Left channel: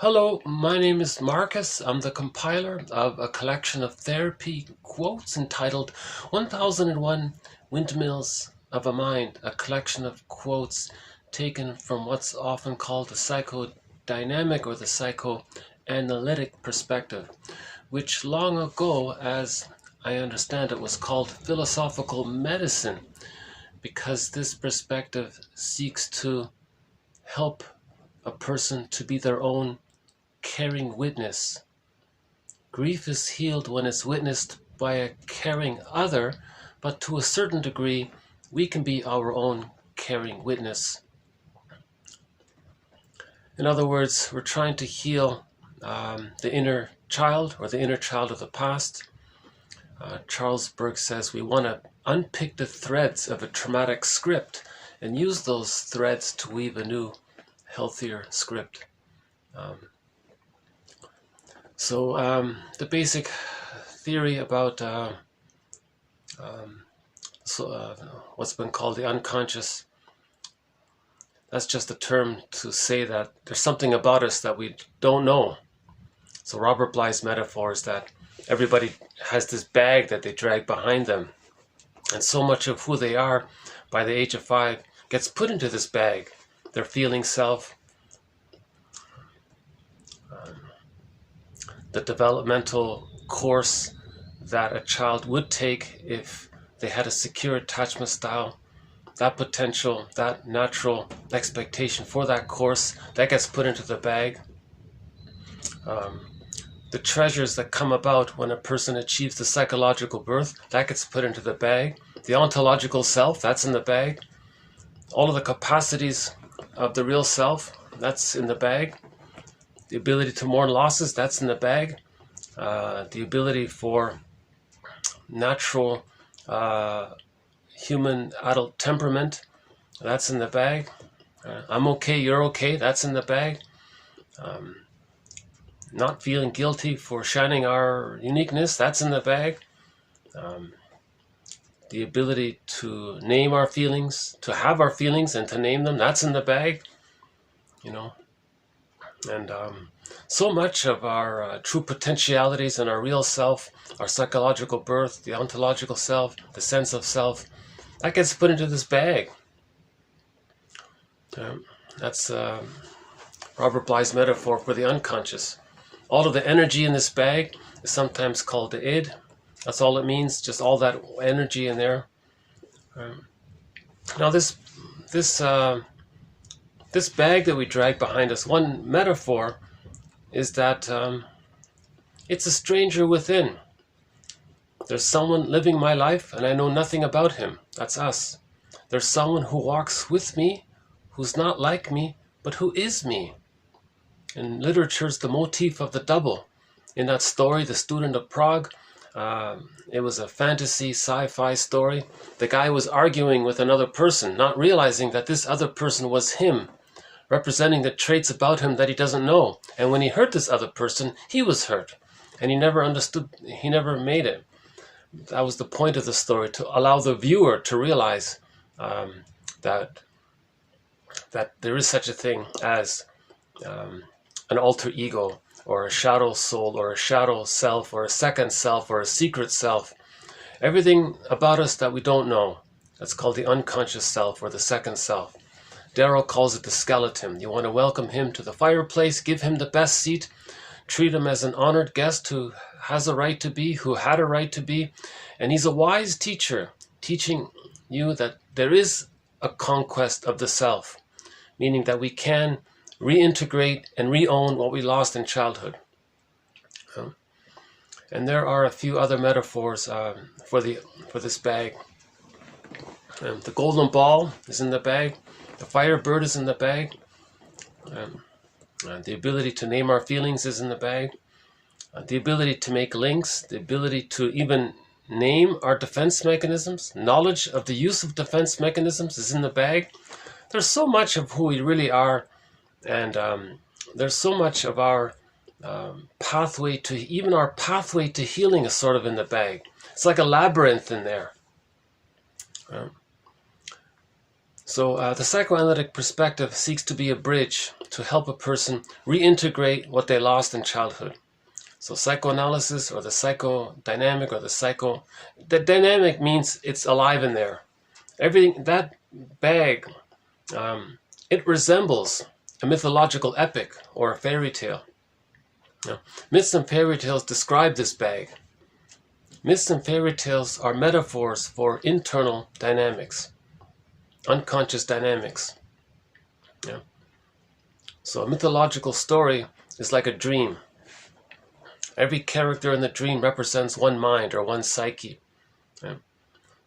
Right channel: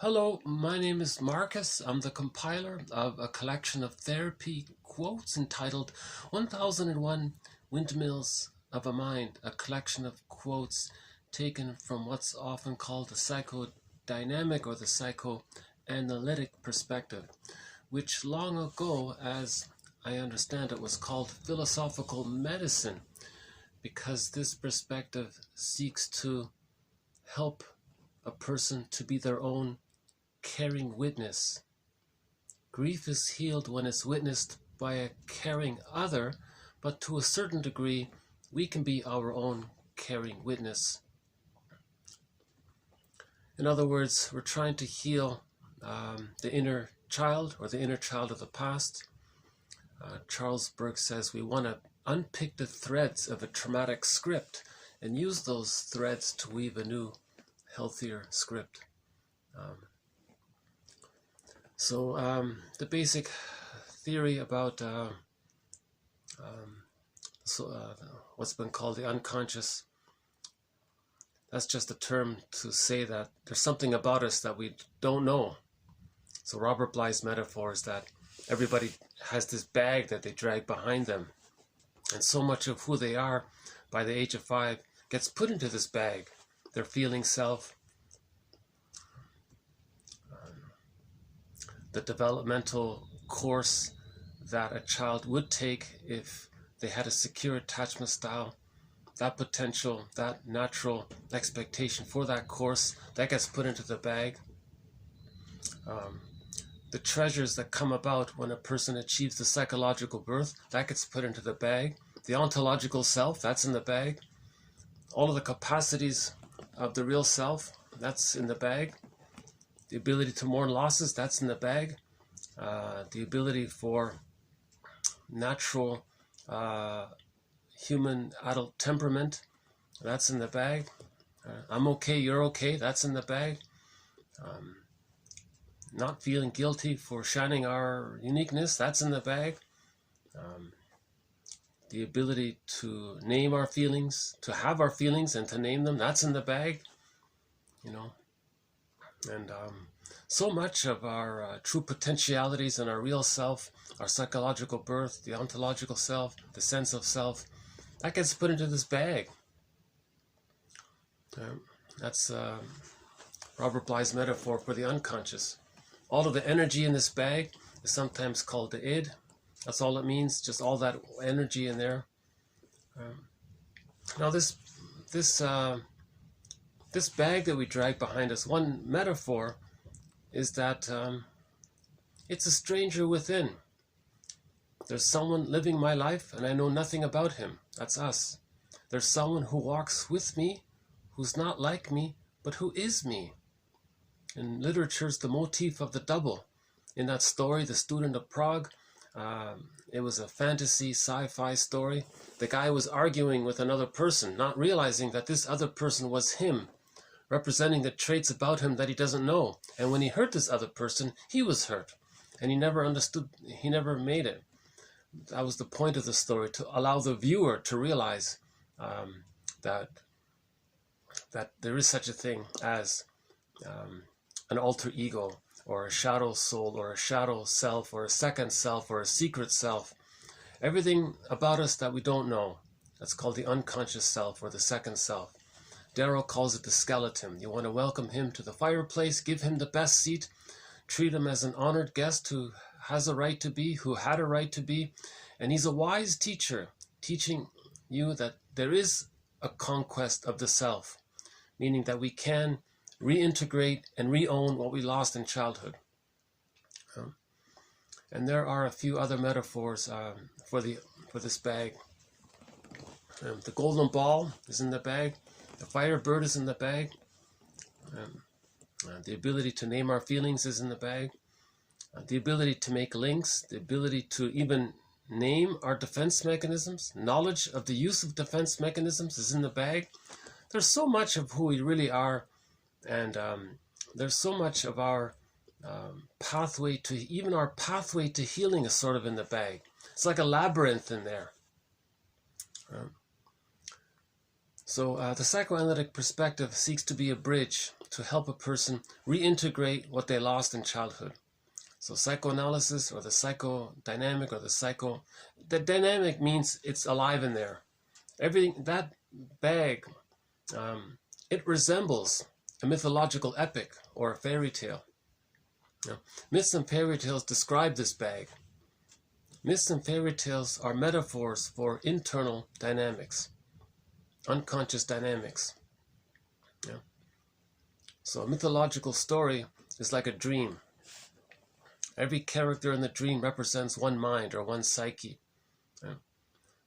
Hello, my name is Marcus. I'm the compiler of a collection of therapy quotes entitled 1001 Windmills of a Mind, a collection of quotes taken from what's often called the psychodynamic or the psychoanalytic perspective, which long ago, as I understand it, was called philosophical medicine, because this perspective seeks to help a person to be their own caring witness. Grief is healed when it's witnessed by a caring other, but to a certain degree, we can be our own caring witness. In other words, we're trying to heal the inner child or the inner child of the past. Charles Burke says we want to unpick the threads of a traumatic script and use those threads to weave a new, healthier script. So the basic theory about what's been called the unconscious, that's just a term to say that there's something about us that we don't know. So Robert Bly's metaphor is that everybody has this bag that they drag behind them, and so much of who they are by the age of 5 gets put into this bag, their feeling self, the developmental course that a child would take if they had a secure attachment style, that potential, that natural expectation for that course, that gets put into the bag. The treasures that come about when a person achieves the psychological birth, that gets put into the bag. The ontological self, that's in the bag. All of the capacities of the real self, that's in the bag. The ability to mourn losses, that's in the bag. The ability for natural human adult temperament, that's in the bag. I'm okay, you're okay, that's in the bag. Not feeling guilty for shining our uniqueness, that's in the bag. The ability to name our feelings, to have our feelings and to name them, that's in the bag. And so much of our true potentialities and our real self, our psychological birth, the ontological self, the sense of self, that gets put into this bag. That's Robert Bly's metaphor for the unconscious. All of the energy in this bag is sometimes called the id. That's all it means, just all that energy in there. Now this bag that we drag behind us, one metaphor is that it's a stranger within. There's someone living my life and I know nothing about him. That's us. There's someone who walks with me, who's not like me, but who is me. In literature, it's the motif of the double. In that story, The Student of Prague, it was a fantasy sci-fi story. The guy was arguing with another person, not realizing that this other person was him, representing the traits about him that he doesn't know. And when he hurt this other person, he was hurt. And he never understood, he never made it. That was the point of the story, to allow the viewer to realize that there is such a thing as an alter ego, or a shadow soul, or a shadow self, or a second self, or a secret self. Everything about us that we don't know, that's called the unconscious self, or the second self. Darrow calls it the skeleton. You want to welcome him to the fireplace, give him the best seat, treat him as an honored guest who has a right to be, who had a right to be. And he's a wise teacher, teaching you that there is a conquest of the self, meaning that we can reintegrate and re-own what we lost in childhood. And there are a few other metaphors for this bag. The golden ball is in the bag. The firebird is in the bag. The ability to name our feelings is in the bag. The ability to make links, the ability to even name our defense mechanisms, knowledge of the use of defense mechanisms is in the bag. There's so much of who we really are, and there's so much of our pathway to, even our pathway to healing is sort of in the bag. It's like a labyrinth in there. So the psychoanalytic perspective seeks to be a bridge to help a person reintegrate what they lost in childhood. So psychoanalysis, or the psychodynamic, or the dynamic means it's alive in there. Everything, that bag, it resembles a mythological epic or a fairy tale. Now, myths and fairy tales describe this bag. Myths and fairy tales are metaphors for internal dynamics, unconscious dynamics. Yeah. So a mythological story is like a dream. Every character in the dream represents one mind or one psyche. Yeah.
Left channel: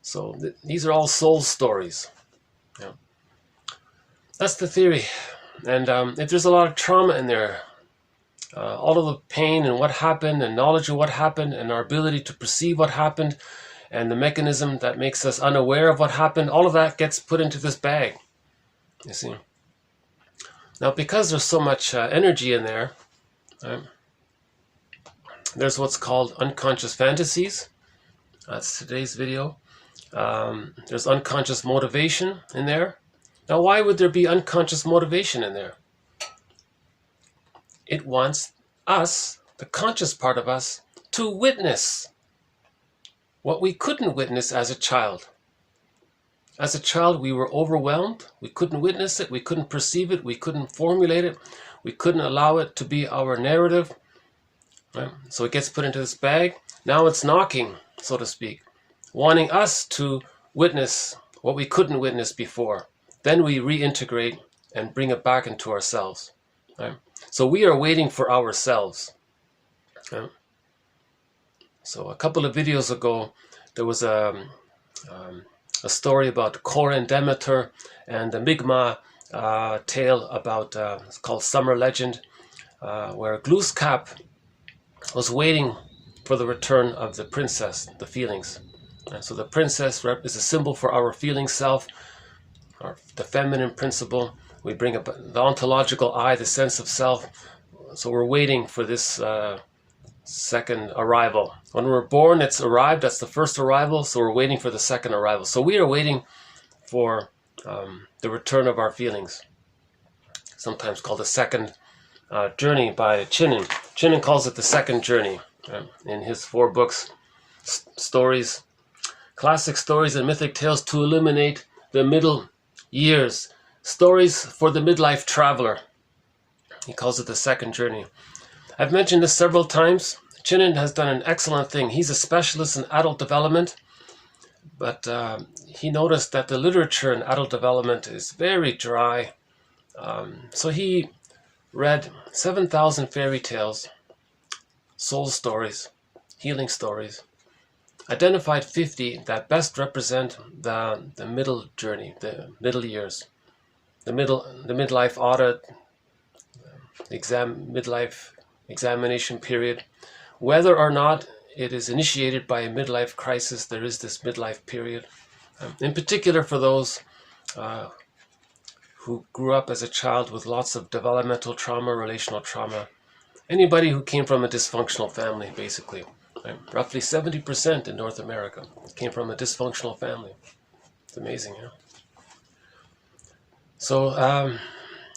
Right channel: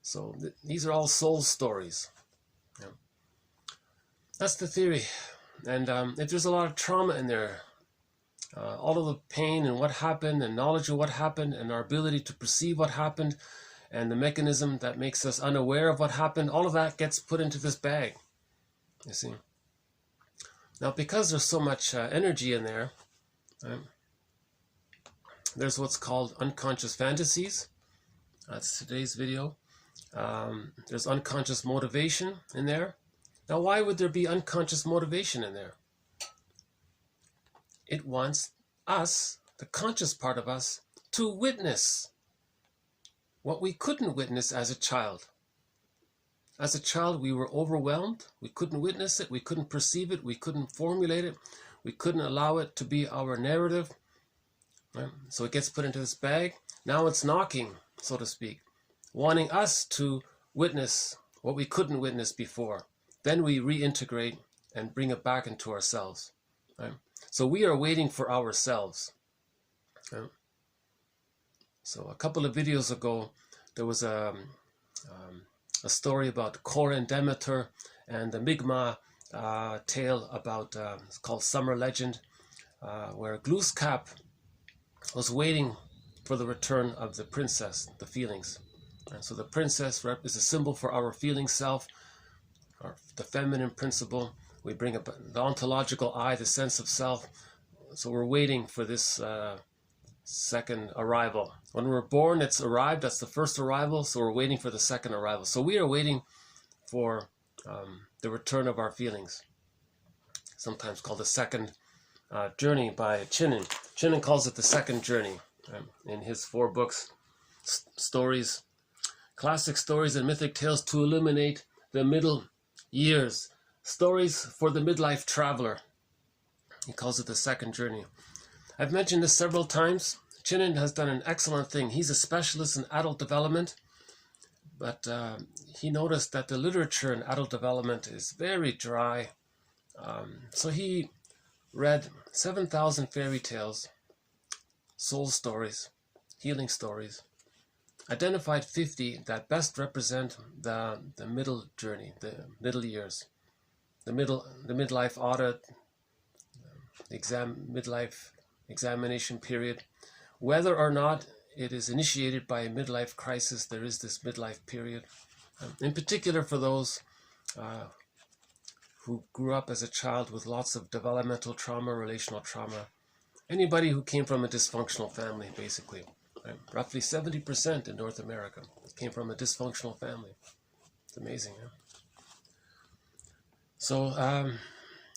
So these are all soul stories. Yeah. That's the theory. And if there's a lot of trauma in there, all of the pain and what happened and knowledge of what happened and our ability to perceive what happened and the mechanism that makes us unaware of what happened, all of that gets put into this bag, you see. Now, because there's so much energy in there, there's what's called unconscious fantasies. That's today's video. There's unconscious motivation in there. Now, why would there be unconscious motivation in there? It wants us, the conscious part of us, to witness what we couldn't witness as a child. As a child, we were overwhelmed. We couldn't witness it. We couldn't perceive it. We couldn't formulate it. We couldn't allow it to be our narrative. Right? So it gets put into this bag. Now it's knocking, so to speak, wanting us to witness what we couldn't witness before. Then we reintegrate and bring it back into ourselves. Right? So we are waiting for ourselves. Right? So a couple of videos ago, there was a story about Kor and Demeter and the Mi'kmaq tale about, it's called Summer Legend, where Glooskap was waiting for the return of the princess, the feelings. And so the princess is a symbol for our feeling self, the feminine principle. We bring up the ontological I, the sense of self. So we're waiting for this second arrival. When we're born, it's arrived. That's the first arrival. So we're waiting for the second arrival. So we are waiting for the return of our feelings. Sometimes called the second journey by Chinen. Chinen calls it the second journey in his 4 books, stories, classic stories and mythic tales to illuminate the middle years. Stories for the midlife traveler. He calls it the second journey. I've mentioned this several times. Chinen has done an excellent thing. He's a specialist in adult development, but he noticed that the literature in adult development is very dry. So he read 7,000 fairy tales, soul stories, healing stories, identified 50 that best represent the middle journey, the middle years, the midlife audit, midlife examination period. Whether or not it is initiated by a midlife crisis, there is this midlife period. In particular for those who grew up as a child with lots of developmental trauma, relational trauma. Anybody who came from a dysfunctional family, basically. Right? Roughly 70% in North America came from a dysfunctional family. It's amazing, yeah? So,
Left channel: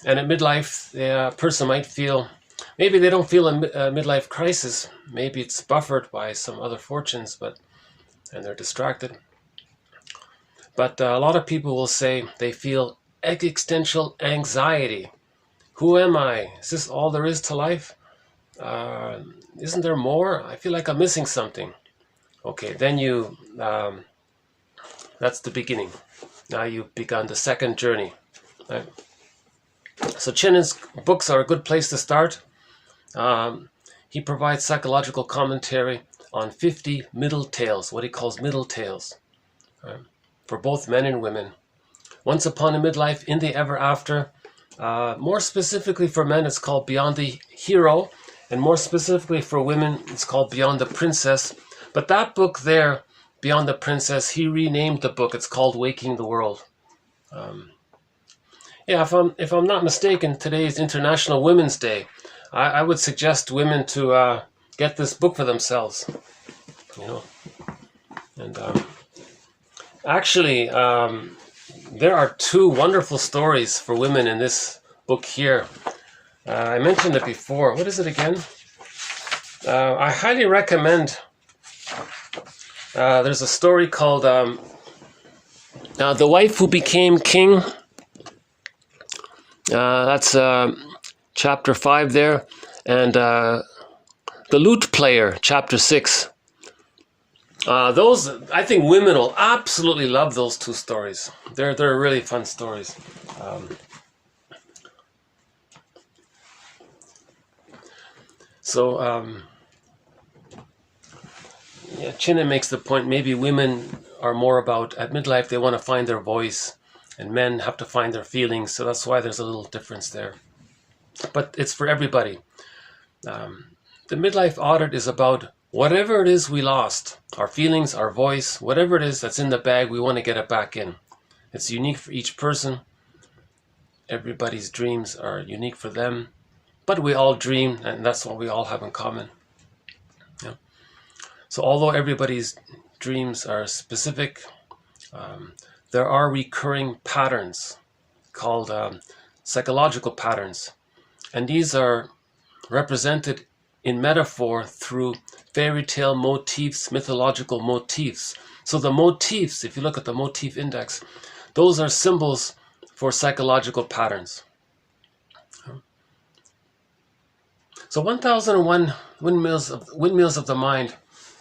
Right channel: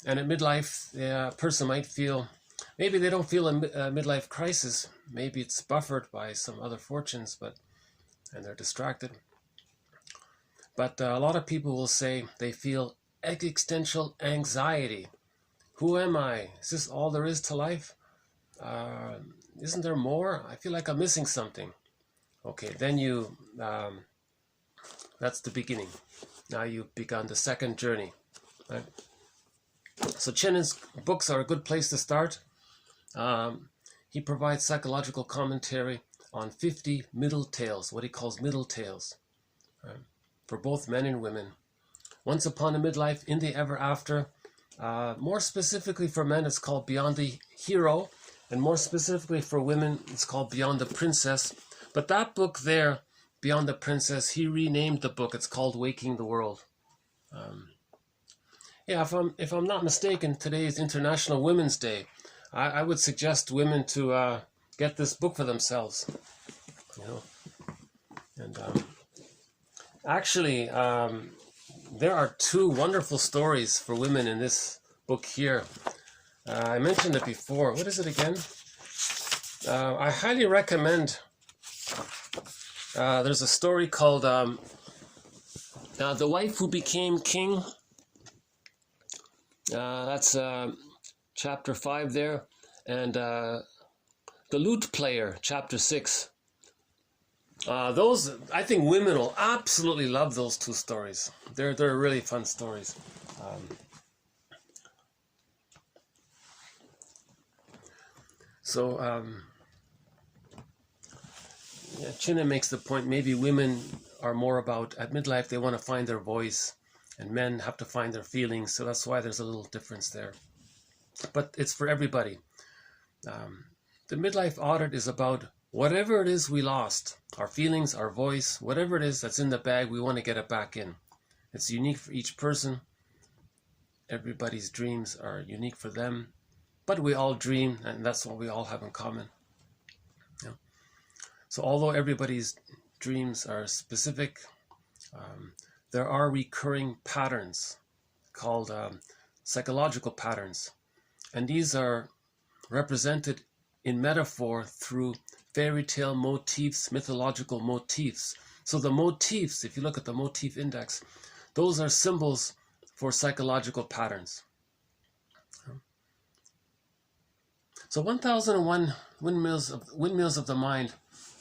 and at midlife, a person might feel, maybe they don't feel a midlife crisis. Maybe it's buffered by some other fortunes, and they're distracted. But a lot of people will say they feel existential anxiety. Who am I? Is this all there is to life? Isn't there more? I feel like I'm missing something. Okay, then that's the beginning. Now you've begun the second journey. Right? So Chinen's books are a good place to start. He provides psychological commentary on 50 middle tales, what he calls middle tales, for both men and women. Once Upon a Midlife, In the Ever After. More specifically for men, it's called Beyond the Hero. And more specifically for women, it's called Beyond the Princess. But that book there, Beyond the Princess, he renamed the book. It's called Waking the World. Yeah, if I'm not mistaken, today is International Women's Day. I would suggest women to get this book for themselves. You know, and actually, there are 2 wonderful stories for women in this book here. I mentioned it before. What is it again? I highly recommend. There's a story called The Wife Who Became King. That's chapter 5 there. And The Lute Player, chapter 6. Those, I think women will absolutely love those two stories. They're really fun stories. Yeah, Chinna makes the point, maybe women are more about, at midlife, they want to find their voice, and men have to find their feelings, so that's why there's a little difference there. But it's for everybody. The midlife audit is about whatever it is we lost, our feelings, our voice, whatever it is that's in the bag, we want to get it back in. It's unique for each person. Everybody's dreams are unique for them, but we all dream, and that's what we all have in common. Yeah. So although everybody's dreams are specific, there are recurring patterns called psychological patterns, and these are represented in metaphor through fairy tale motifs, mythological motifs. So the motifs, if you look at the motif index, those are symbols for psychological patterns. So 1001 Windmills of the Mind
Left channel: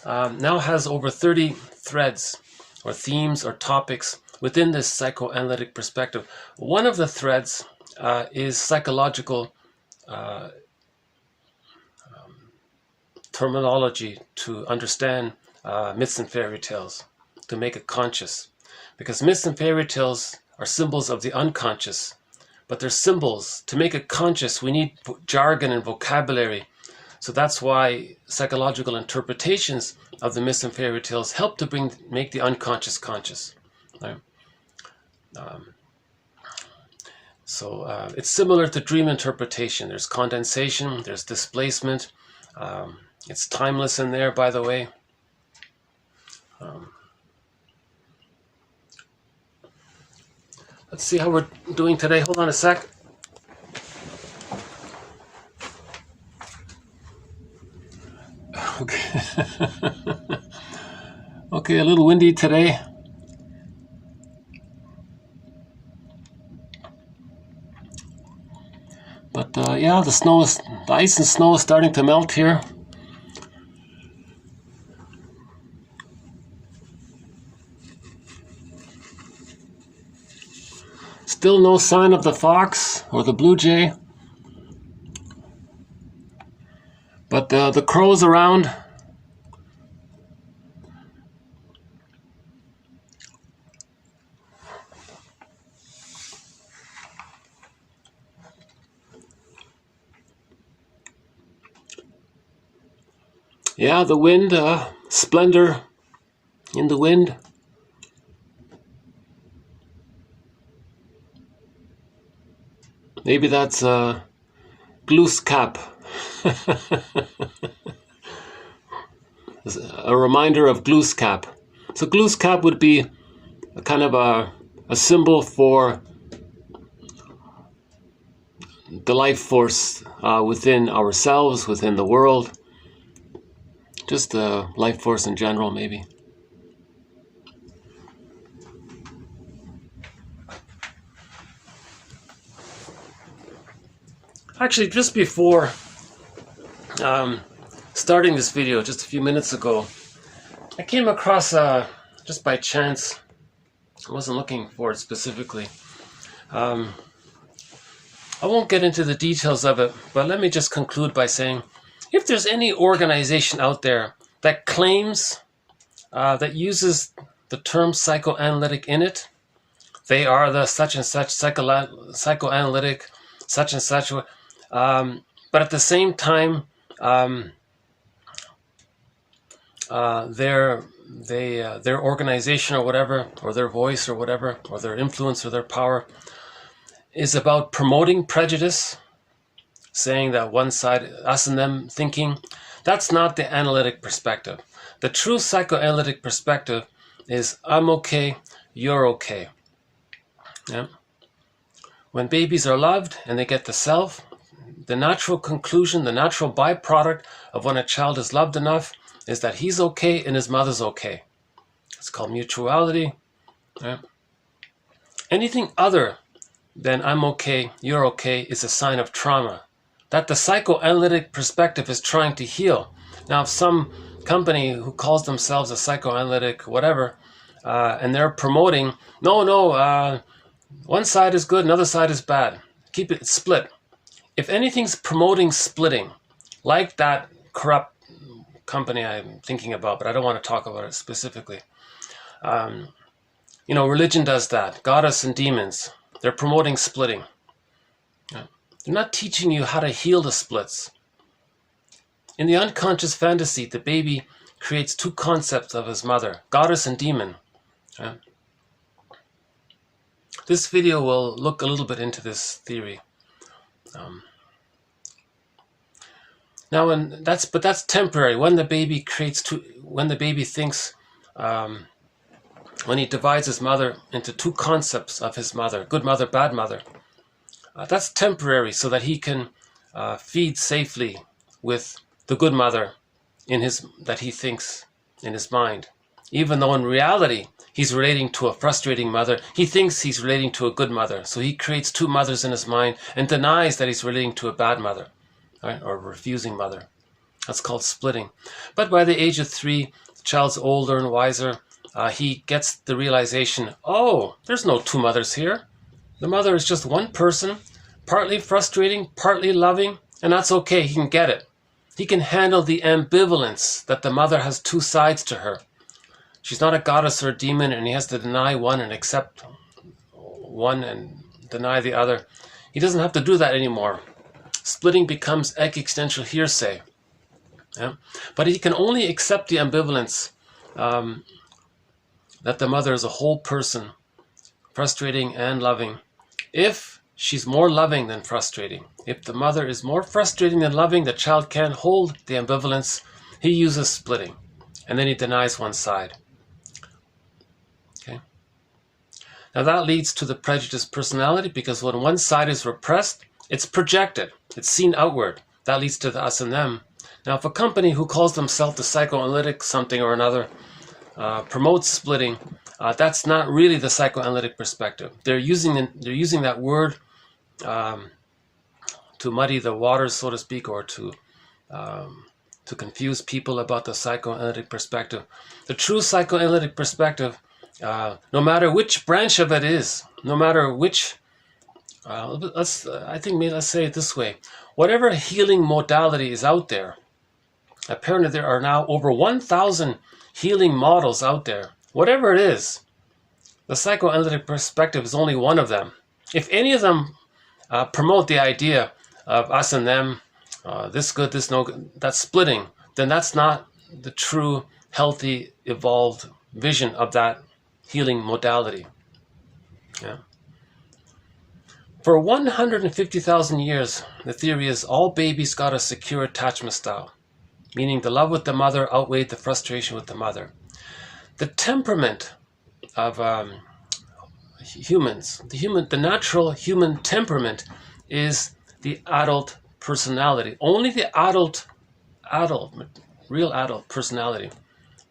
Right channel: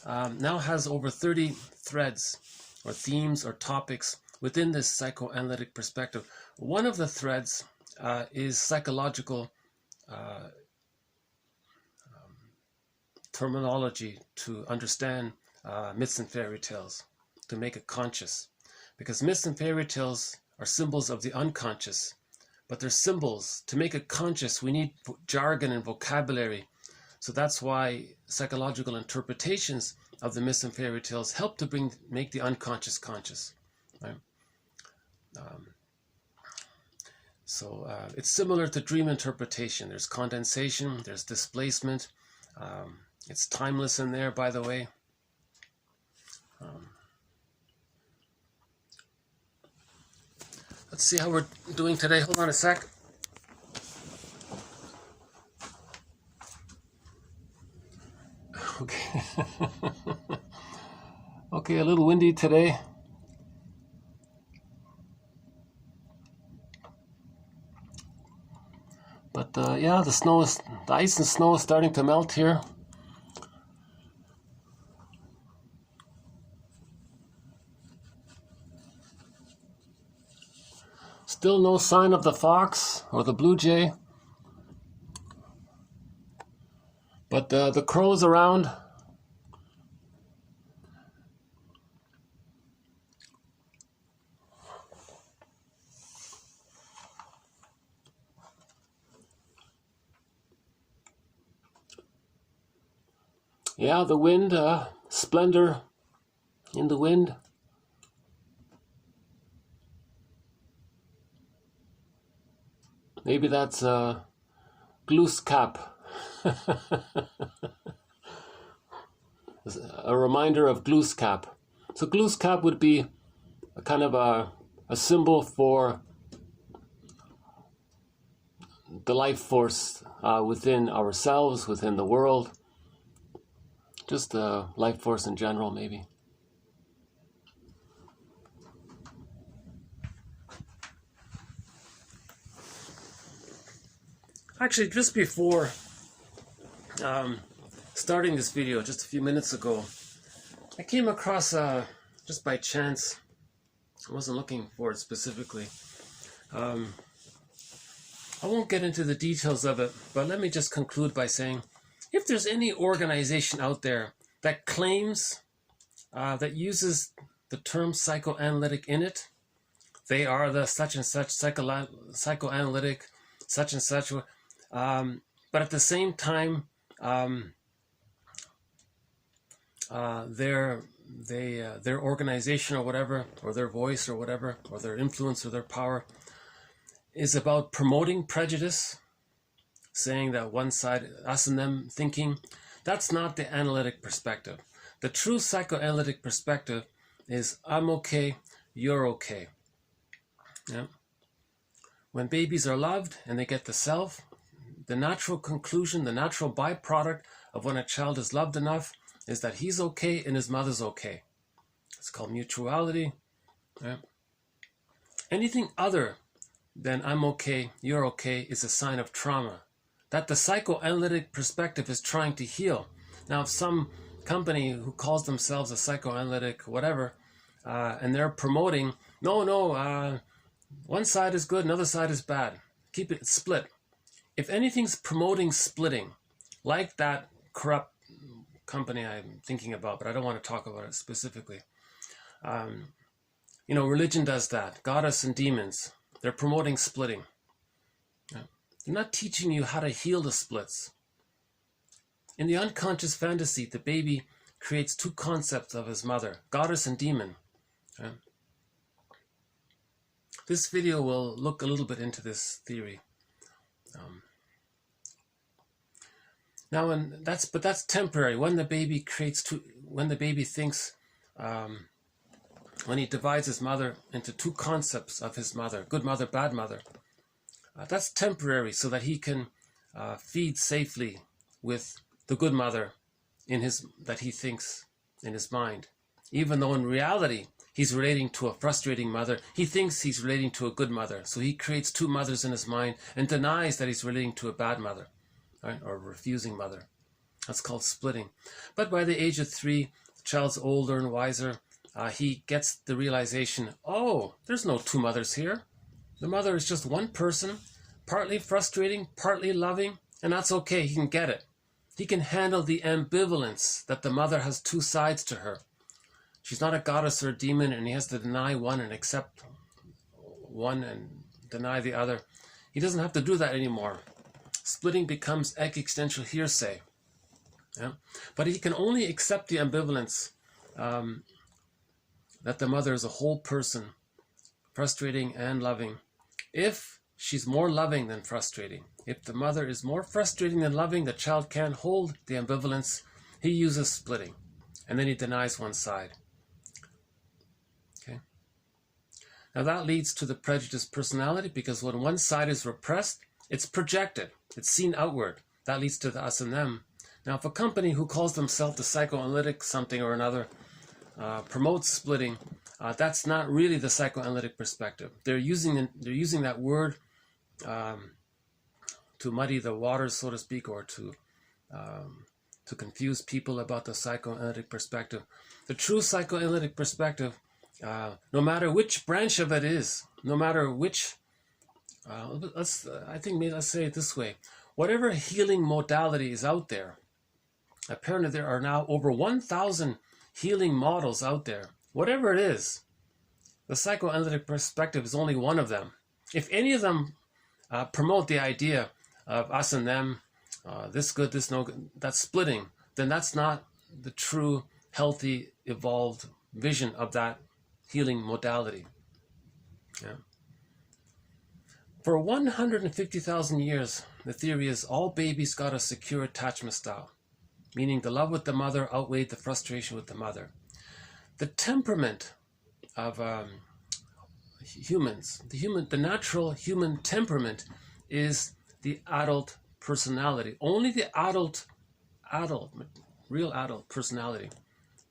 now has over 30 threads or themes or topics within this psychoanalytic perspective. One of the threads is psychological terminology to understand myths and fairy tales, to make it conscious. Because myths and fairy tales are symbols of the unconscious, but they're symbols. To make it conscious, we need jargon and vocabulary. So that's why psychological interpretations of the myths and fairy tales help to make the unconscious conscious. Right? It's similar to dream interpretation. There's condensation, there's displacement. It's timeless in there, by the way. Let's see how we're doing today. Hold on a sec. Okay. Okay, a little windy today. But yeah, the ice and snow is starting to melt here. Still no sign of the fox or the blue jay. But the crows around. Yeah, the wind, splendor in the wind. Maybe that's Glooskap. A reminder of Glooskap. So Glooskap would be a kind of a symbol for the life force within ourselves, within the world. Just the life force in general, maybe. Actually, just before starting this video, just a few minutes ago, I came across, just by chance, I wasn't looking for it specifically. I won't get into the details of it, but let me just conclude by saying, if there's any organization out there that claims, that uses the term psychoanalytic in it, they are the such and such psychoanalytic, such and such, but at the same time, their organization or whatever, or their voice or whatever, or their influence or their power is about promoting prejudice, saying that one side, us and them thinking, that's not the analytic perspective. The true psychoanalytic perspective is I'm okay, you're okay. Yeah? When babies are loved and they get the self, the natural conclusion, the natural byproduct of when a child is loved enough is that he's okay and his mother's okay. It's called mutuality. Right? Anything other than I'm okay, you're okay is a sign of trauma that the psychoanalytic perspective is trying to heal. Now, if some company who calls themselves a psychoanalytic whatever, and they're promoting, one side is good, another side is bad. Keep it split. If anything's promoting splitting, like that corrupt company I'm thinking about, but I don't want to talk about it specifically. Religion does that. Goddess and demons. They're promoting splitting. They're not teaching you how to heal the splits. In the unconscious fantasy, the baby creates two concepts of his mother, goddess and demon. This video will look a little bit into this theory. But that's temporary. When the baby thinks, when he divides his mother into two concepts of his mother, good mother, bad mother, that's temporary so that he can feed safely with the good mother that he thinks in his mind. Even though in reality, he's relating to a frustrating mother, he thinks he's relating to a good mother. So he creates two mothers in his mind and denies that he's relating to a bad mother, right? Or a refusing mother. That's called splitting. But by the age of 3, the child's older and wiser. He gets the realization, oh, there's no two mothers here. The mother is just one person, partly frustrating, partly loving, and that's okay. He can get it. He can handle the ambivalence that the mother has two sides to her. She's not a goddess or a demon, and he has to deny one and accept one and deny the other. He doesn't have to do that anymore. Splitting becomes existential hearsay. Yeah? But he can only accept the ambivalence that the mother is a whole person, frustrating and loving, if she's more loving than frustrating. If the mother is more frustrating than loving, the child can't hold the ambivalence. He uses splitting, and then he denies one side. Okay. Now that leads to the prejudiced personality, because when one side is repressed, it's projected. It's seen outward. That leads to the us and them. Now, if a company who calls themselves the psychoanalytic something or another promotes splitting, that's not really the psychoanalytic perspective. They're using that word to muddy the waters, so to speak, or to confuse people about the psychoanalytic perspective. The true psychoanalytic perspective, no matter which branch of it is, no matter which, let's say it this way: whatever healing modality is out there. Apparently, there are now over 1,000 healing models out there. Whatever it is, the psychoanalytic perspective is only one of them. If any of them promote the idea of us and them, this good, this no good, that's splitting, then that's not the true, healthy, evolved vision of that healing modality. Yeah. For 150,000 years, the theory is all babies got a secure attachment style, meaning the love with the mother outweighed the frustration with the mother. The temperament of humans, the natural human temperament is the adult personality. Only the real adult personality.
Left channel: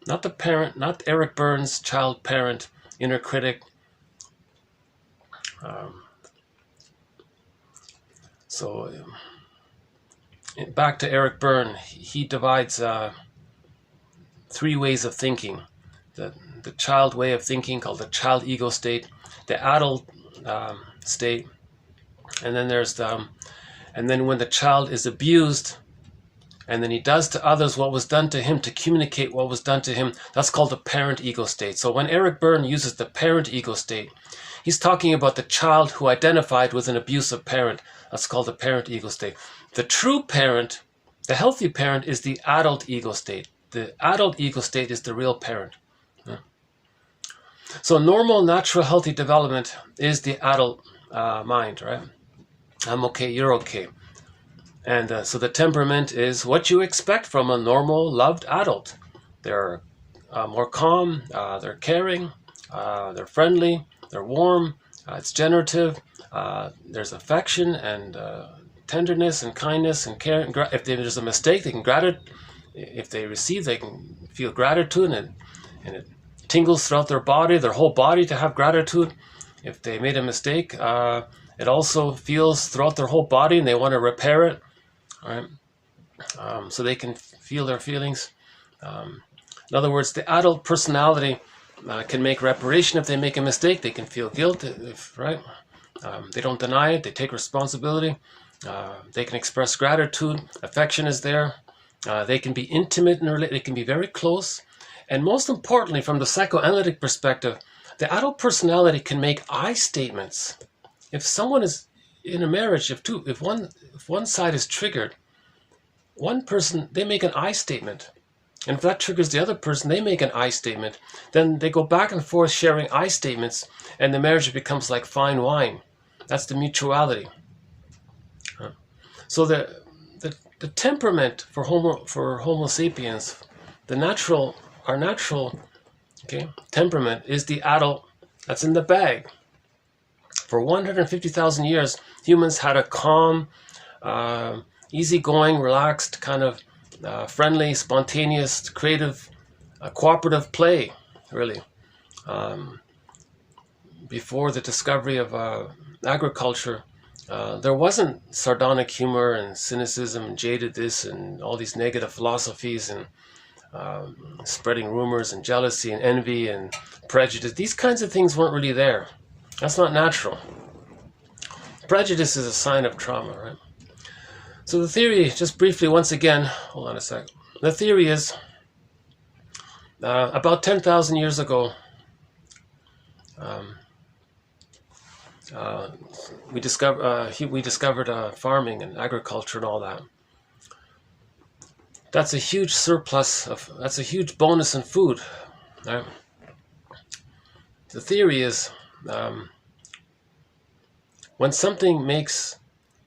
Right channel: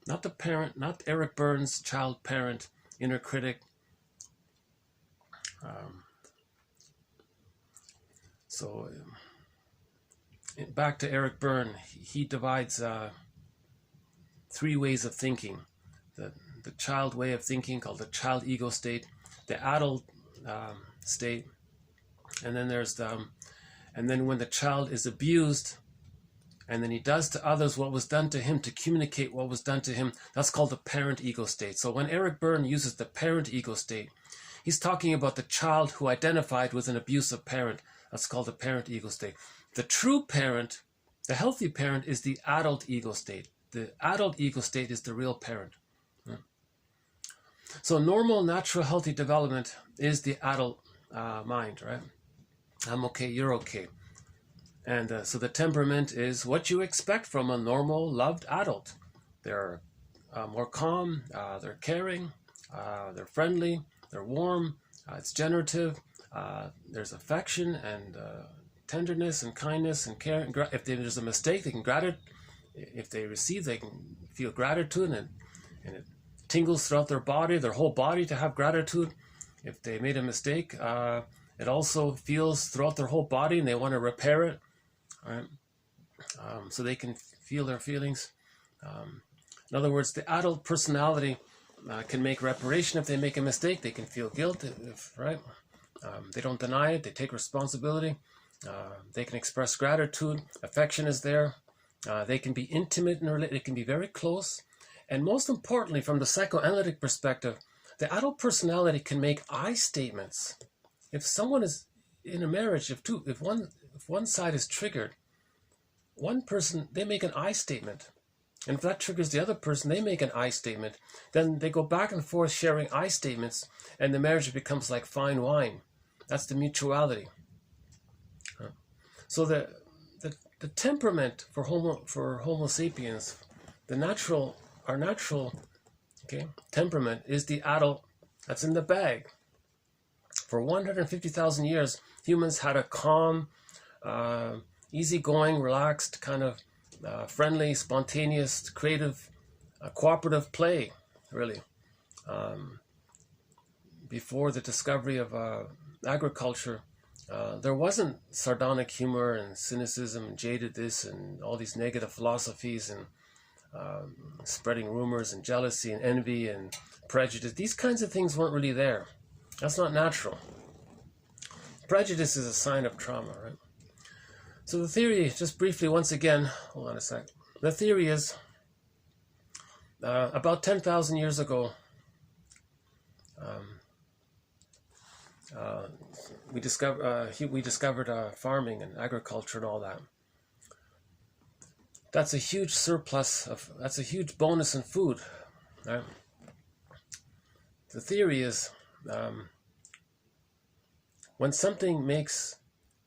Not the parent, not Eric Burns' child parent, inner critic. Back to Eric Berne, he divides 3 ways of thinking. The child way of thinking, called the child ego state, the adult state, and then there's and then when the child is abused, and then he does to others what was done to him to communicate what was done to him, that's called the parent ego state. So when Eric Berne uses the parent ego state, he's talking about the child who identified with an abusive parent. That's called the parent ego state. The true parent, the healthy parent, is the adult ego state. The adult ego state is the real parent. Yeah. So normal, natural, healthy development is the adult mind, right? I'm okay, you're okay. And so the temperament is what you expect from a normal, loved adult. They're more calm, they're caring, they're friendly, they're warm, it's generative, there's affection and tenderness and kindness and care. And if there's a mistake, they can if they receive, they can feel gratitude, and it tingles throughout their body, their whole body, to have gratitude. If they made a mistake, it also feels throughout their whole body, and they want to repair it. All right? So they can feel their feelings. In other words, the adult personality can make reparation if they make a mistake. They can feel guilt, right? They don't deny it. They take responsibility. They can express gratitude. Affection is there. They can be intimate and they can be very close. And most importantly, from the psychoanalytic perspective, the adult personality can make I statements. If someone is in a marriage, if one side is triggered, one person, they make an I statement. And if that triggers the other person, they make an I statement. Then they go back and forth sharing I statements, and the marriage becomes like fine wine. That's the mutuality. So the temperament for Homo sapiens, our natural temperament is the adult that's in the bag. For 150,000 years, humans had a calm, easygoing, relaxed, kind of friendly, spontaneous, creative, cooperative play, really. Before the discovery of agriculture, there wasn't sardonic humor and cynicism and jadedness and all these negative philosophies and spreading rumors and jealousy and envy and prejudice. These kinds of things weren't really there. That's not natural. Prejudice is a sign of trauma, right? So the theory, just briefly, once again, hold on a sec. The theory is about 10,000 years ago, we discovered farming and agriculture and all that. That's a huge surplus that's a huge bonus in food, right? The theory is when something makes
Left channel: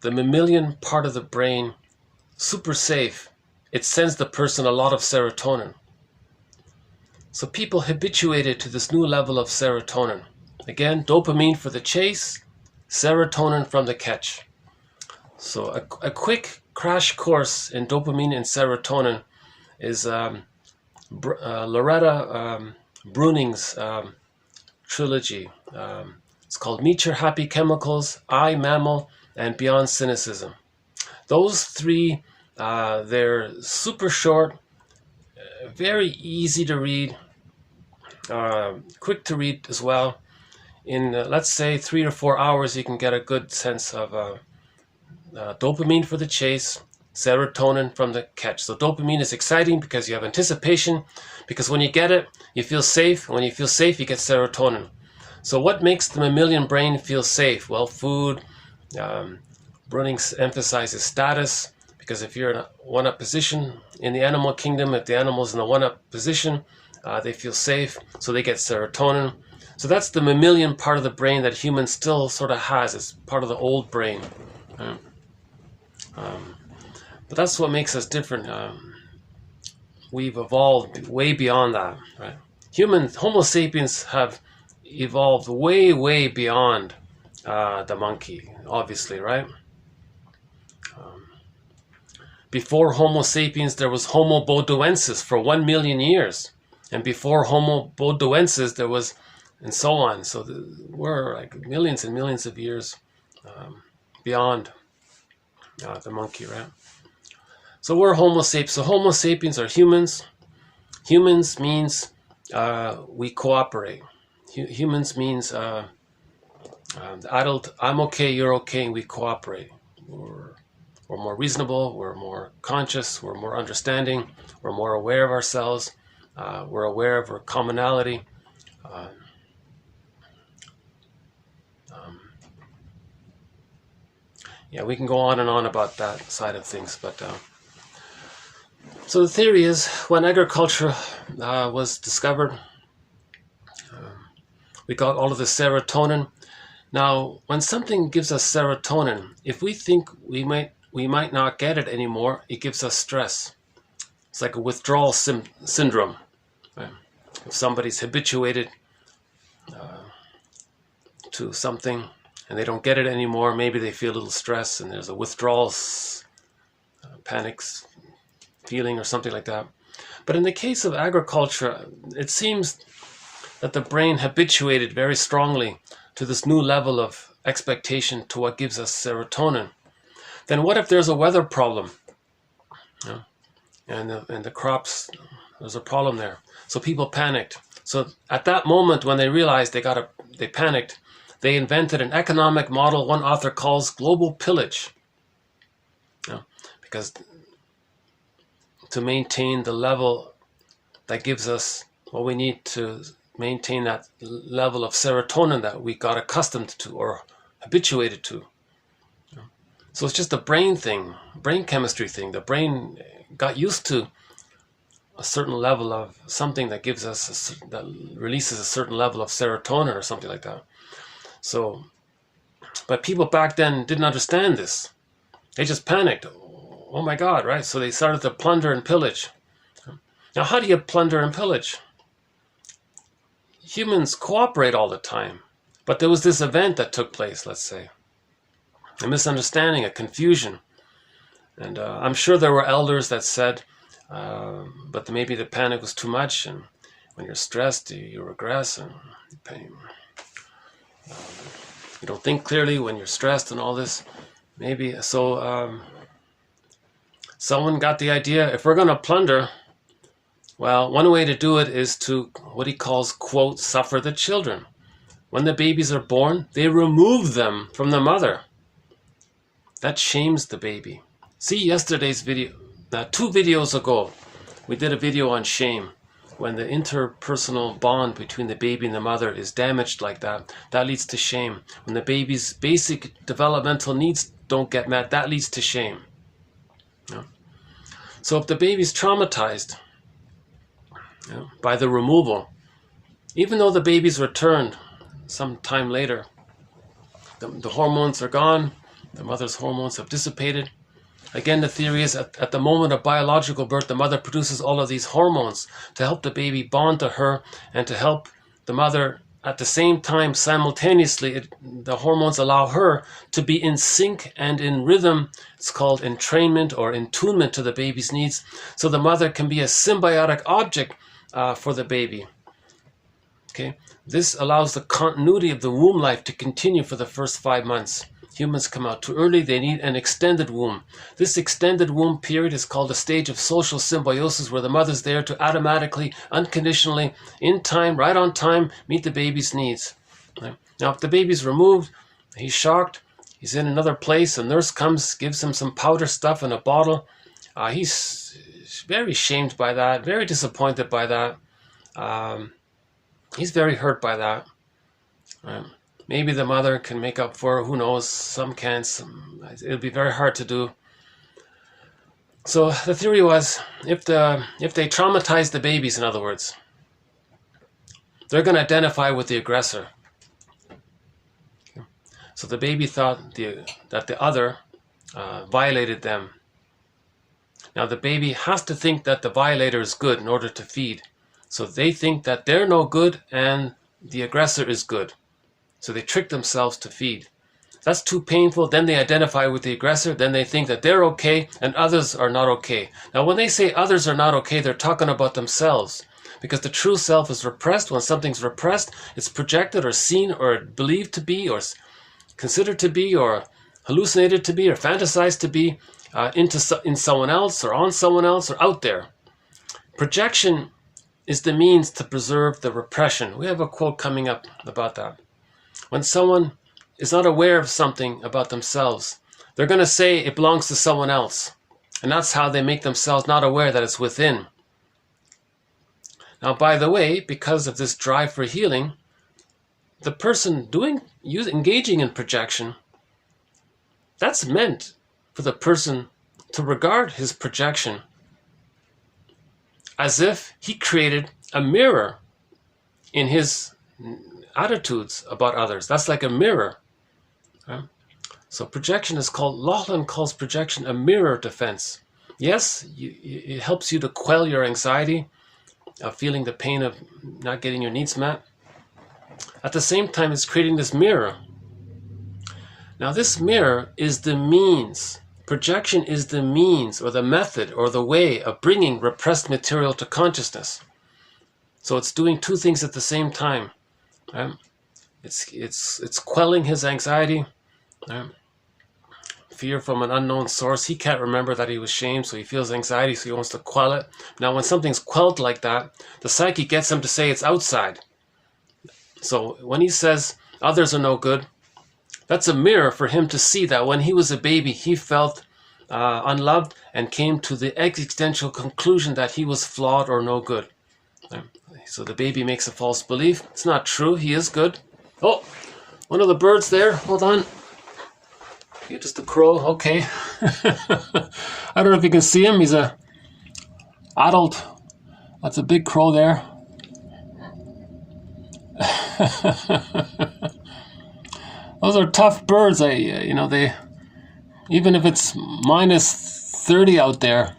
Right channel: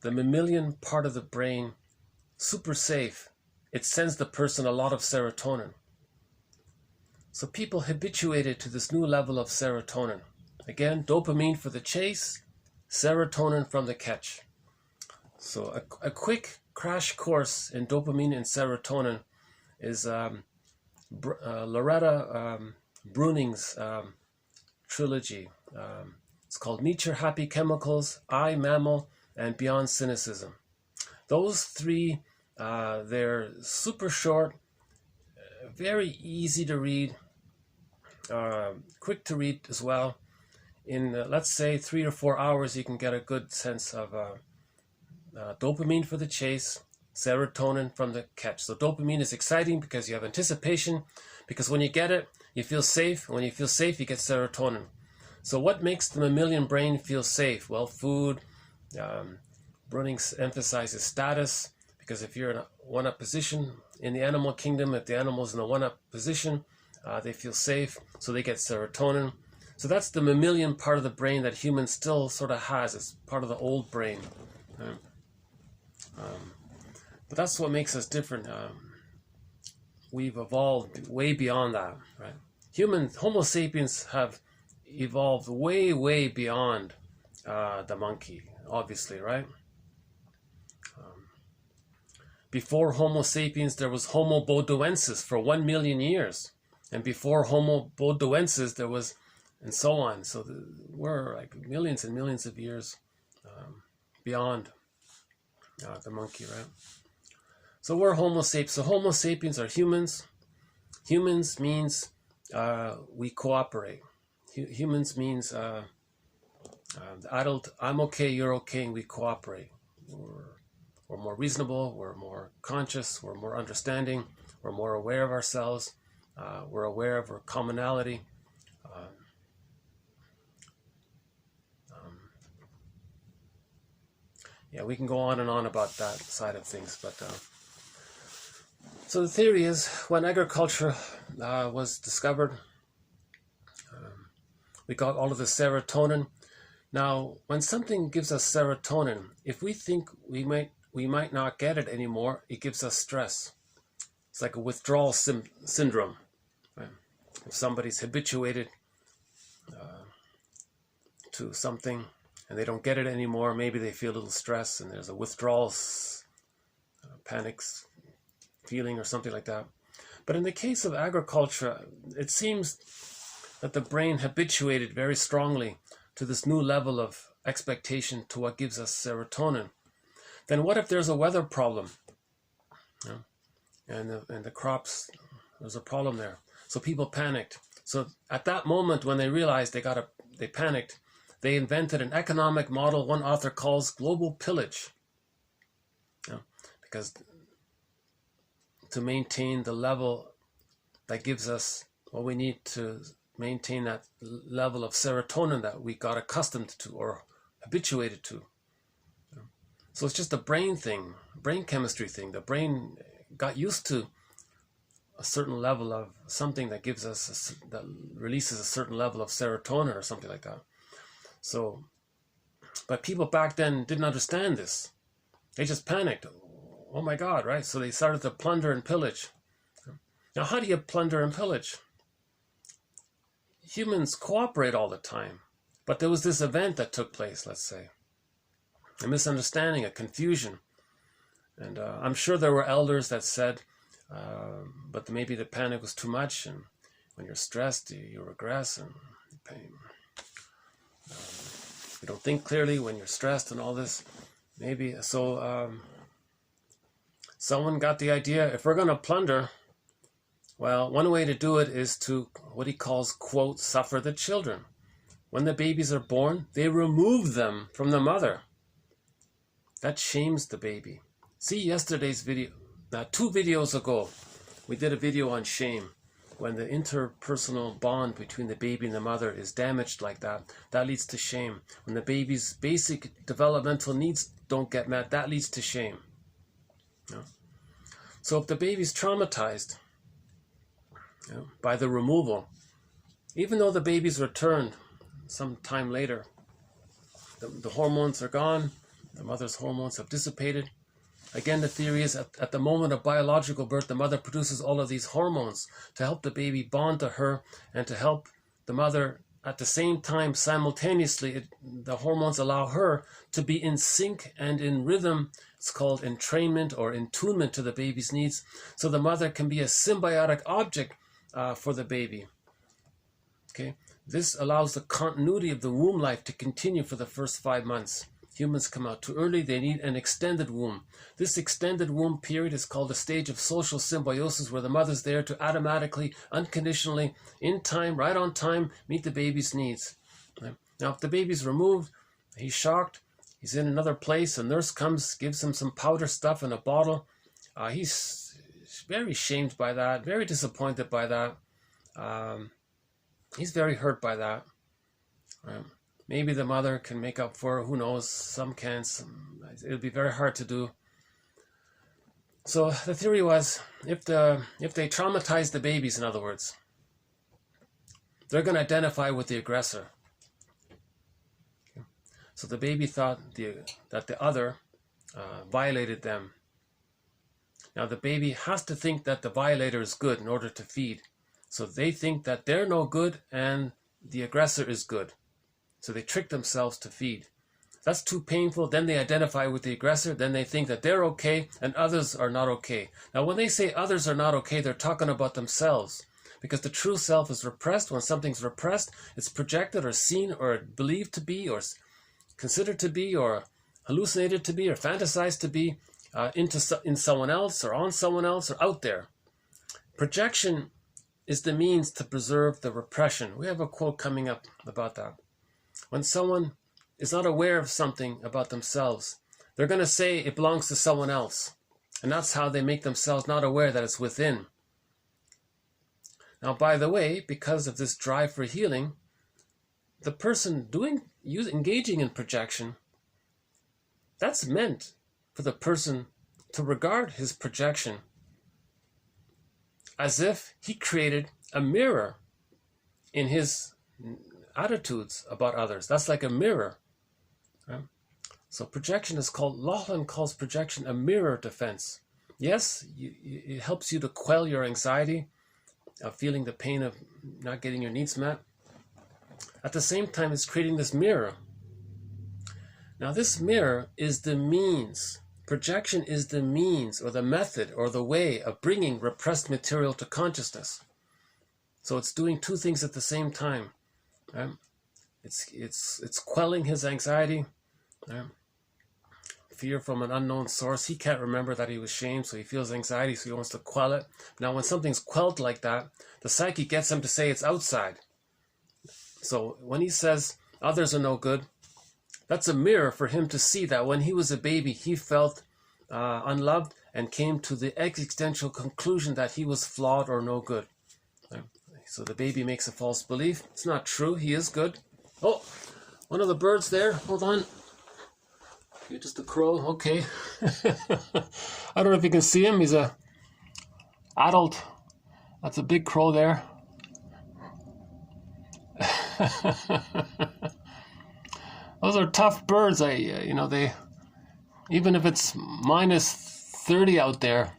the mammalian part of the brain super safe, it sends the person a lot of serotonin. So people habituated to this new level of serotonin. Again, dopamine for the chase, serotonin from the catch. So a quick crash course in dopamine and serotonin is Loretta Bruning's trilogy. It's called Meet Your Happy Chemicals, I, Mammal, and Beyond Cynicism. Those three, they're super short, very easy to read, quick to read as well. In, let's say, 3 or 4 hours, you can get a good sense of dopamine for the chase, serotonin from the catch. So dopamine is exciting because you have anticipation, because when you get it, you feel safe. And when you feel safe, you get serotonin. So what makes the mammalian brain feel safe? Well, food. Bruning emphasizes status, because if you're in a one-up position in the animal kingdom, if the animal's in a one-up position, they feel safe, so they get serotonin. So that's the mammalian part of the brain that humans still sort of has. It's part of the old brain. But that's what makes us different. We've evolved way beyond that, right? Homo sapiens have evolved way, way beyond the monkey, obviously, right? Before Homo sapiens, there was Homo bodoensis for 1 million years. And before Homo bodoensis, there was, and so on. So we're like millions and millions of years beyond the monkey, right? So we're Homo sapiens. So Homo sapiens are humans. Humans means we cooperate. Humans means the adult, I'm okay, you're okay, and we cooperate. We're more reasonable, we're more conscious, we're more understanding, we're more aware of ourselves, we're aware of our commonality. Yeah, we can go on and on about that side of things, but so the theory is when agriculture was discovered, we got all of the serotonin. Now, when something gives us serotonin, if we think we might not get it anymore, it gives us stress. It's like a withdrawal syndrome. Right? If somebody's habituated to something, and they don't get it anymore. Maybe they feel a little stress and there's a withdrawal, panic feeling or something like that. But in the case of agriculture, it seems that the brain habituated very strongly to this new level of expectation to what gives us serotonin. Then what if there's a weather problem? And the crops, there's a problem there. So people panicked. So at that moment when they realized they panicked, they invented an economic model one author calls global pillage. Because to maintain the level that gives us what we need to maintain that level of serotonin that we got accustomed to or habituated to. So it's just a brain thing, brain chemistry thing. The brain got used to a certain level of something that gives us, that releases a certain level of serotonin or something like that. So, but people back then didn't understand this. They just panicked. Oh my God, right? So they started to plunder and pillage. Now, how do you plunder and pillage? Humans cooperate all the time. But there was this event that took place, let's say. A misunderstanding, a confusion. And I'm sure there were elders that said, but maybe the panic was too much, and when you're stressed, you regress, and you don't think clearly when you're stressed and all this. Maybe, so someone got the idea, if we're going to plunder, well, one way to do it is to, what he calls, quote, suffer the children. When the babies are born, they remove them from the mother. That shames the baby. See yesterday's video. Now, 2 videos ago, we did a video on shame. When the interpersonal bond between the baby and the mother is damaged like that, that leads to shame. When the baby's basic developmental needs don't get met, that leads to shame. So if the baby's traumatized by the removal, even though the baby's returned some time later, the hormones are gone, the mother's hormones have dissipated. Again, the theory is at the moment of biological birth, the mother produces all of these hormones to help the baby bond to her and to help the mother at the same time, simultaneously, the hormones allow her to be in sync and in rhythm. It's called entrainment or attunement to the baby's needs. So the mother can be a symbiotic object for the baby. Okay, this allows the continuity of the womb life to continue for the first 5 months. Humans come out too early, they need an extended womb. This extended womb period is called a stage of social symbiosis, where the mother's there to automatically, unconditionally, in time, right on time, meet the baby's needs. Right? Now, if the baby's removed, he's shocked, he's in another place, a nurse comes, gives him some powder stuff in a bottle. He's very shamed by that, very disappointed by that. He's very hurt by that. Right? Maybe the mother can make up for it, who knows, some can't, it'll be very hard to do. So the theory was, if they traumatize the babies, in other words, they're going to identify with the aggressor. So the baby thought that the other violated them. Now the baby has to think that the violator is good in order to feed. So they think that they're no good and the aggressor is good. So they trick themselves to feed. That's too painful. Then they identify with the aggressor. Then they think that they're okay and others are not okay. Now, when they say others are not okay, they're talking about themselves. Because the true self is repressed. When something's repressed, it's projected or seen or believed to be or considered to be or hallucinated to be or fantasized to be in someone else or on someone else or out there. Projection is the means to preserve the repression. We have a quote coming up about that. When someone is not aware of something about themselves, they're going to say it belongs to someone else. And that's how they make themselves not aware that it's within. Now, by the way, because of this drive for healing, the person engaging in projection, that's meant for the person to regard his projection as if he created a mirror in his attitudes about others. That's like a mirror. Right? So projection is called, Laughlin calls projection a mirror defense. Yes, it helps you to quell your anxiety of feeling the pain of not getting your needs met. At the same time, it's creating this mirror. Now this mirror is the means. Projection is the means or the method or the way of bringing repressed material to consciousness. So it's doing two things at the same time. Right? It's quelling his anxiety, right? Fear from an unknown source. He can't remember that he was shamed, so he feels anxiety, so he wants to quell it. Now when something's quelled like that, the psyche gets him to say it's outside. So when he says others are no good, that's a mirror for him to see that when he was a baby, he felt unloved and came to the existential conclusion that he was flawed or no good. So the baby makes a false belief. It's not true. He is good. Oh, one of the birds there. Hold on. You're just a crow. Okay. I don't know if you can see him. He's a adult. That's a big crow there. Those are tough birds. They, even if it's -30 out there,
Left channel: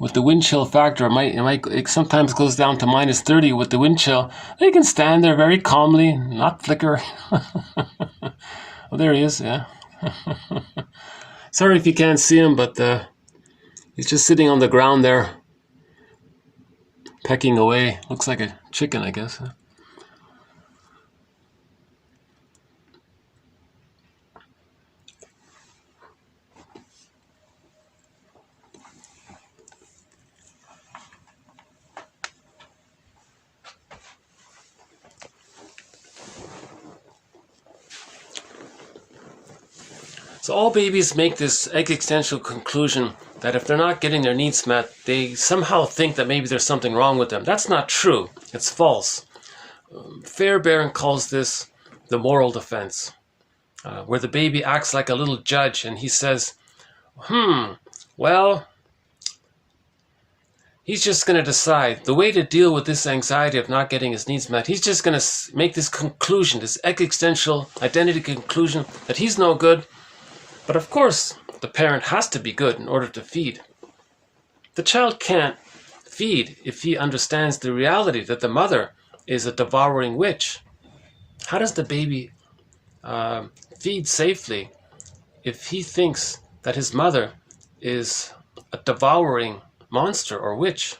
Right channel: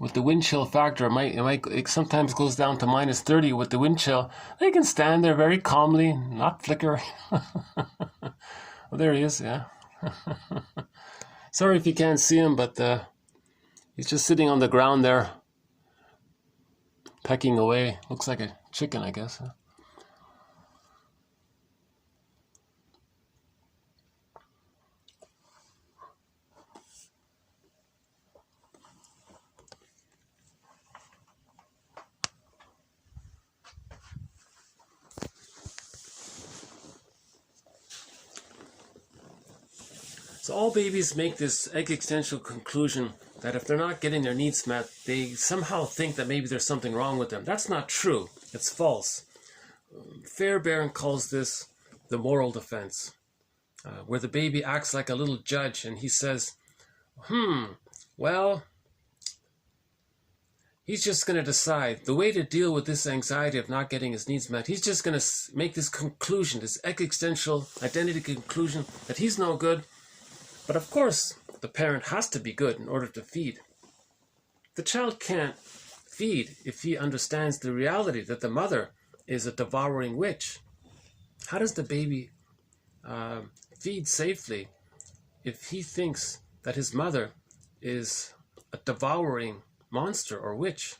with the wind chill factor, it sometimes goes down to -30 with the wind chill. They can stand there very calmly, not flicker. Oh, there he is, yeah. Sorry if you can't see him, but he's just sitting on the ground there, pecking away. Looks like a chicken, I guess. So all babies make this existential conclusion that if they're not getting their needs met, they somehow think that maybe there's something wrong with them. That's not true. It's false. Fairbairn calls this the moral defense, where the baby acts like a little judge and he says, well, he's just going to decide the way to deal with this anxiety of not getting his needs met. He's just going to make this conclusion, this existential identity conclusion that he's no good. But of course, the parent has to be good in order to feed. The child can't feed if he understands the reality that the mother is a devouring witch. How does the baby feed safely if he thinks that his mother is a devouring monster or witch?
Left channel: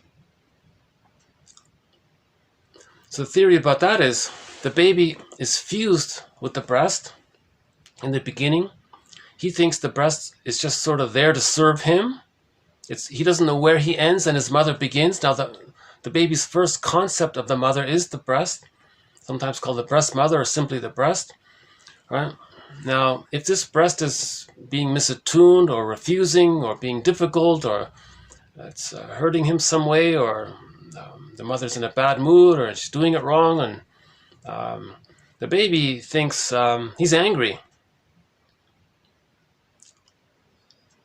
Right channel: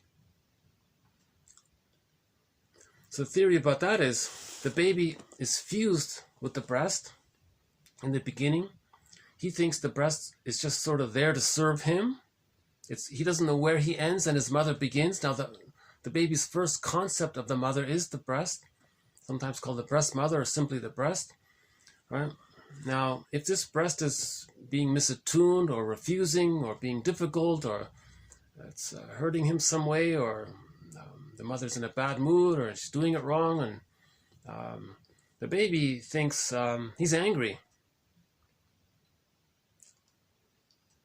So the theory about that is the baby is fused with the breast in the beginning. He thinks the breast is just sort of there to serve him. He doesn't know where he ends and his mother begins. Now the baby's first concept of the mother is the breast, sometimes called the breast mother or simply the breast. Right? Now, if this breast is being misattuned or refusing or being difficult or it's hurting him some way, or the mother's in a bad mood or she's doing it wrong, and the baby thinks he's angry.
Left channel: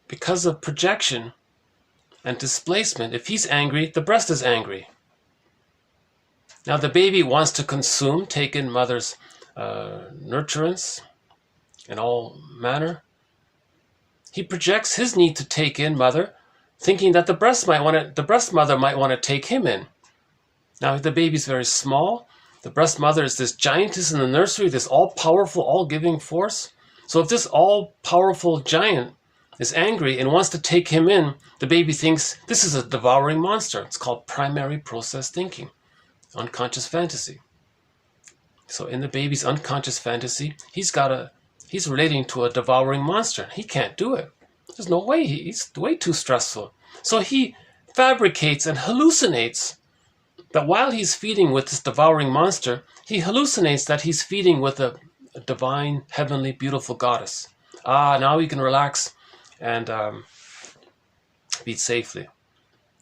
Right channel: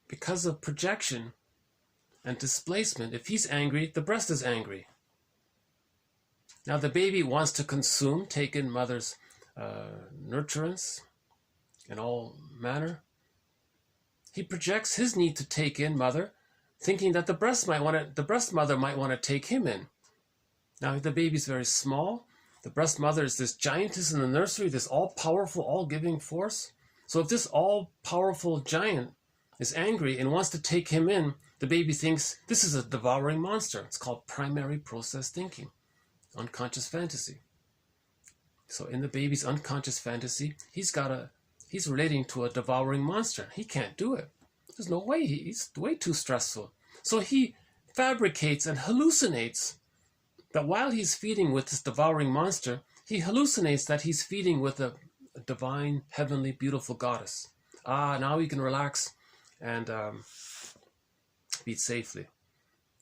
Because of projection and displacement, if he's angry, the breast is angry. Now the baby wants to consume, take in mother's nurturance in all manner. He projects his need to take in mother, thinking that the breast mother might want to take him in. Now the baby's very small. The breast mother is this giantess in the nursery, this all-powerful, all-giving force. So if this all-powerful giant is angry and wants to take him in, the baby thinks this is a devouring monster. It's called primary process thinking, unconscious fantasy. So in the baby's unconscious fantasy, he's relating to a devouring monster. He can't do it. There's no way. He's way too stressful. So he fabricates and hallucinates that while he's feeding with this devouring monster, he hallucinates that he's feeding with a divine, heavenly, beautiful goddess. Now he can relax and feed safely.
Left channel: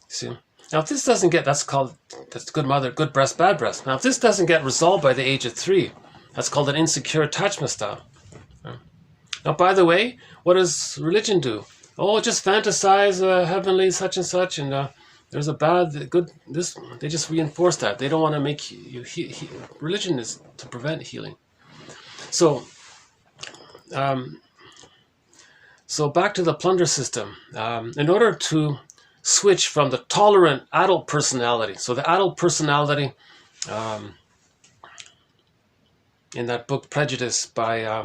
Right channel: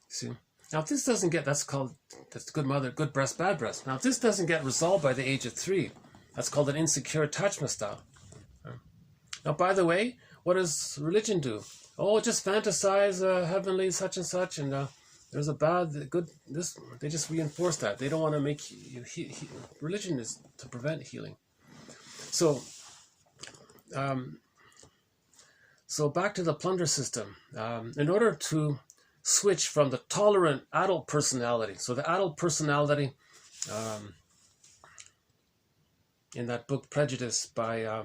See? Now if this doesn't get, that's good mother, good breast, bad breast. Now if this doesn't get resolved by the age of 3, that's called an insecure attachment style. Now by the way, what does religion do? Oh, just fantasize heavenly such and such, and there's a bad, good, this, they just reinforce that. They don't want to make you, religion is to prevent healing. So back to the plunder system. In order to switch from the tolerant adult personality, so the adult personality in that book Prejudice by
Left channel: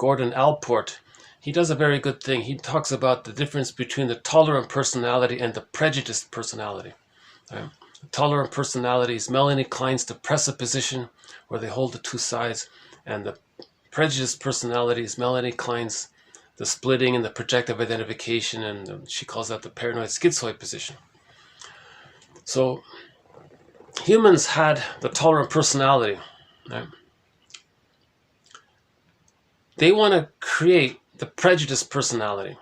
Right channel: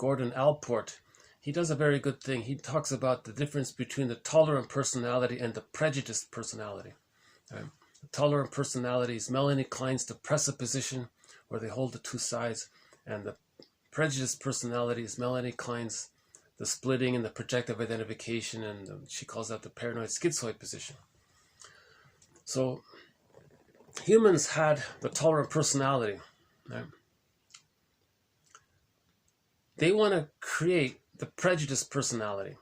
Gordon Allport, he does a very good thing. He talks about the difference between the tolerant personality and the prejudiced personality. Right? The tolerant personality is Melanie Klein's the presupposition, where they hold the two sides, and the prejudiced personality is Melanie Klein's the splitting and the projective identification, and she calls that the paranoid schizoid position. So humans had the tolerant personality. Right? They want to create the prejudiced personality.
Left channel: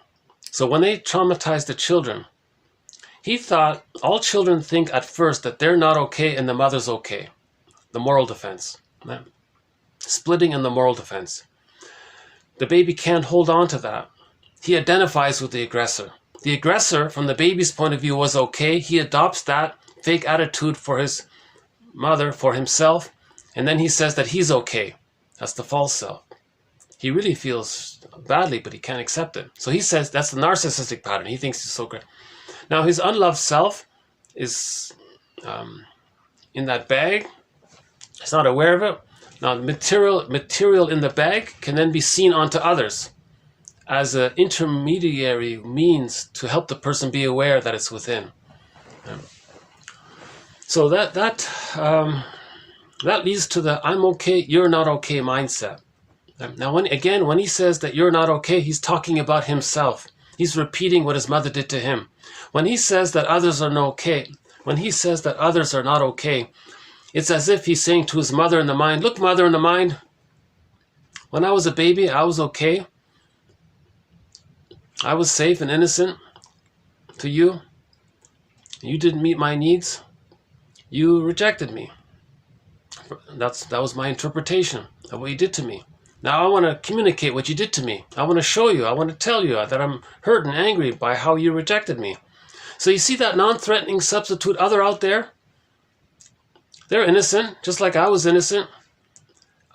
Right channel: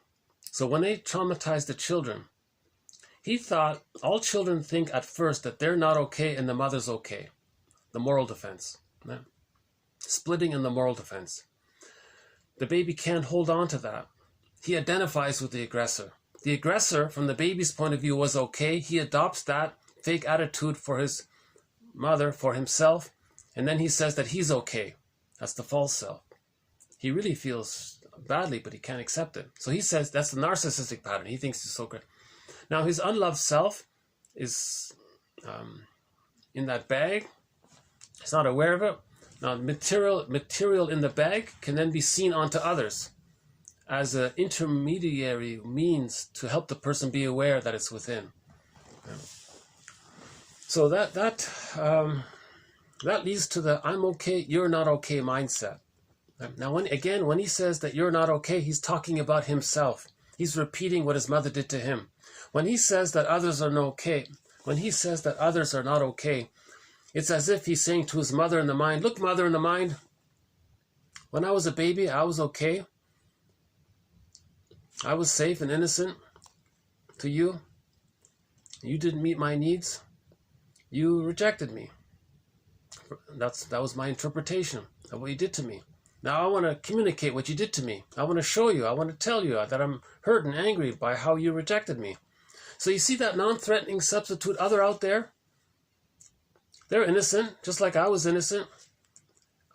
So when they traumatized the children, he thought all children think at first that they're not okay and the mother's okay. The moral defense. Right? Splitting and the moral defense. The baby can't hold on to that. He identifies with the aggressor. The aggressor, from the baby's point of view, was okay. He adopts that fake attitude for his mother, for himself, and then he says that he's okay. That's the false self. He really feels badly, but he can't accept it. So he says that's the narcissistic pattern. He thinks he's so great. Now his unloved self is in that bag. He's not aware of it. Now material in the bag can then be seen onto others as an intermediary means to help the person be aware that it's within. So that leads to the I'm okay, you're not okay mindset. Now, when he says that you're not okay, he's talking about himself. He's repeating what his mother did to him. When he says that others are not okay, it's as if he's saying to his mother in the mind, look, mother in the mind, when I was a baby, I was okay. I was safe and innocent to you. You didn't meet my needs. You rejected me. That was my interpretation of what you did to me. Now I want to communicate what you did to me. I want to show you. I want to tell you that I'm hurt and angry by how you rejected me. So you see that non-threatening substitute other out there? They're innocent, just like I was innocent.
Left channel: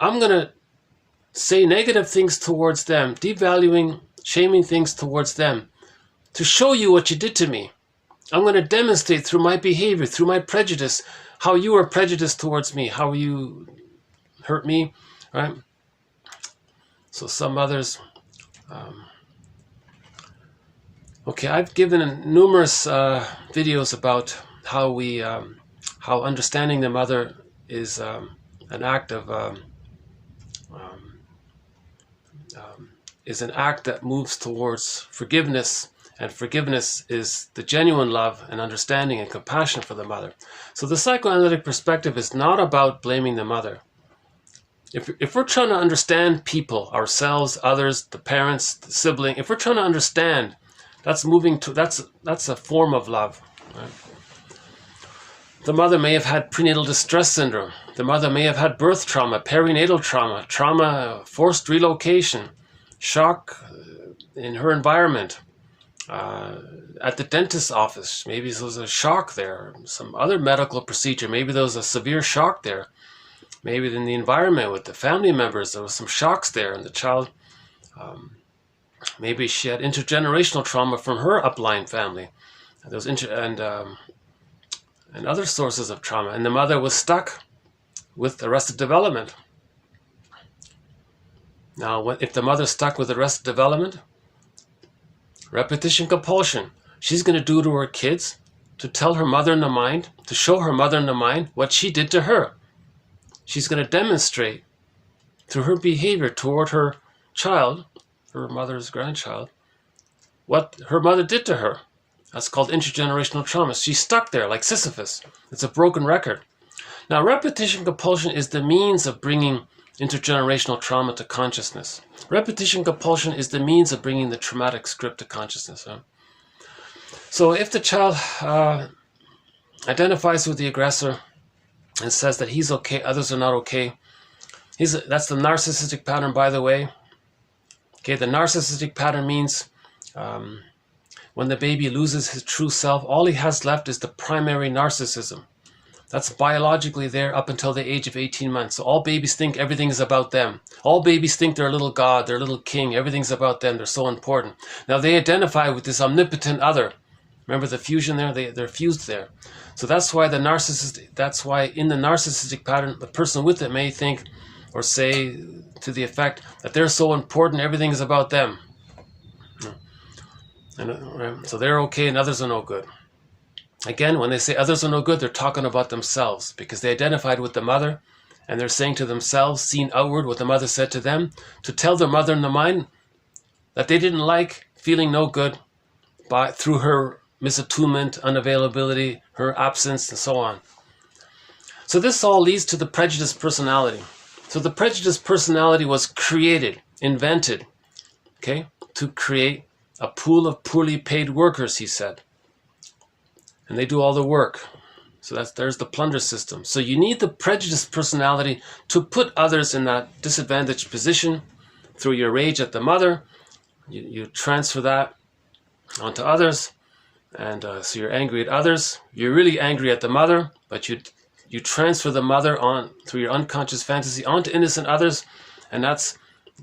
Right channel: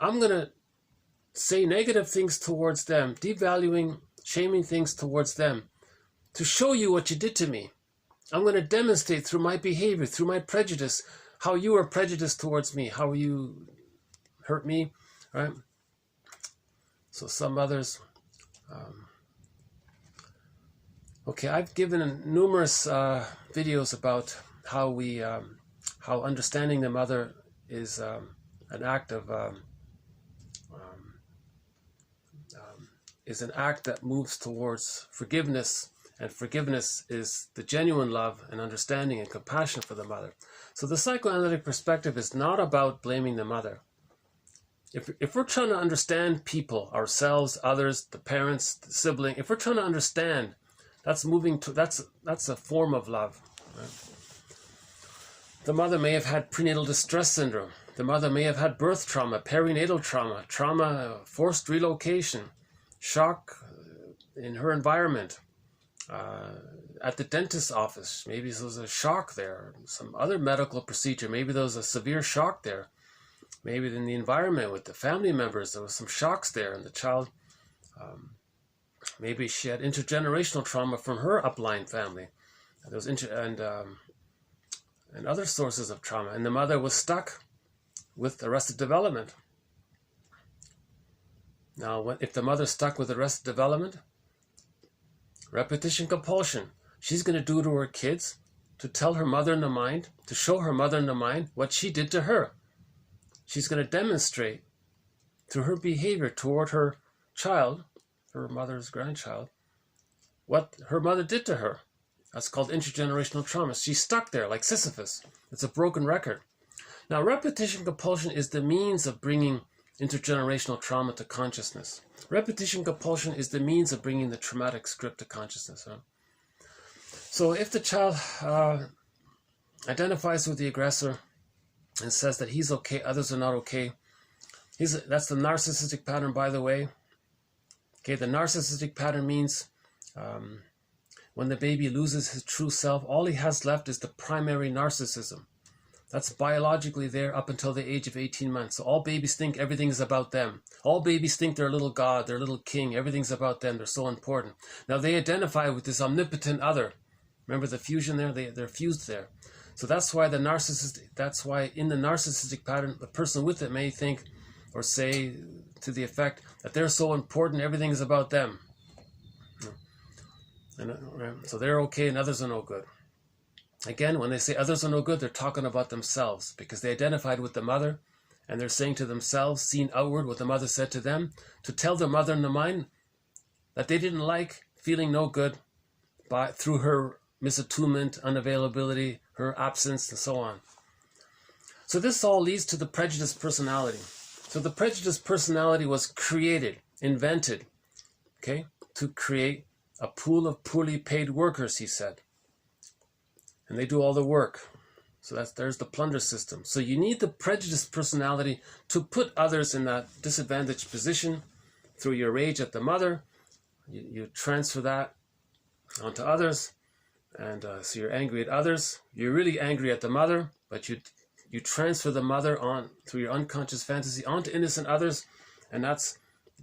I'm going to say negative things towards them, devaluing, shaming things towards them, to show you what you did to me. I'm going to demonstrate through my behavior, through my prejudice, how you were prejudiced towards me, how you hurt me, right? So some others, okay, I've given numerous videos about how understanding the mother is an act that moves towards forgiveness, and forgiveness is the genuine love and understanding and compassion for the mother. So the psychoanalytic perspective is not about blaming the mother. If we're trying to understand people, ourselves, others, the parents, the sibling, if we're trying to understand, that's a form of love. Right? The mother may have had prenatal distress syndrome. The mother may have had birth trauma, perinatal trauma, forced relocation, shock in her environment, at the dentist's office. Maybe there was a shock there, some other medical procedure. Maybe there was a severe shock there. Maybe in the environment with the family members, there was some shocks there, and the child, maybe she had intergenerational trauma from her upline family. There was and other sources of trauma, and the mother was stuck with arrested development. Now, if the mother's stuck with arrested development, repetition compulsion, she's going to do to her kids to tell her mother in the mind, to show her mother in the mind what she did to her. She's going to demonstrate through her behavior toward her child, her mother's grandchild, what her mother did to her. That's called intergenerational trauma. She's stuck there like Sisyphus. It's a broken record. Now, repetition compulsion is the means of bringing intergenerational trauma to consciousness. Repetition compulsion is the means of bringing the traumatic script to consciousness. Huh? So if the child identifies with the aggressor and says that he's okay, others are not okay, that's the narcissistic pattern, by the way. Okay, the narcissistic pattern means when the baby loses his true self, all he has left is the primary narcissism. That's biologically there up until the age of 18 months. So all babies think everything is about them. All babies think they're a little god, they're a little king, everything's about them, they're so important. Now they identify with this omnipotent other. Remember the fusion there? They're fused there. So that's why in the narcissistic pattern, the person with it may think, or say to the effect that they're so important, everything is about them. And so they're okay and others are no good. Again, when they say others are no good, they're talking about themselves because they identified with the mother and they're saying to themselves, seeing outward what the mother said to them, to tell their mother in the mind that they didn't like feeling no good through her misattunement, unavailability, her absence, and so on. So this all leads to the prejudiced personality. So the prejudiced personality was created, invented, okay, to create a pool of poorly paid workers, he said. And they do all the work. So there's the plunder system. So you need the prejudiced personality to put others in that disadvantaged position through your rage at the mother. You transfer that onto others. And so you're angry at others. You're really angry at the mother, but you transfer the mother on through your unconscious fantasy onto innocent others. And that's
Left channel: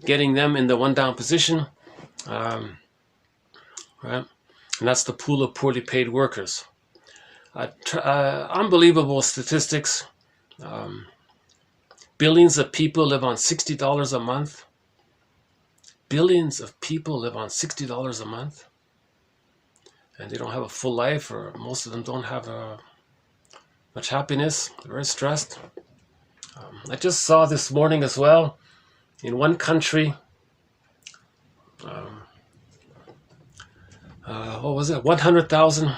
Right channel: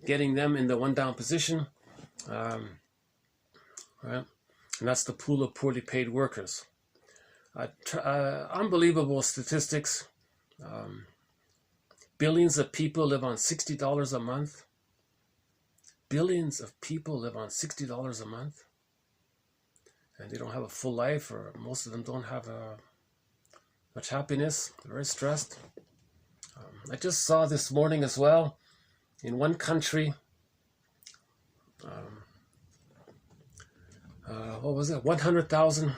getting them in the one down position. Right? And that's the pool of poorly paid workers. Unbelievable statistics. Billions of people live on $60 a month. Billions of people live on $60 a month. And they don't have a full life, or most of them don't have much happiness. They're very stressed. I just saw this morning as well, in one country, what was it? 100,000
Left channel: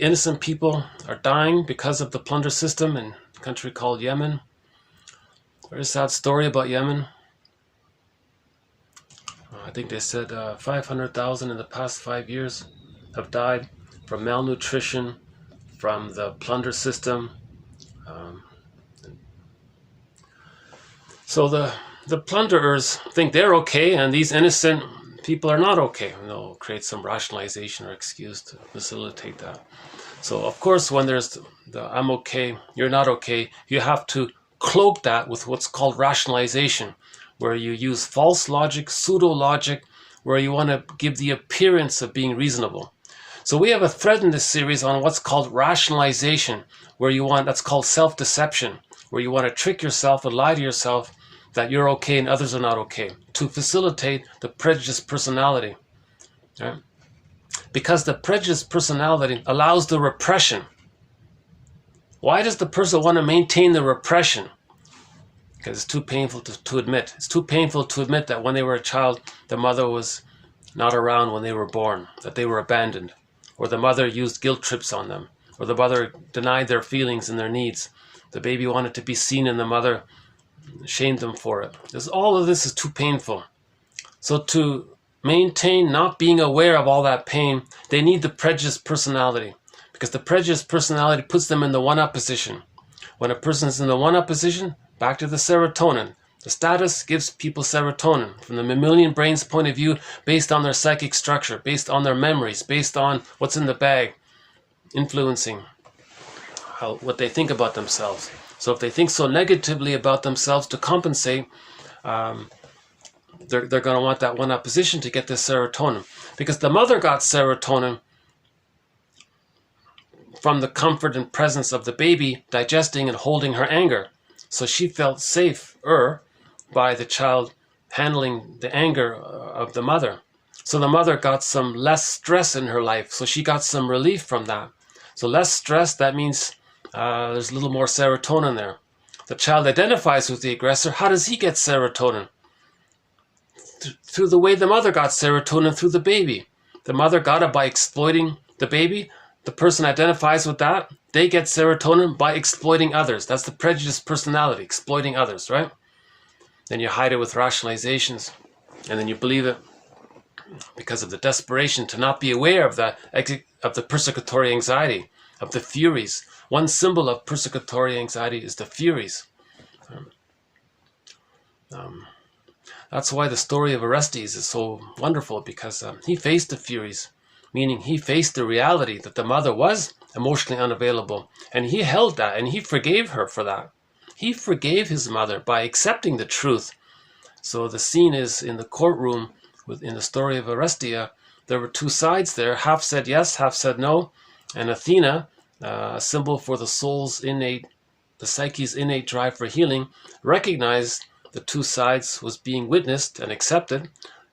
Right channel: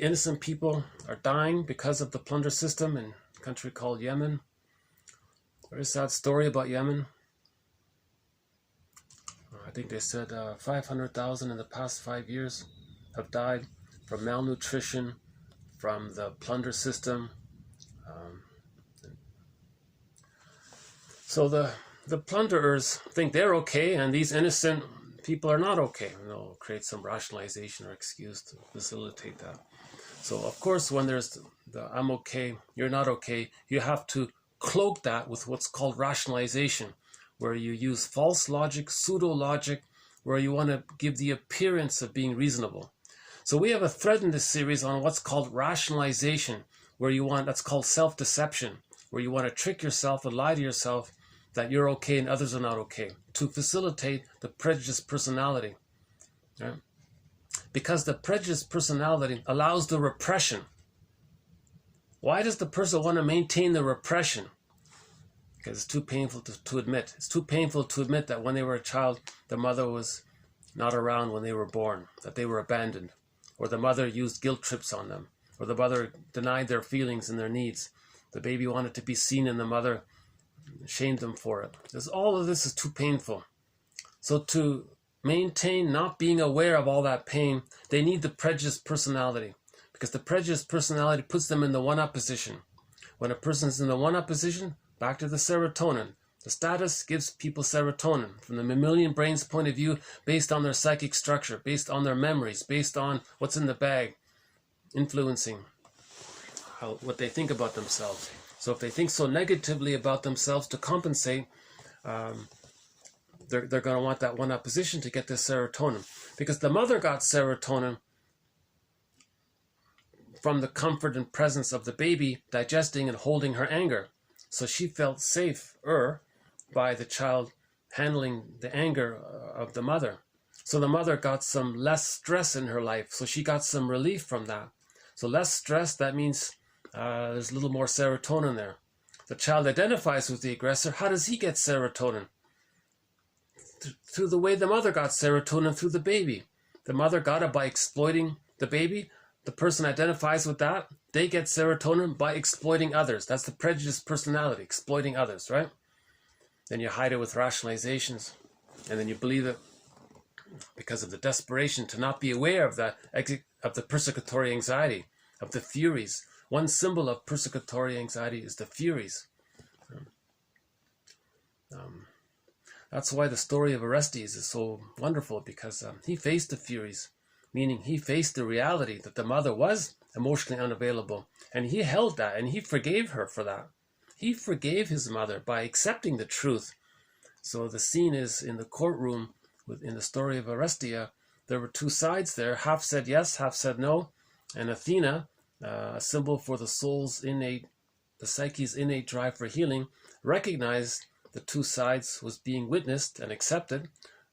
innocent people are dying because of the plunder system in a country called Yemen. Very sad story about Yemen. I think they said 500,000 in the past 5 years have died from malnutrition, from the plunder system. So the plunderers think they're okay, and these innocent people are not okay. And they'll create some rationalization or excuse to facilitate that. So of course, when there's the I'm okay, you're not okay, you have to cloak that with what's called rationalization, where you use false logic, pseudo-logic, where you want to give the appearance of being reasonable. So we have a thread in this series on what's called rationalization, that's called self-deception, where you want to trick yourself and lie to yourself that you're okay and others are not okay, to facilitate the prejudiced personality. Right? Because the prejudiced personality allows the repression. Why does the person want to maintain the repression? Because it's too painful to admit. It's too painful to admit that when they were a child, the mother was not around when they were born, that they were abandoned, or the mother used guilt trips on them, or the mother denied their feelings and their needs. The baby wanted to be seen and the mother shamed them for it. Because all of this is too painful. So to maintain not being aware of all that pain, they need the prejudiced personality, because the prejudiced personality puts them in the one-up position. When a person's in the one-up position, back to the serotonin. The status gives people serotonin from the mammalian brain's point of view, based on their psychic structure, based on their memories, based on what's in the bag, influencing what they think about themselves. So if they think so negatively about themselves, to compensate, they're going to want that one-up position to get this serotonin. Because the mother got serotonin from the comfort and presence of the baby digesting and holding her anger. So she felt safer by the child handling the anger of the mother. So the mother got some less stress in her life. So she got some relief from that. So less stress, that means there's a little more serotonin there. The child identifies with the aggressor. How does he get serotonin? Through the way the mother got serotonin through the baby. The mother got it by exploiting the baby. The person identifies with that. They get serotonin by exploiting others. That's the prejudiced personality, exploiting others, right? Then you hide it with rationalizations, and then you believe it because of the desperation to not be aware of the persecutory anxiety, of the furies. One symbol of persecutory anxiety is the furies. That's why the story of Orestes is so wonderful, because he faced the furies, meaning he faced the reality that the mother was emotionally unavailable, and he held that, and he forgave her for that. He forgave his mother by accepting the truth. So the scene is in the courtroom in the story of Orestes. There were two sides there, half said yes, half said no, and Athena, a symbol for the soul's innate, the psyche's innate drive for healing, recognized the two sides was being witnessed and accepted,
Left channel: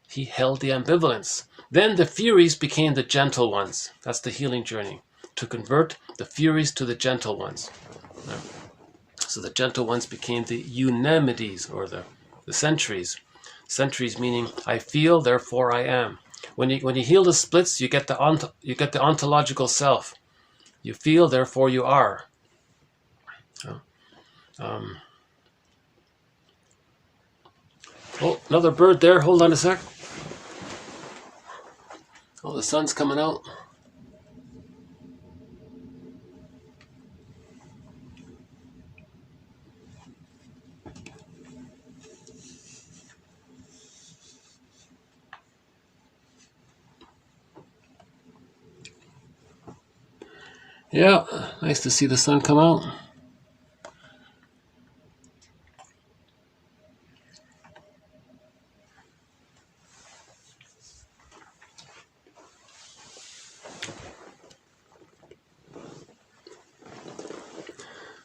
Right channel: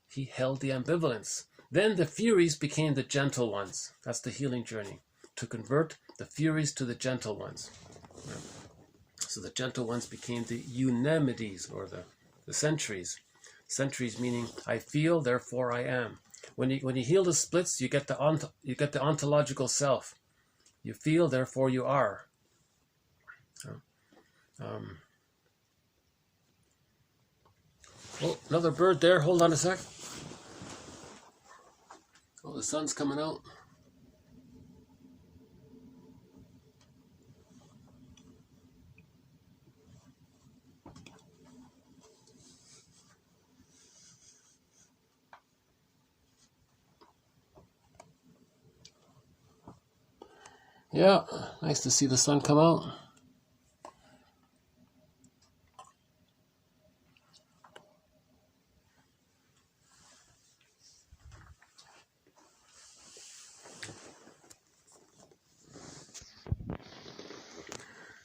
he held the ambivalence. Then the Furies became the gentle ones. That's the healing journey, to convert the Furies to the gentle ones. So the gentle ones became the Eunomides, or the centuries. Centuries meaning I feel, therefore I am. When you heal the splits, you get the ontological self. You feel, therefore you are. Oh, another bird there. Hold on a sec. Oh, the sun's coming out. Yeah, nice to see the sun come out.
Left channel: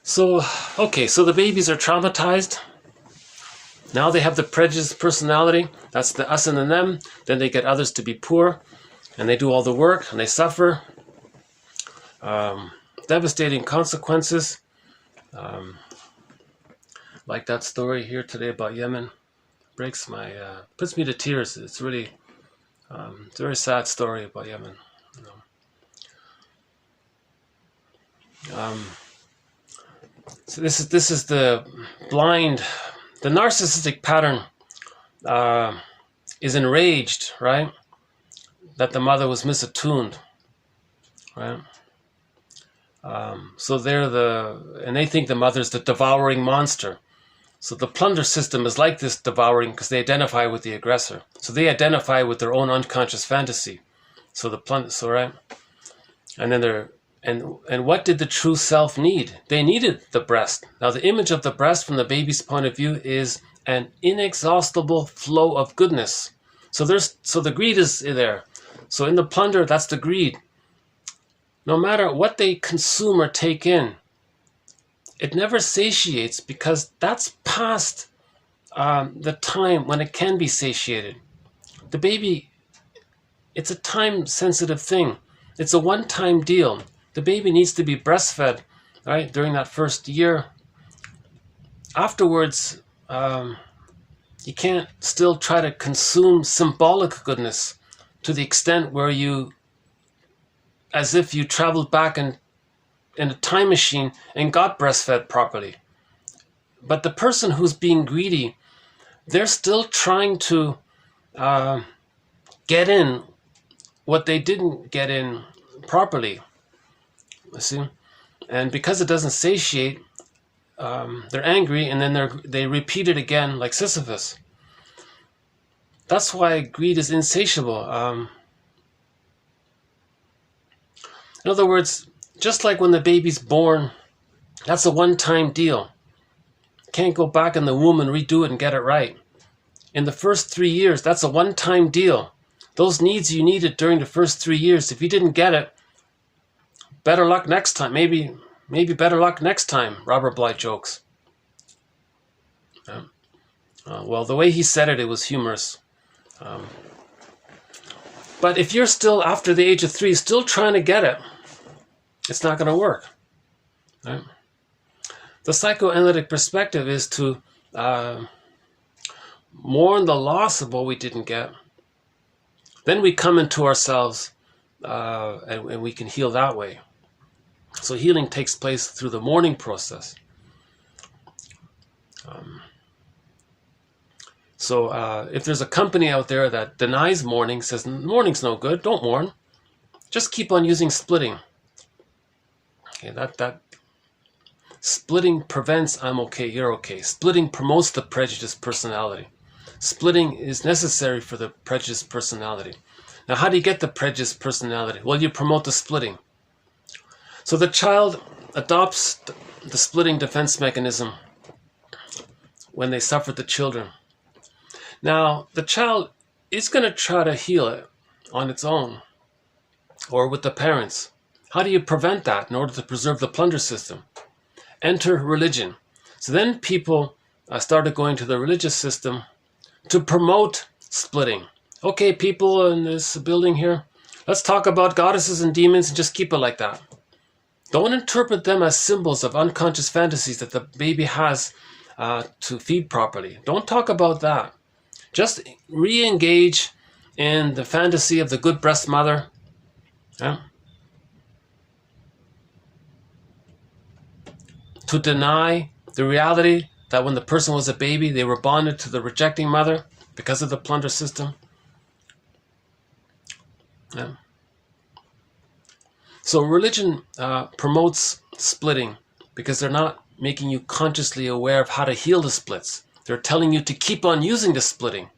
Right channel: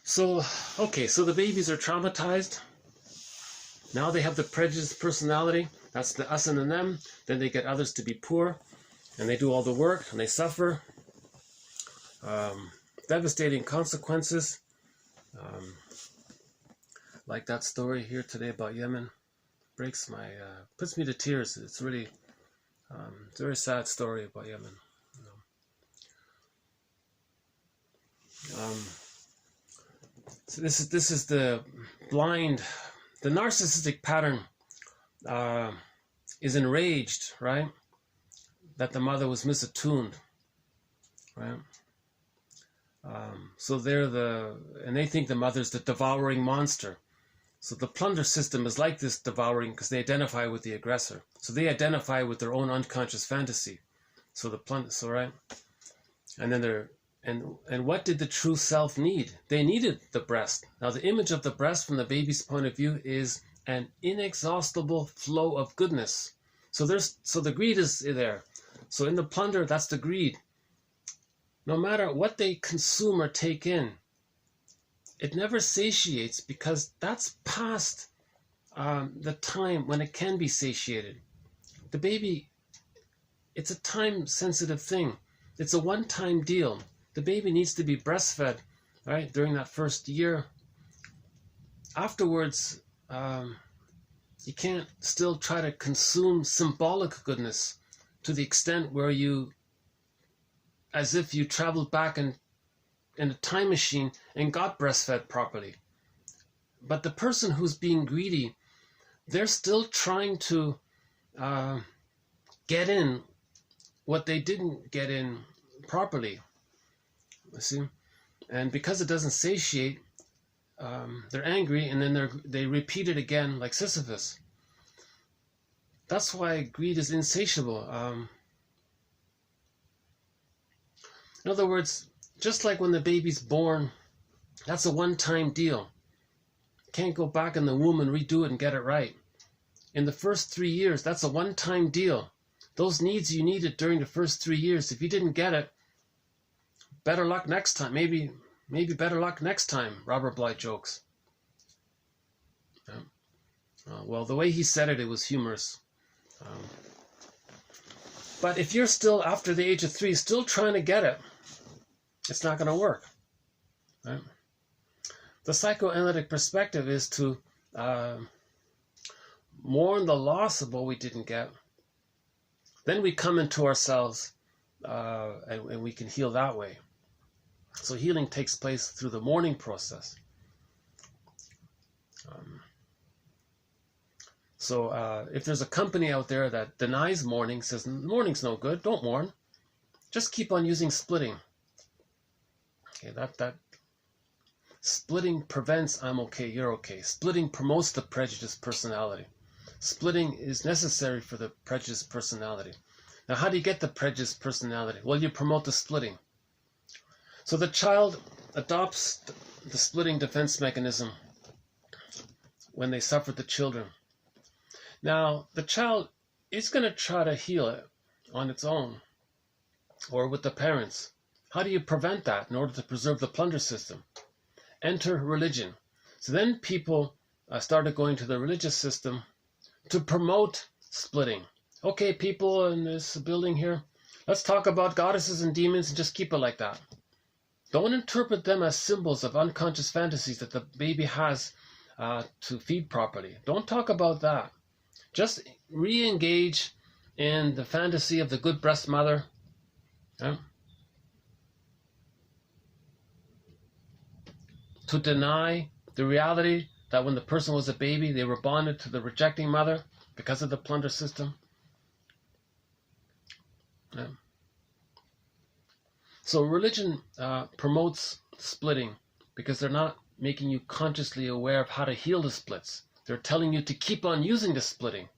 So, okay, so the babies are traumatized. Now they have the prejudiced personality. That's the us and the them. Then they get others to be poor, and they do all the work, and they suffer. Devastating consequences. Like that story here today about Yemen. Breaks my, puts me to tears. It's really, it's a very sad story about Yemen. So this is the blind, the narcissistic pattern is enraged, right? That the mother was misattuned, right? So and they think the mother's the devouring monster. So the plunder system is like this devouring because they identify with the aggressor. So they identify with their own unconscious fantasy. So the plunder, so right? And then and what did the true self need? They needed the breast. Now the image of the breast from the baby's point of view is an inexhaustible flow of goodness. So the greed is there. So in the plunder, that's the greed. No matter what they consume or take in, it never satiates because that's past the time when it can be satiated. The baby, it's a time-sensitive thing. It's a one-time deal. The baby needs to be breastfed, right, during that first year. Afterwards, you can't still try to consume symbolic goodness to the extent where you, as if you traveled back in a time machine and got breastfed properly. But the person who's being greedy, they're still trying to get in what they didn't get in properly. You see? And because it doesn't satiate, they're angry, and then they repeat it again like Sisyphus. That's why greed is insatiable. In other words, just like when the baby's born, that's a one-time deal. Can't go back in the womb and redo it and get it right. In the first 3 years, that's a one-time deal. Those needs you needed during the first 3 years, if you didn't get it, better luck next time. Maybe better luck next time, Robert Bly jokes. Well, the way he said it, it was humorous. But if you're still, after the age of 3, still trying to get it, it's not going to work. Right? The psychoanalytic perspective is to mourn the loss of what we didn't get. Then we come into ourselves and we can heal that way. So healing takes place through the mourning process. So if there's a company out there that denies mourning, says mourning's no good, don't mourn, just keep on using splitting. Okay, that splitting prevents I'm okay, you're okay. Splitting promotes the prejudiced personality. Splitting is necessary for the prejudiced personality. Now, how do you get the prejudiced personality? Well, you promote the splitting. So the child adopts the splitting defense mechanism when they suffer the children. Now, the child is going to try to heal it on its own or with the parents. How do you prevent that in order to preserve the plunder system? Enter religion. So then people I started going to the religious system to promote splitting. Okay, people in this building here, let's talk about goddesses and demons and just keep it like that. Don't interpret them as symbols of unconscious fantasies that the baby has to feed properly. Don't talk about that. Just re-engage in the fantasy of the good breast mother. Yeah? To deny the reality that when the person was a baby, they were bonded to the rejecting mother because of the plunder system. Yeah. So religion promotes splitting because they're not making you consciously aware of how to heal the splits. They're telling you to keep on using the splitting.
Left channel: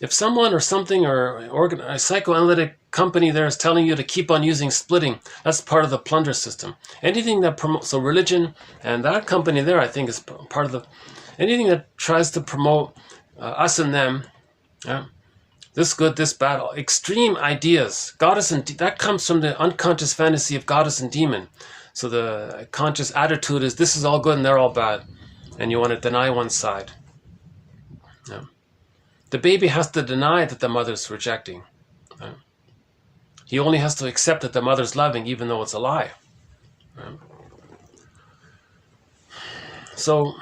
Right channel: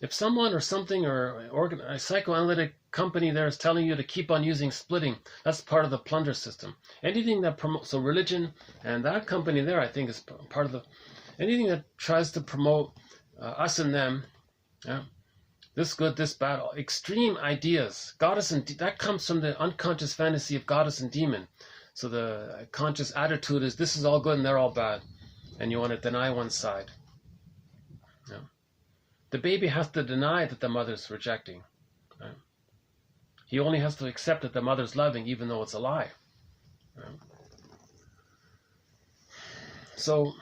If someone or something or a psychoanalytic company there is telling you to keep on using splitting, that's part of the plunder system. Anything that promotes, so religion and that company there, I think, is part of the, anything that tries to promote us and them, this good, this bad, extreme ideas, goddess and that comes from the unconscious fantasy of goddess and demon. So the conscious attitude is this is all good and they're all bad, and you want to deny one side. Yeah. The baby has to deny that the mother's rejecting. Right? He only has to accept that the mother's loving, even though it's a lie. Right? So,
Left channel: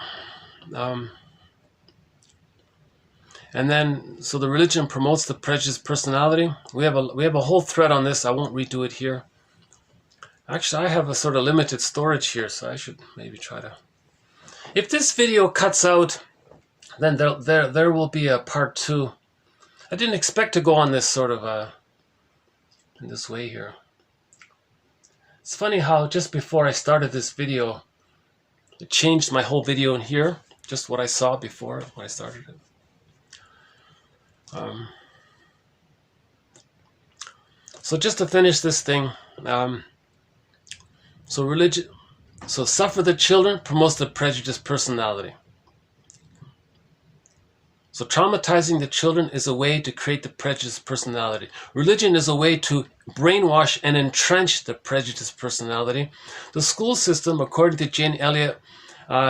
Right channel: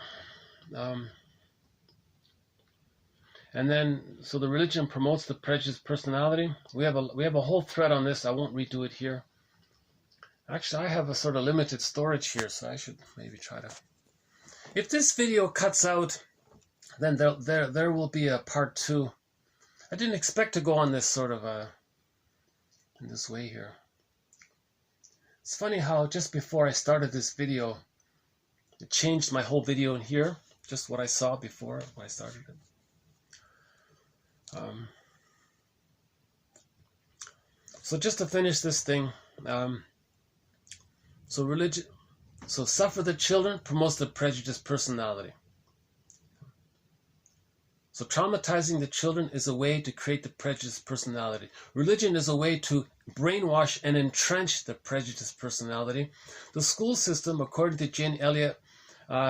and then, so the religion promotes the prejudiced personality. We have a whole thread on this. I won't redo it here. Actually, I have a sort of limited storage here, so I should maybe try to. If this video cuts out, then there will be a part 2. I didn't expect to go on this sort of in this way here. It's funny how just before I started this video, it changed my whole video in here, just what I saw before when I started it. So just to finish this thing, so religion, so suffer the children promotes the prejudiced personality. So traumatizing the children is a way to create the prejudiced personality. Religion is a way to brainwash and entrench the prejudiced personality. The school system, according to Jane Elliott,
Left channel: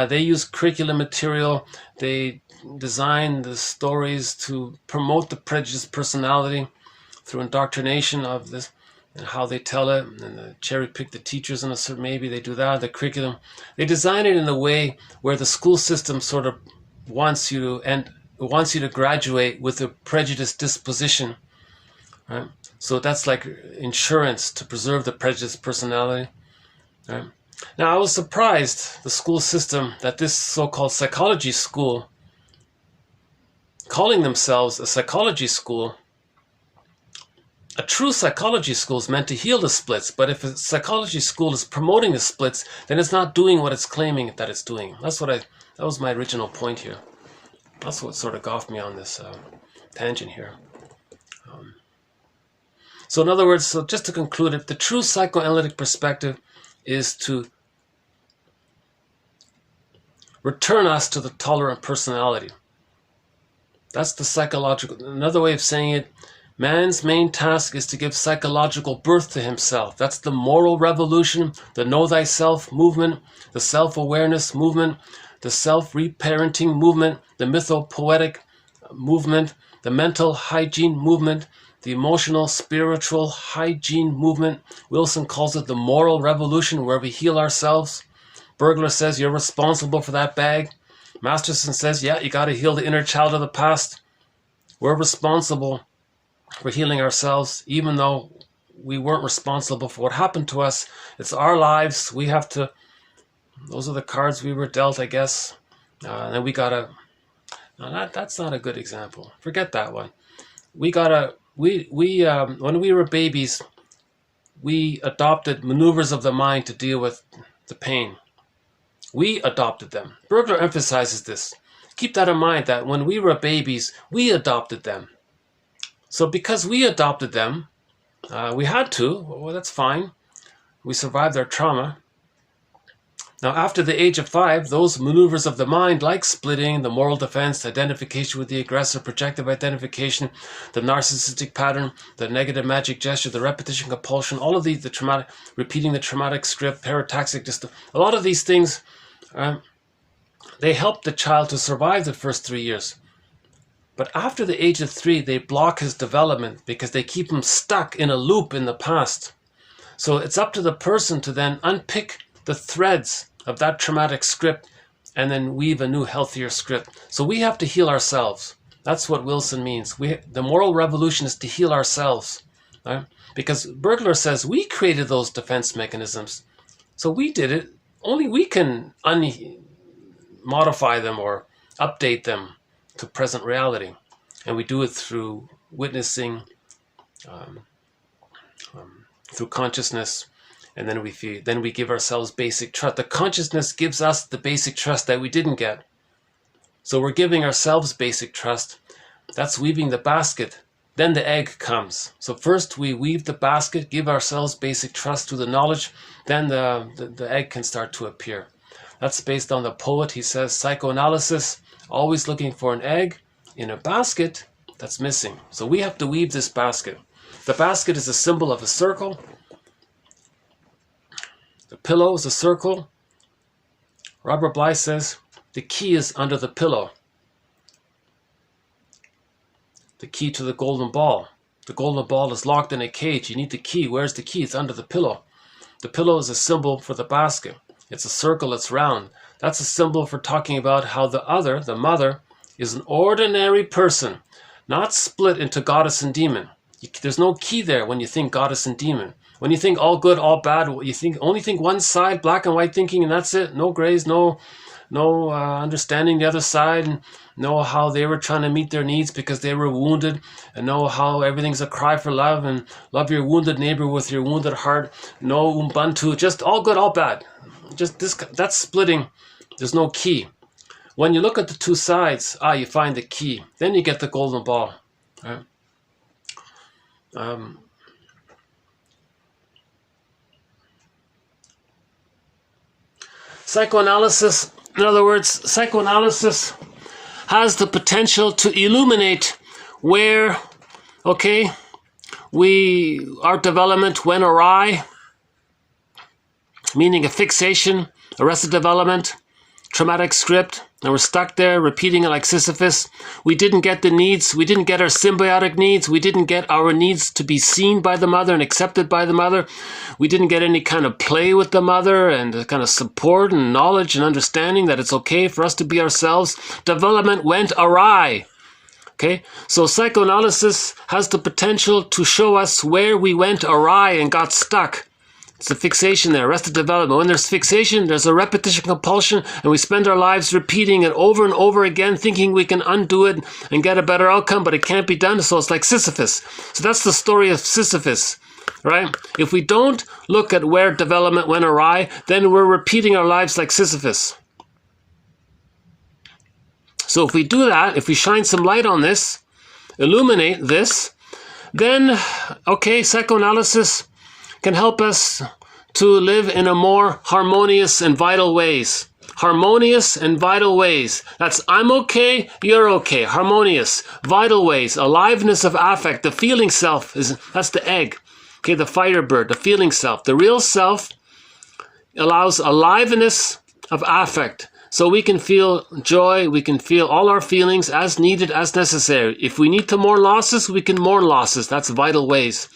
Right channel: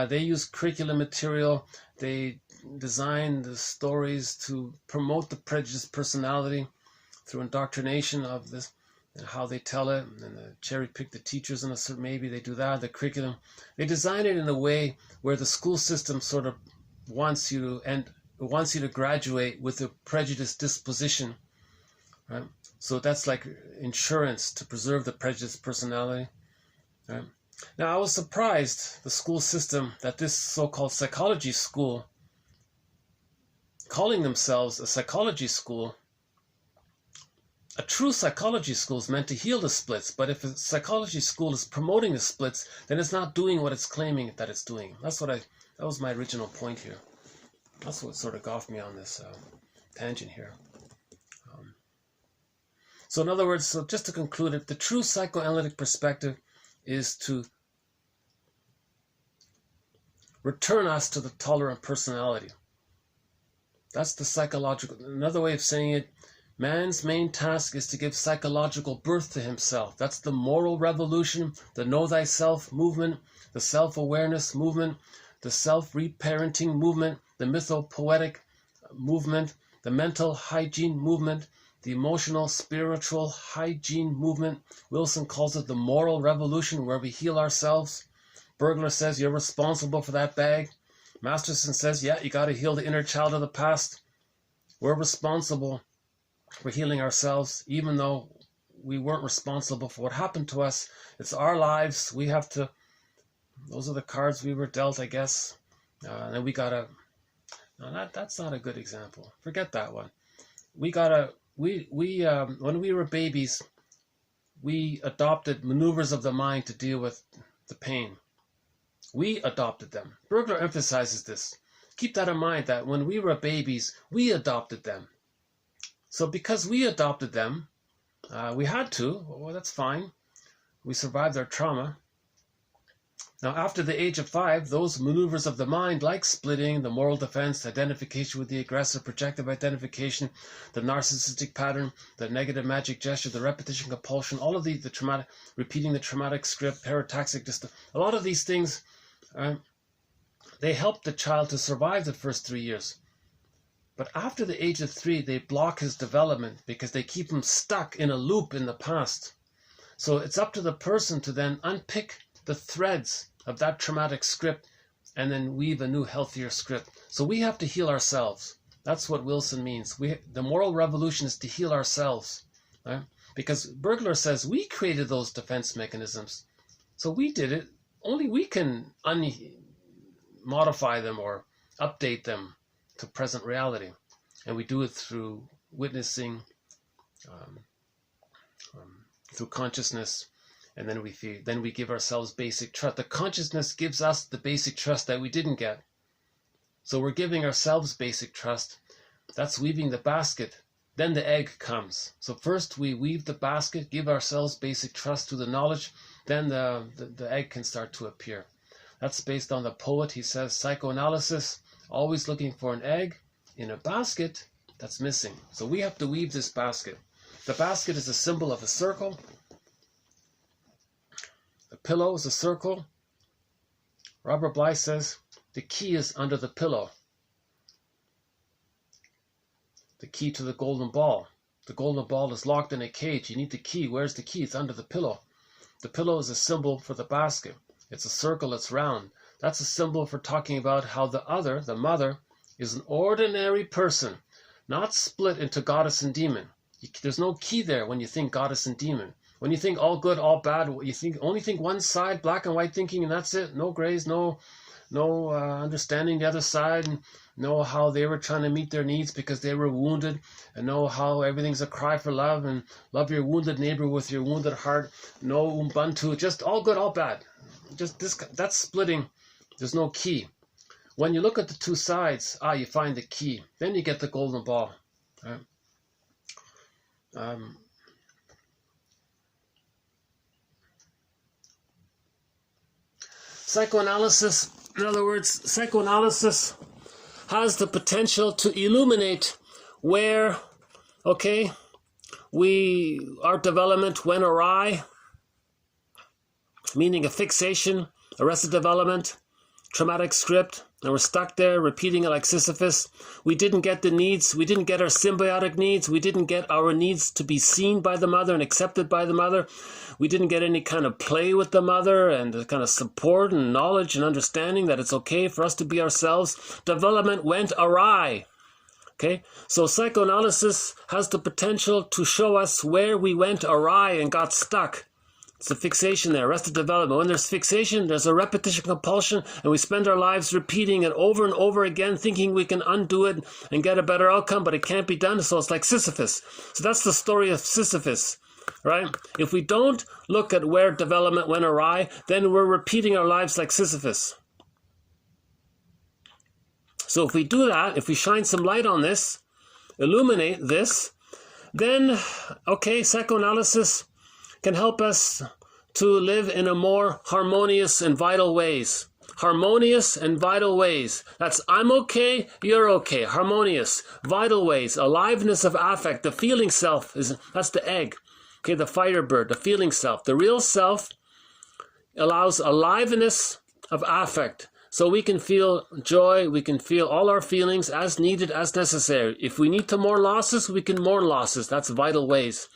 they use curriculum material. They design the stories to promote the prejudiced personality through indoctrination of this and how they tell it, and cherry pick the teachers in a certain, maybe they do that, the curriculum. They design it in a way where the school system sort of wants you to graduate with a prejudiced disposition, right? So that's like insurance to preserve the prejudiced personality, right? Now I was surprised, the school system, that this so-called psychology school, calling themselves a psychology school, a true psychology school is meant to heal the splits, but if a psychology school is promoting the splits, then it's not doing what it's claiming that it's doing. That was my original point here. That's what sort of got off me on this tangent here. So in other words, so just to conclude it, the true psychoanalytic perspective is to return us to the tolerant personality. That's the psychological, another way of saying it, man's main task is to give psychological birth to himself. That's the moral revolution, the know thyself movement, the self-awareness movement, the self-reparenting movement, the mythopoetic movement, the mental hygiene movement, the emotional spiritual hygiene movement. Wilson calls it the moral revolution, where we heal ourselves. Burglar says you're responsible for that bag. Masterson says, yeah, you got to heal the inner child of the past. We're responsible for healing ourselves, even though we weren't responsible for what happened to us. It's our lives. We have to, those are the cards we were dealt, I guess. And we got to, no, that's not a good example. Forget that one. We got to, when we were babies, we adopted maneuvers of the mind to deal with the pain. We adopted them. Burglar emphasizes this. Keep that in mind, that when we were babies, we adopted them. So because we adopted them, we had to, well, that's fine. We survived our trauma. Now, after the age of 5, those maneuvers of the mind, like splitting, the moral defense, identification with the aggressor, projective identification, the narcissistic pattern, the negative magic gesture, the repetition compulsion, all of these, the traumatic, repeating the traumatic script, parataxic, just a lot of these things they help the child to survive the first 3 years. But after the age of 3, they block his development because they keep him stuck in a loop in the past. So it's up to the person to then unpick the threads of that traumatic script and then weave a new, healthier script. So we have to heal ourselves. That's what Wilson means. The moral revolution is to heal ourselves. Right? Because Bergler says we created those defense mechanisms. So we did it. Only we can modify them or update them to present reality. And we do it through witnessing, through consciousness, and then we give ourselves basic trust. The consciousness gives us the basic trust that we didn't get. So we're giving ourselves basic trust. That's weaving the basket. Then the egg comes. So first we weave the basket, give ourselves basic trust to the knowledge, then the egg can start to appear. That's based on the poet. He says, psychoanalysis, always looking for an egg in a basket that's missing. So we have to weave this basket. The basket is a symbol of a circle. The pillow is a circle. Robert Bly says, the key is under the pillow. The key to the golden ball. The golden ball is locked in a cage. You need the key. Where's the key? It's under the pillow. The pillow is a symbol for the basket. It's a circle, it's round. That's a symbol for talking about how the other, the mother, is an ordinary person, not split into goddess and demon. There's no key there when you think goddess and demon. When you think all good, all bad, you only think one side, black and white thinking, and that's it. No grays, no understanding the other side, and know how they were trying to meet their needs because they were wounded, and know how everything's a cry for love, and love your wounded neighbor with your wounded heart. No Ubuntu, just all good, all bad. Just this, that's splitting. There's no key. When you look at the two sides, you find the key. Then you get the golden ball. Right? Psychoanalysis, in other words, psychoanalysis has the potential to illuminate where, our development went awry, meaning a fixation, arrested development, traumatic script, and we're stuck there repeating it like Sisyphus. We didn't get the needs. We didn't get our symbiotic needs. We didn't get our needs to be seen by the mother and accepted by the mother. We didn't get any kind of play with the mother and kind of support and knowledge and understanding that it's okay for us to be ourselves. Development went awry. Okay, so psychoanalysis has the potential to show us where we went awry and got stuck. It's a fixation there, arrested development. When there's fixation, there's a repetition compulsion, and we spend our lives repeating it over and over again, thinking we can undo it and get a better outcome, but it can't be done, so it's like Sisyphus. So that's the story of Sisyphus, right? If we don't look at where development went awry, then we're repeating our lives like Sisyphus. So if we do that, if we shine some light on this, illuminate this, then, psychoanalysis can help us to live in a more harmonious and vital ways. Harmonious and vital ways. That's I'm okay, you're okay. Harmonious, vital ways. Aliveness of affect. The feeling self, that's the egg. Okay, the firebird, the feeling self. The real self allows aliveness of affect. So we can feel joy, we can feel all our feelings as needed, as necessary. If we need to mourn losses, we can mourn losses. That's vital ways.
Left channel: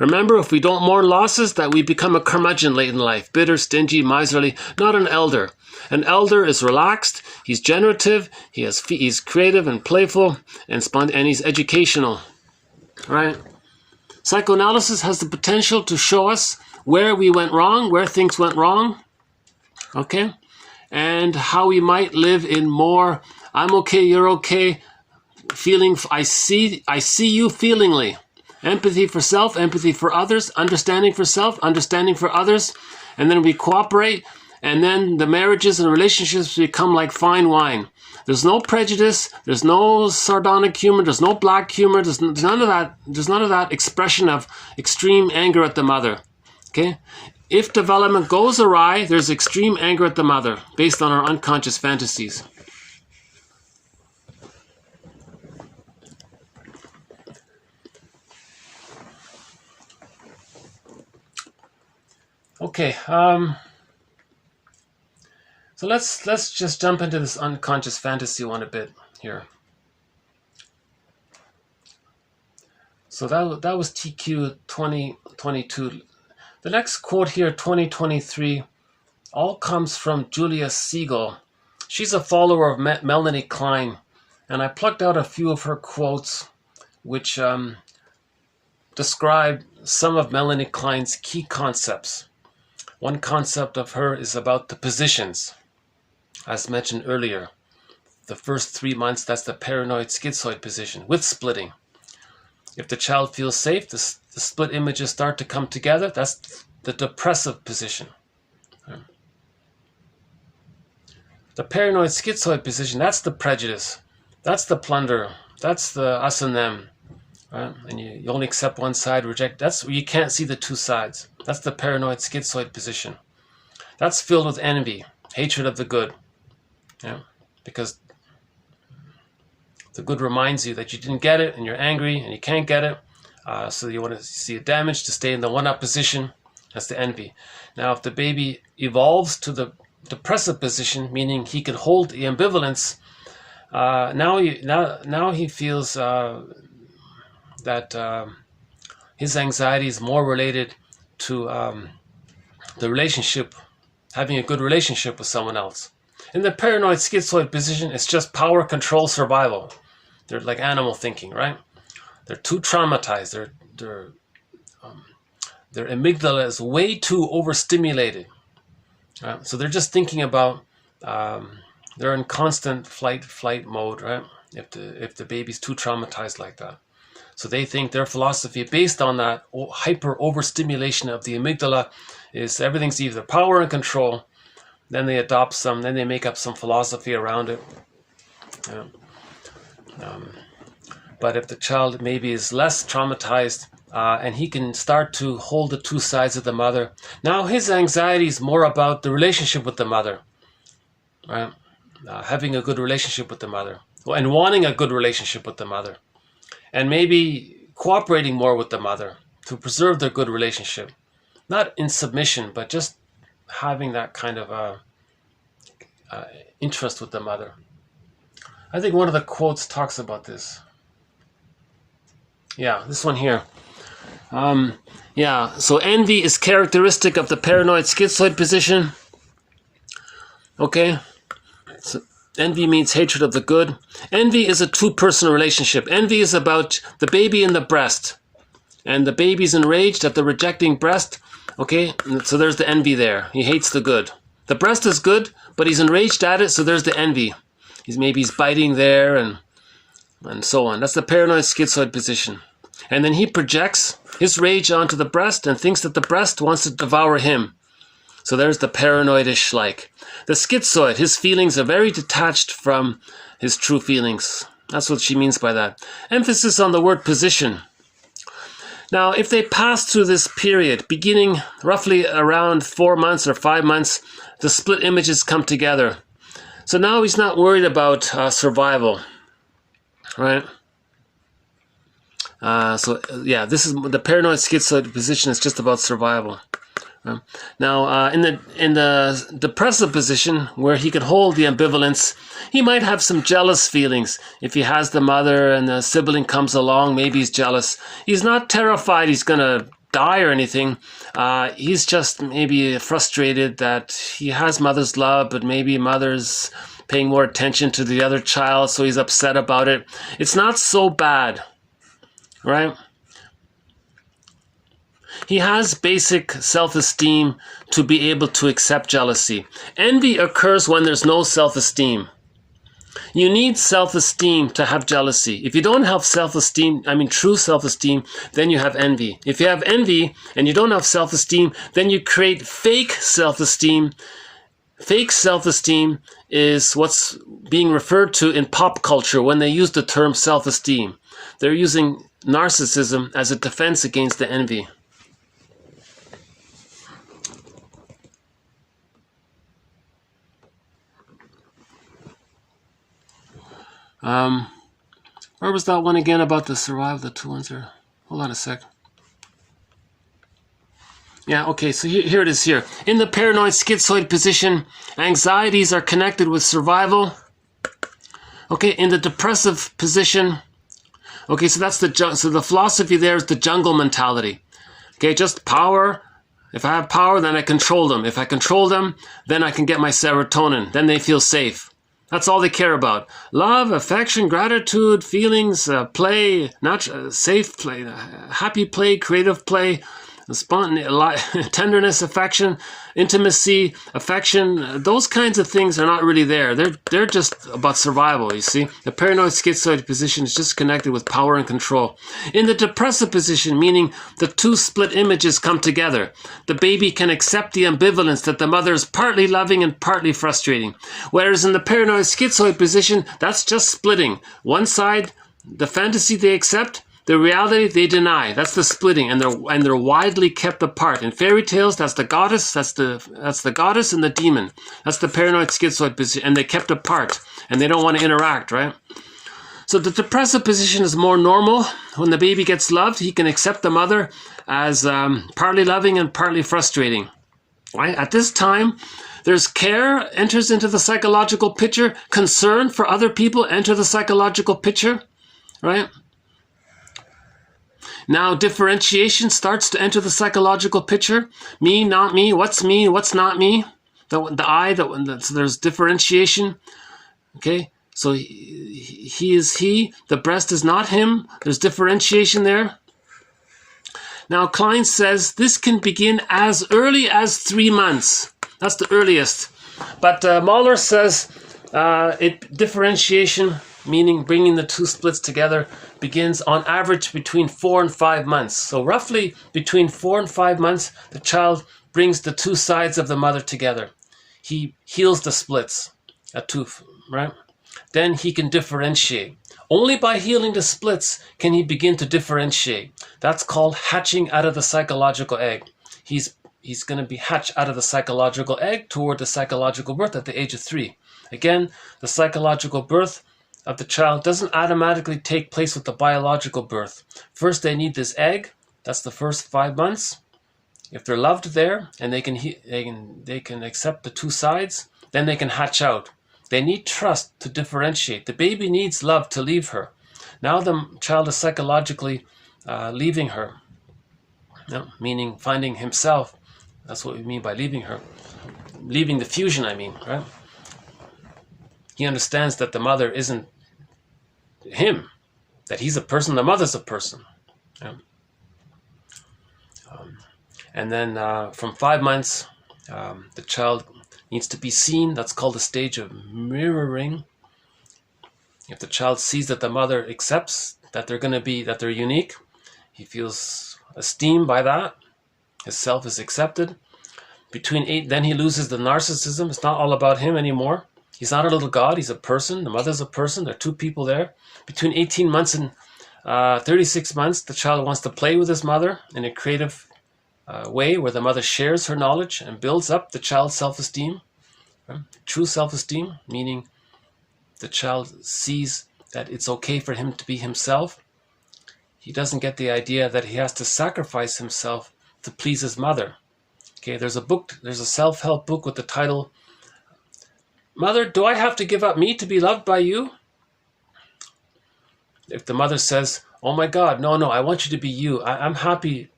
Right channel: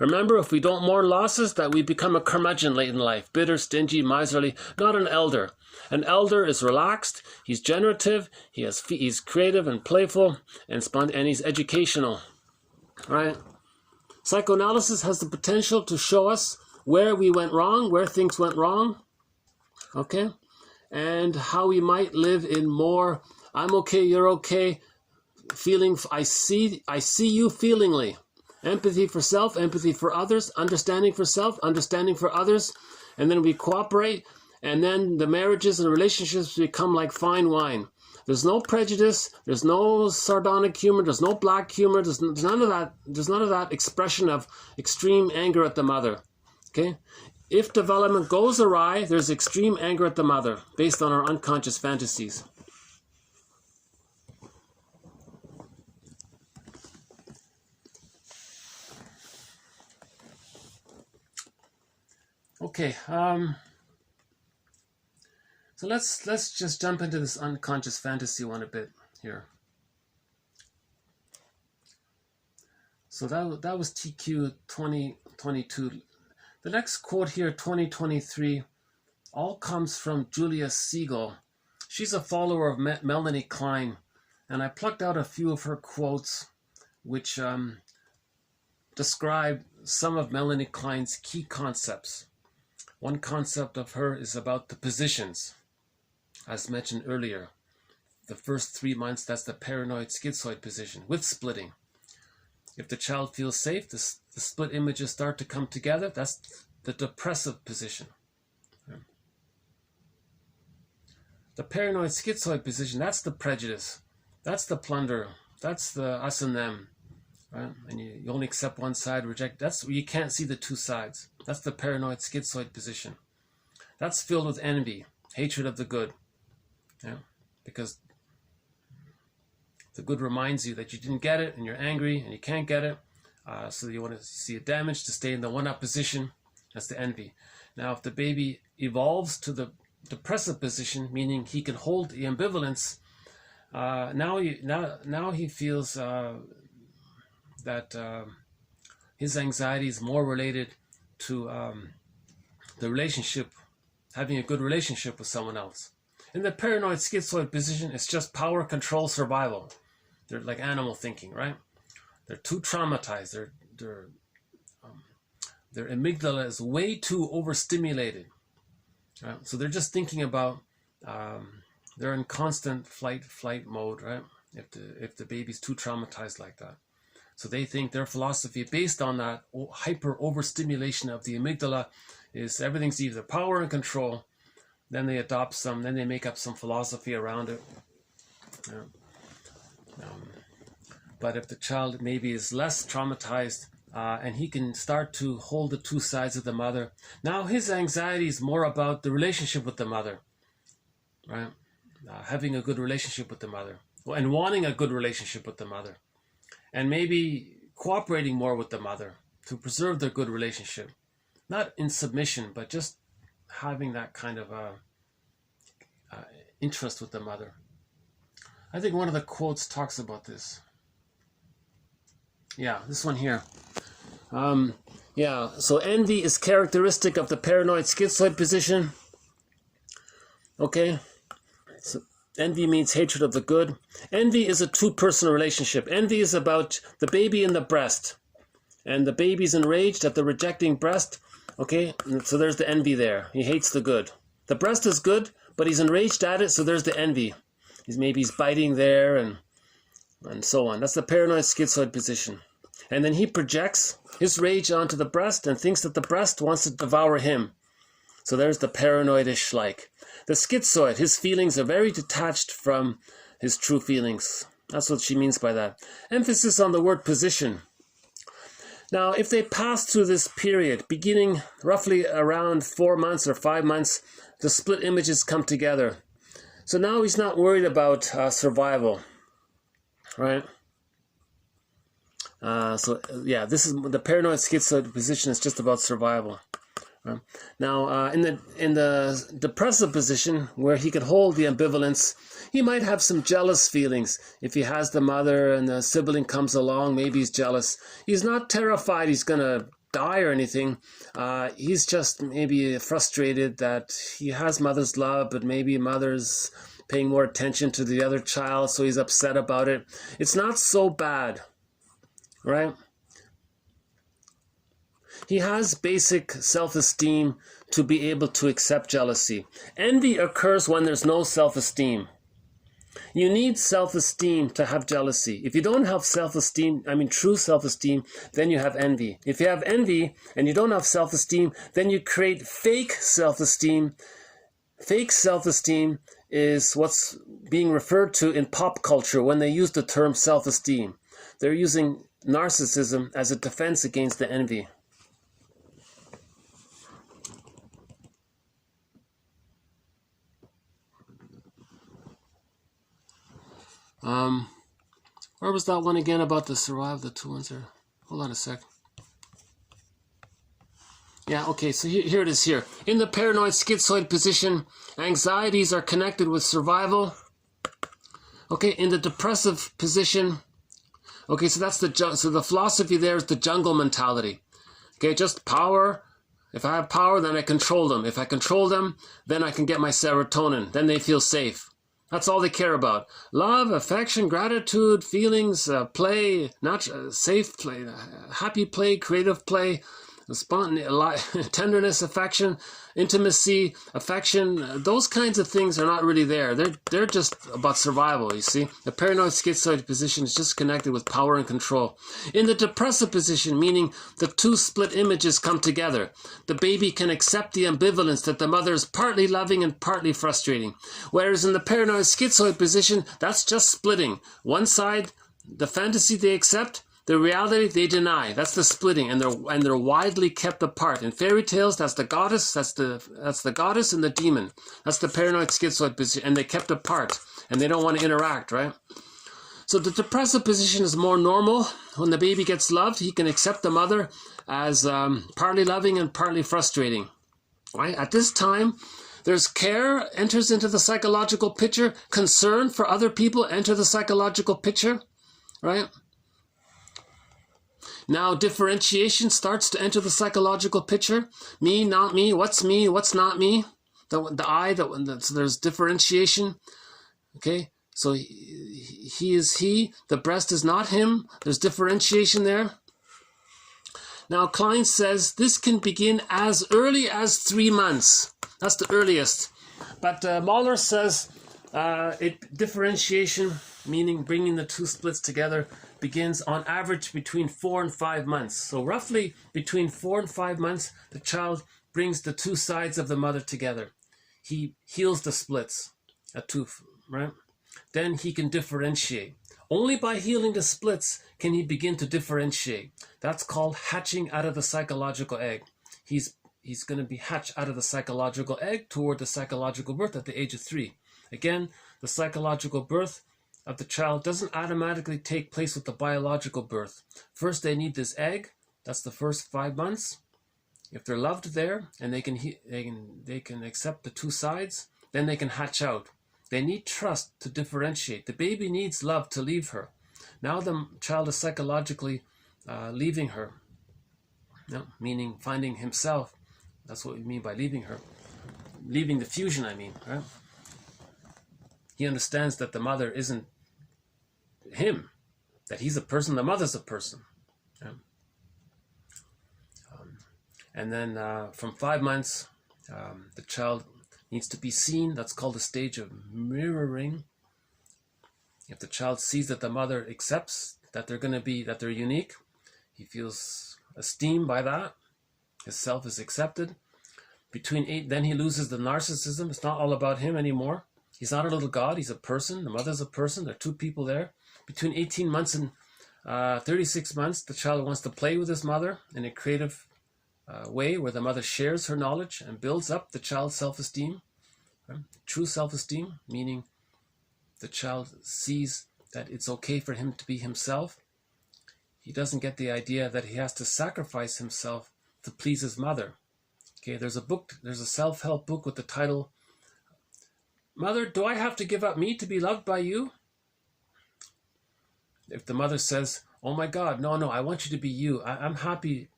Remember, if we don't mourn losses, that we become a curmudgeon late in life, bitter, stingy, miserly, not an elder. An elder is relaxed, he's generative, he's creative and playful, and he's educational. Right? Psychoanalysis has the potential to show us where we went wrong, where things went wrong, and how we might live in more I'm okay, you're okay, feeling, I see you feelingly. Empathy for self, empathy for others, understanding for self, understanding for others, and then we cooperate, and then the marriages and relationships become like fine wine. There's no prejudice, there's no sardonic humor, there's no black humor, there's none of that. There's none of that expression of extreme anger at the mother. Okay? If development goes awry, there's extreme anger at the mother based on our unconscious fantasies. Okay, So let's just jump into this unconscious fantasy one a bit here. So that was TQ 2022. The next quote here, 2023, all comes from Julia Siegel. She's a follower of Melanie Klein, and I plucked out a few of her quotes which describe some of Melanie Klein's key concepts. One concept of her is about the positions, as mentioned earlier. The first 3 months, that's the paranoid schizoid position with splitting. If the child feels safe, the split images start to come together. That's the depressive position. The paranoid schizoid position, that's the prejudice. That's the plunder. That's the us and them. Right? And you only accept one side, reject. That's where you can't see the two sides. That's the paranoid schizoid position. That's filled with envy, hatred of the good. Yeah? Because the good reminds you that you didn't get it and you're angry and you can't get it. So you want to see it damaged to stay in the one-up position. That's the envy. Now, if the baby evolves to the depressive position, meaning he can hold the ambivalence, now he feels that his anxiety is more related to the relationship, having a good relationship with someone else. In the paranoid schizoid position, it's just power, control, survival. They're like animal thinking, right? They're too traumatized. Their amygdala is way too overstimulated. Right? So they're just thinking about, they're in constant flight mode, right? If the baby's too traumatized like that. So they think their philosophy based on that hyper overstimulation of the amygdala is everything's either power and control. Then they adopt some, then they make up some philosophy around it. Yeah. But if the child maybe is less traumatized and he can start to hold the two sides of the mother, now his anxiety is more about the relationship with the mother, right? Having a good relationship with the mother and wanting a good relationship with the mother, and maybe cooperating more with the mother to preserve their good relationship, not in submission, but just having that kind of interest with the mother. I think one of the quotes talks about this. Yeah, this one here. So envy is characteristic of the paranoid schizoid position. Okay, so envy means hatred of the good. Envy is a two-person relationship. Envy is about the baby in the breast, and the baby's enraged at the rejecting breast. Okay, so there's the envy there. He hates the good. The breast is good, but he's enraged at it, so there's the envy. He's biting there and so on. That's the paranoid schizoid position. And then he projects his rage onto the breast and thinks that the breast wants to devour him. So there's the paranoidish like. The schizoid, his feelings are very detached from his true feelings. That's what she means by that. Emphasis on the word position. Now, if they pass through this period, beginning roughly around 4 months or 5 months, the split images come together. So now he's not worried about survival, right? This is the paranoid schizoid position is just about survival. Now, in the depressive position, where he can hold the ambivalence, he might have some jealous feelings. If he has the mother and the sibling comes along, maybe he's jealous. He's not terrified he's going to die or anything. He's just maybe frustrated that he has mother's love, but maybe mother's paying more attention to the other child, so he's upset about it. It's not so bad, right? He has basic self-esteem to be able to accept jealousy. Envy occurs when there's no self-esteem. You need self-esteem to have jealousy. If you don't have self-esteem, true self-esteem, then you have envy. If you have envy and you don't have self-esteem, then you create fake self-esteem. Fake self-esteem is what's being referred to in pop culture when they use the term self-esteem. They're using narcissism as a defense against the envy. Where was that one again about the survival, the two ones there? Hold on a sec. Yeah, okay, so here it is here. In the paranoid schizoid position, anxieties are connected with survival. Okay, in the depressive position, okay, so the philosophy there is the jungle mentality. Okay, just power. If I have power, then I control them. If I control them, then I can get my serotonin. Then they feel safe. That's all they care about. Love, affection, gratitude, feelings, play, safe play, happy play, creative play, tenderness, affection, intimacy, affection. Those kinds of things are not really there. They're just about survival, you see. The paranoid schizoid position is just connected with power and control. In the depressive position, meaning the two split images come together, the baby can accept the ambivalence that the mother is partly loving and partly frustrating. Whereas in the paranoid schizoid position, that's just splitting. One side, the fantasy they accept, the reality they deny. That's the splitting, and they're widely kept apart. In fairy tales, that's the goddess, that's the goddess and the demon. That's the paranoid schizoid position, and they're kept apart, and they don't want to interact, right? So the depressive position is more normal. When the baby gets loved, he can accept the mother as partly loving and partly frustrating. Right? At this time, there's care enters into the psychological picture. Concern for other people enter the psychological picture, right? Now differentiation starts to enter the psychological picture. Me, not me. What's me? What's not me? So there's differentiation. Okay, so he is he. The breast is not him. There's differentiation there. Now Klein says this can begin as early as 3 months. That's the earliest. But Mahler says differentiation, meaning bringing the two splits together, begins on average between 4 and 5 months. So roughly between 4 and 5 months, the child brings the two sides of the mother together. He heals the splits at 2, right? Then he can differentiate. Only by healing the splits can he begin to differentiate. That's called hatching out of the psychological egg. He's going to be hatched out of the psychological egg toward the psychological birth at the age of 3. Again, the psychological birth of the child doesn't automatically take place with the biological birth. First, they need this egg. That's the first 5 months. If they're loved there and they can accept the two sides, then they can hatch out. They need trust to differentiate. The baby needs love to leave her. Now the child is psychologically leaving her, meaning finding himself. That's what we mean by leaving her. Leaving the fusion, I mean, right? He understands that the mother isn't him, that he's a person, the mother's a person. Yeah. And then from 5 months, the child needs to be seen. That's called the stage of mirroring. If the child sees that the mother accepts that they're unique, he feels esteemed by that. His self is accepted. Between 8, then he loses the narcissism. It's not all about him anymore. He's not a little god. He's a person. The mother's a person. There are two people there. Between 18 months and 36 months, the child wants to play with his mother in a creative way where the mother shares her knowledge and builds up the child's self-esteem. True self-esteem, meaning the child sees that it's okay for him to be himself. He doesn't get the idea that he has to sacrifice himself to please his mother. Okay, there's a self-help book with the title, Mother, do I have to give up me to be loved by you? If the mother says, oh my God, no, I want you to be you. I'm happy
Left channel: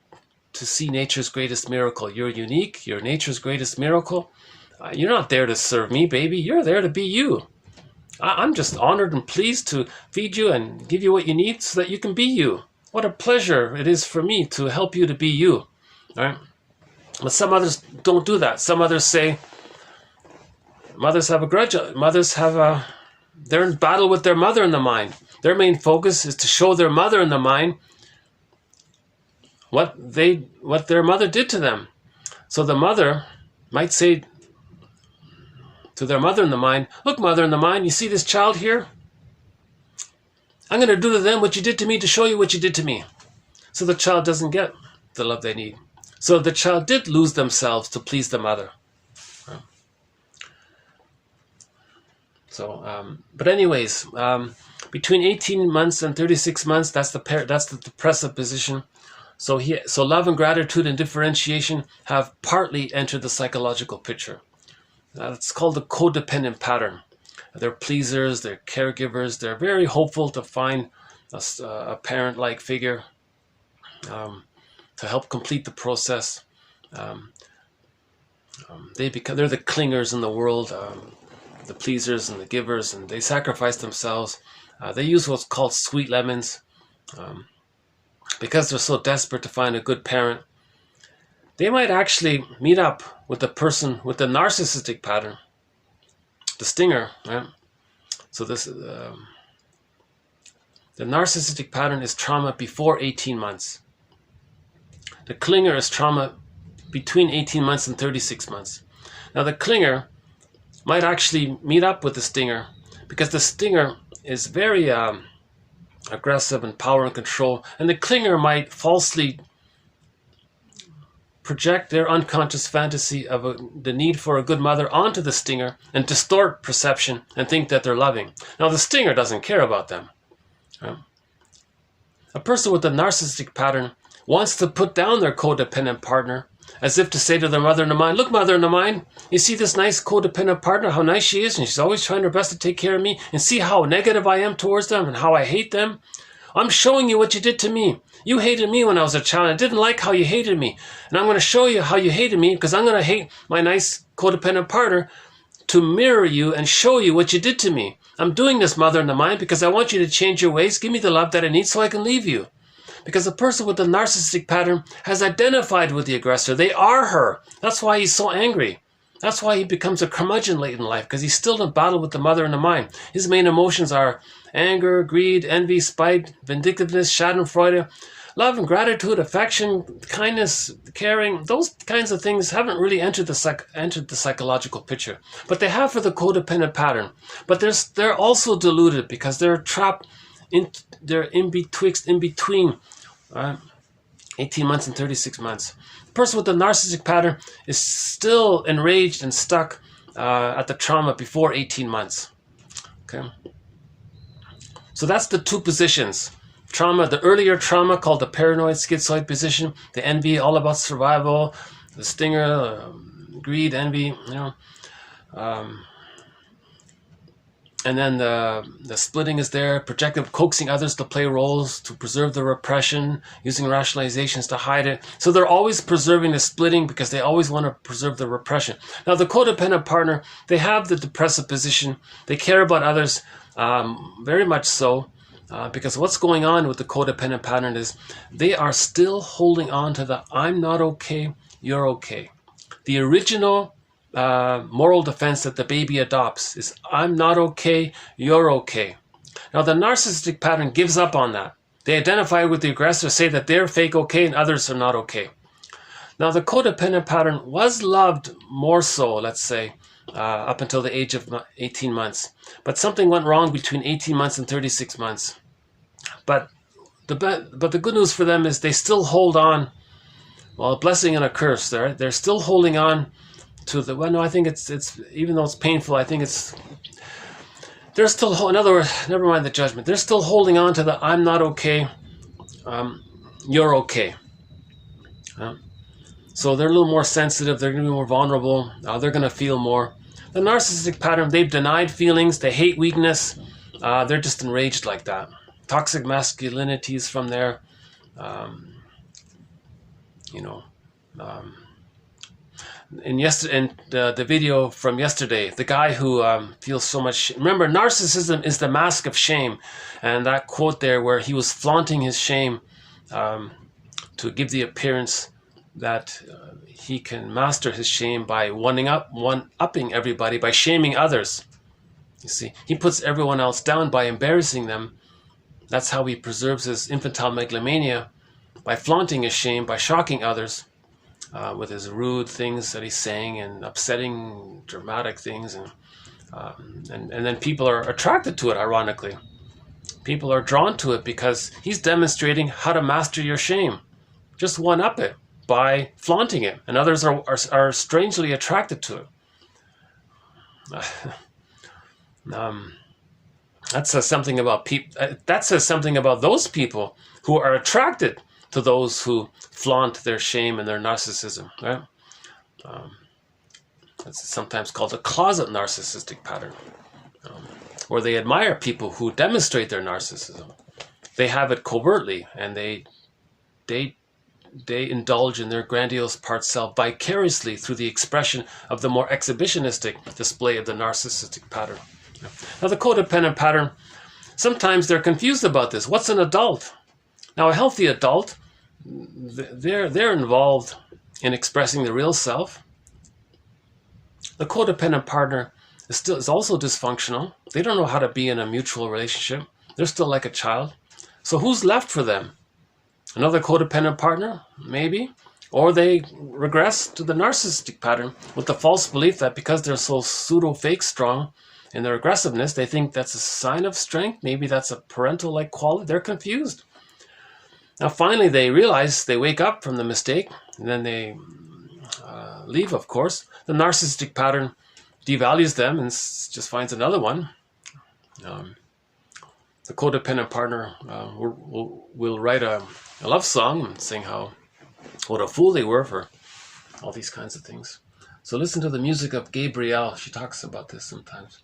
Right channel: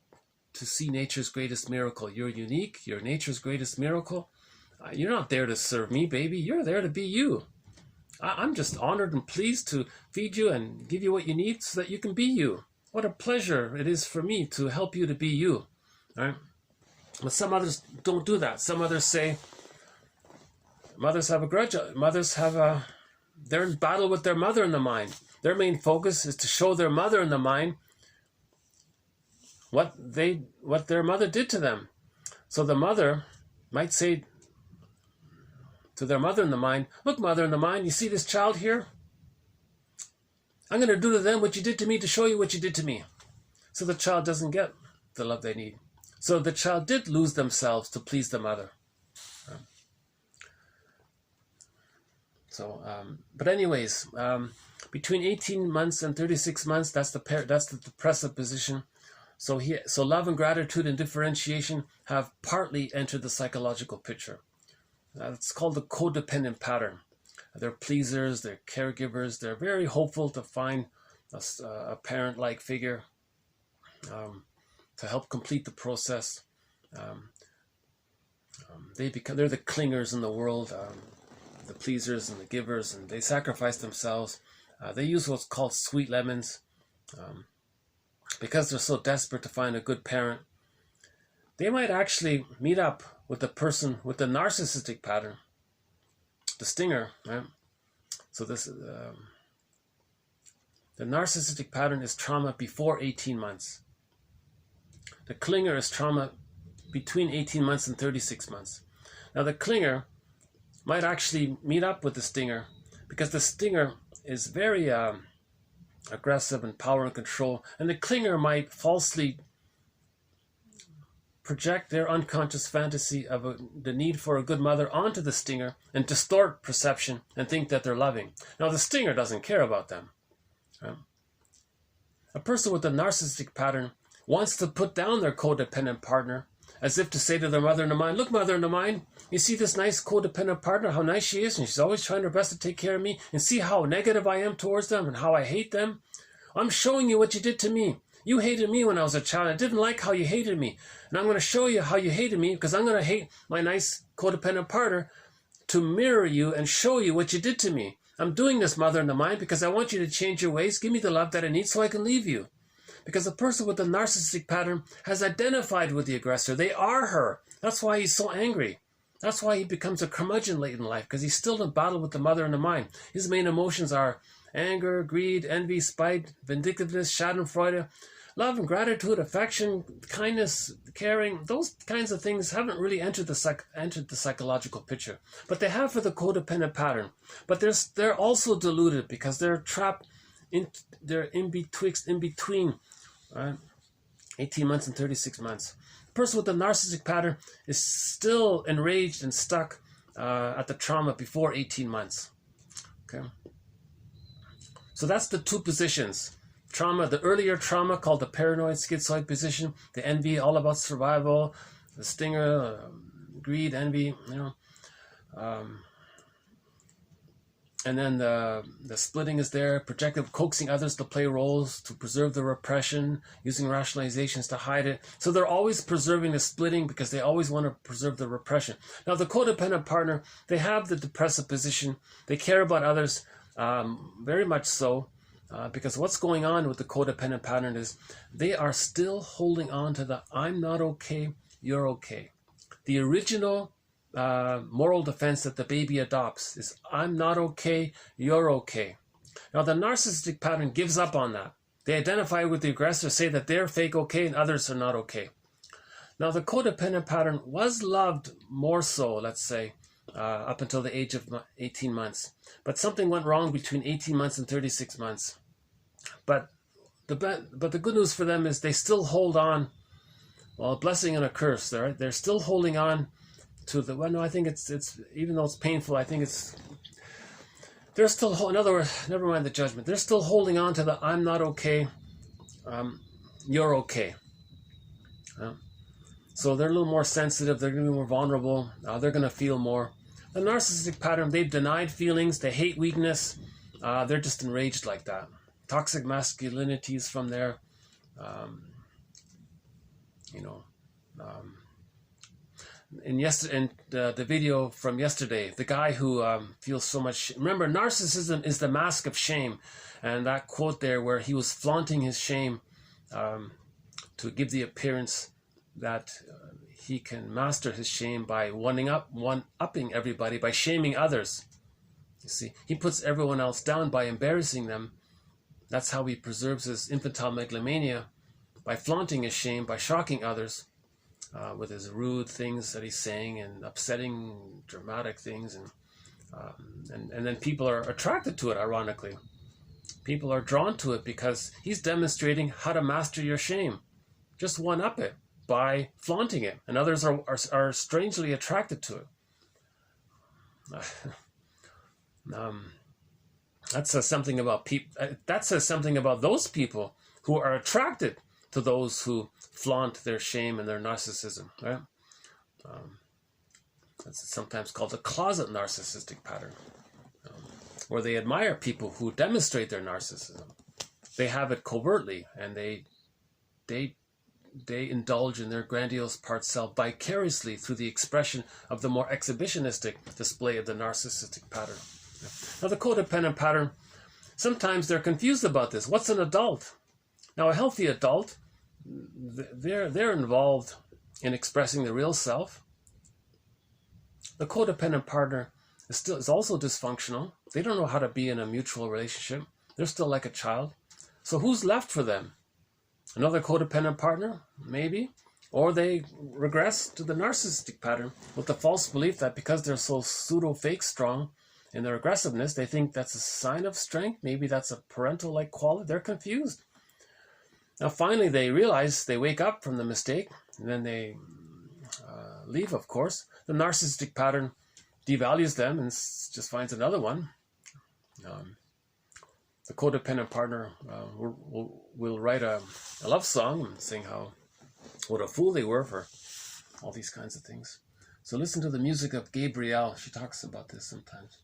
to see nature's greatest miracle. You're unique. You're nature's greatest miracle. You're not there to serve me, baby. You're there to be you. I'm just honored and pleased to feed you and give you what you need so that you can be you. What a pleasure it is for me to help you to be you. All right? But some others don't do that. Some others say, mothers have a grudge. They're in battle with their mother in the mind. Their main focus is to show their mother in the mind what their mother did to them. So the mother might say to their mother in the mind, look, mother in the mind, you see this child here? I'm going to do to them what you did to me to show you what you did to me. So the child doesn't get the love they need. So the child did lose themselves to please the mother. So, but anyways, between 18 months and 36 months, that's the depressive position. So love and gratitude and differentiation have partly entered the psychological picture. It's called the codependent pattern. They're pleasers, they're caregivers, they're very hopeful to find a parent-like figure to help complete the process. They're the clingers in the world, the pleasers and the givers, and they sacrifice themselves. They use what's called sweet lemons because they're so desperate to find a good parent. They might actually meet up with the person with the narcissistic pattern, the stinger, right? So this the narcissistic pattern is trauma before 18 months. The clinger is trauma between 18 months and 36 months. Now the clinger might actually meet up with the stinger because the stinger is very aggressive and power and control, and the clinger might falsely project their unconscious fantasy of the need for a good mother onto the stinger and distort perception and think that they're loving. Now the stinger doesn't care about them. Right? A person with a narcissistic pattern wants to put down their codependent partner as if to say to their mother in the mind, look, mother in the mind, you see this nice codependent partner, how nice she is, and she's always trying her best to take care of me, and see how negative I am towards them and how I hate them. I'm showing you what you did to me. You hated me when I was a child. I didn't like how you hated me. And I'm going to show you how you hated me because I'm going to hate my nice codependent partner to mirror you and show you what you did to me. I'm doing this, mother in the mind, because I want you to change your ways. Give me the love that I need so I can leave you. Because the person with the narcissistic pattern has identified with the aggressor. They are her. That's why he's so angry. That's why he becomes a curmudgeon late in life, because he's still in battle with the mother in the mind. His main emotions are anger, greed, envy, spite, vindictiveness, schadenfreude, love and gratitude, affection, kindness, caring. Those kinds of things haven't really entered the psychological picture, but they have for the codependent pattern. But they're also deluded because they're trapped they're in between 18 months and 36 months. The person with the narcissistic pattern is still enraged and stuck at the trauma before 18 months. Okay. So that's the two positions. Trauma, the earlier trauma called the paranoid schizoid position, the envy, all about survival, the stinger, greed, envy, and then the splitting is there, projective, coaxing others to play roles to preserve the repression, using rationalizations to hide it. So they're always preserving the splitting because they always want to preserve the repression. Now the codependent partner, they have the depressive position. They care about others very much so because what's going on with the codependent pattern is they are still holding on to the I'm not okay, you're okay. The original moral defense that the baby adopts is I'm not okay, you're okay. Now the narcissistic pattern gives up on that. They identify with the aggressor, say that they're fake okay and others are not okay. Now the codependent pattern was loved more so, let's say, up until the age of 18 months. But something went wrong between 18 months and 36 months. But the good news for them is they still hold on. Well, a blessing and a curse. They're still holding on to the, well, no, I think it's even though it's painful, I think they're still, in other words, never mind the judgment, they're still holding on to the I'm not okay, you're okay. So they're a little more sensitive, they're going to be more vulnerable, they're going to feel more. The narcissistic pattern, they've denied feelings, they hate weakness, they're just enraged like that. Toxic masculinity is from there, in the video from yesterday, the guy who feels so much, remember, narcissism is the mask of shame, and that quote there where he was flaunting his shame to give the appearance that he can master his shame by one-upping everybody, by shaming others. You see, he puts everyone else down by embarrassing them. That's how he preserves his infantile megalomania, by flaunting his shame, by shocking others. With his rude things that he's saying and upsetting, dramatic things, and then people are attracted to it. Ironically, people are drawn to it because he's demonstrating how to master your shame. Just one up it by flaunting it, and others are strangely attracted to it. That says something about people. That says something about those people who are attracted to those who flaunt their shame and their narcissism, right? It's sometimes called a closet narcissistic pattern, where they admire people who demonstrate their narcissism. They have it covertly, and they indulge in their grandiose part self vicariously through the expression of the more exhibitionistic display of the narcissistic pattern. Now, the codependent pattern, sometimes they're confused about this. What's an adult? Now, a healthy adult, they're involved in expressing the real self. The codependent partner is also dysfunctional. They don't know how to be in a mutual relationship. They're still like a child. So who's left for them? Another codependent partner, maybe, or they regress to the narcissistic pattern with the false belief that because they're so pseudo-fake strong in their aggressiveness, they think that's a sign of strength. Maybe that's a parental-like quality. They're confused. Now, finally, they realize, they wake up from the mistake, and then they leave, of course. The narcissistic pattern devalues them and just finds another one. The codependent partner will write a love song saying what a fool they were for all these kinds of things. So listen to the music of Gabrielle. She talks about this sometimes.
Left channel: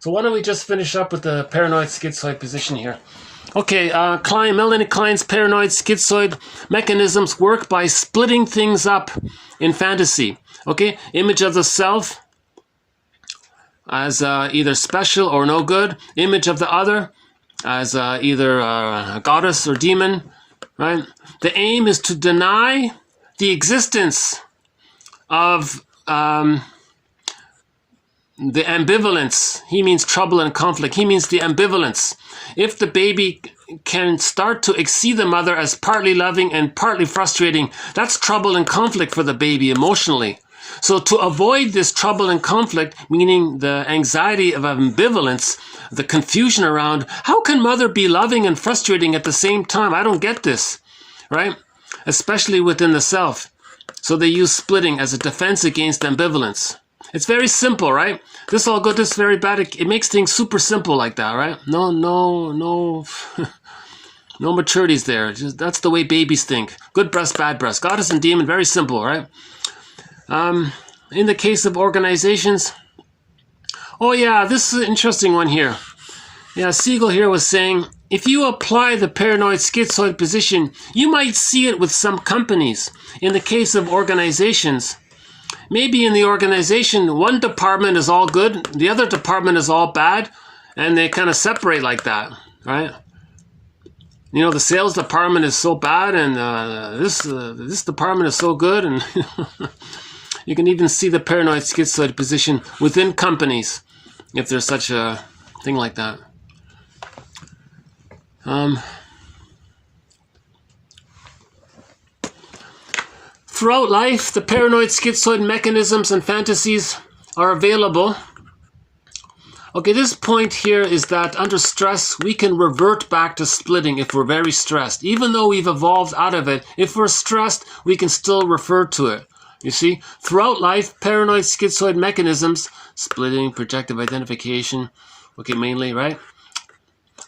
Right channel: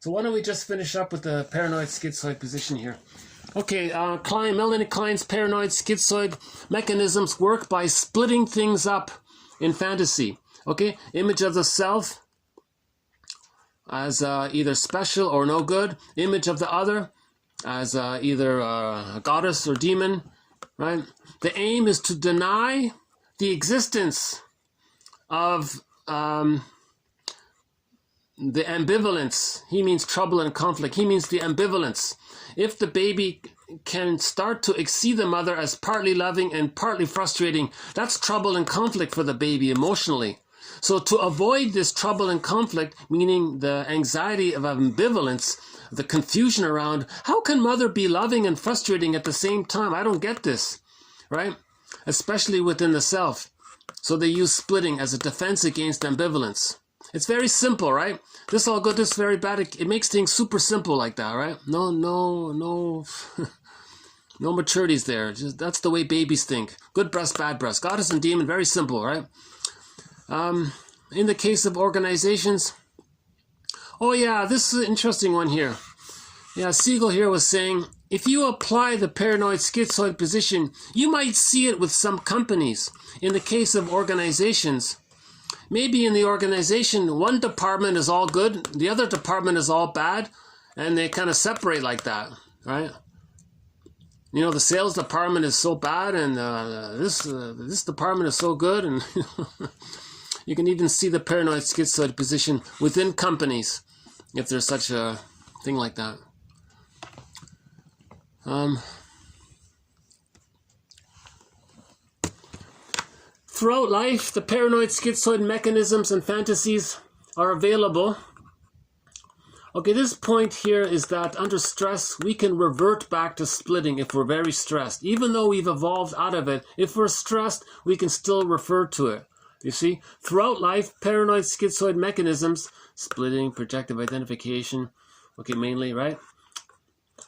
So why don't we just finish up with the paranoid schizoid position here. Okay, Melanie Klein's paranoid schizoid mechanisms work by splitting things up in fantasy. Okay, image of the self as either special or no good, image of the other as either a goddess or demon, right? The aim is to deny the existence of the ambivalence. He means trouble and conflict. He means the ambivalence. If the baby can start to exceed the mother as partly loving and partly frustrating, that's trouble and conflict for the baby emotionally. So to avoid this trouble and conflict, meaning the anxiety of ambivalence, the confusion around, how can mother be loving and frustrating at the same time? I don't get this, right? Especially within the self. So they use splitting as a defense against ambivalence. It's very simple, right? This all good, this very bad. It makes things super simple like that, right? No no maturities there. That's the way babies think. Good breast, bad breast. Goddess and demon, very simple, right? In the case of organizations, oh yeah, this is an interesting one here. Yeah, Siegel here was saying, if you apply the paranoid schizoid position, you might see it with some companies. In the case of organizations, maybe in the organization, one department is all good, the other department is all bad, and they kind of separate like that, right? You know, the sales department is so bad, and this department is so good, and you can even see the paranoid schizoid position within companies, if there's such a thing like that. Throughout life, the paranoid schizoid mechanisms and fantasies are available. Okay, this point here is that under stress, we can revert back to splitting if we're very stressed. Even though we've evolved out of it, if we're stressed, we can still refer to it. You see, throughout life, paranoid schizoid mechanisms, splitting, projective identification, okay, mainly, right,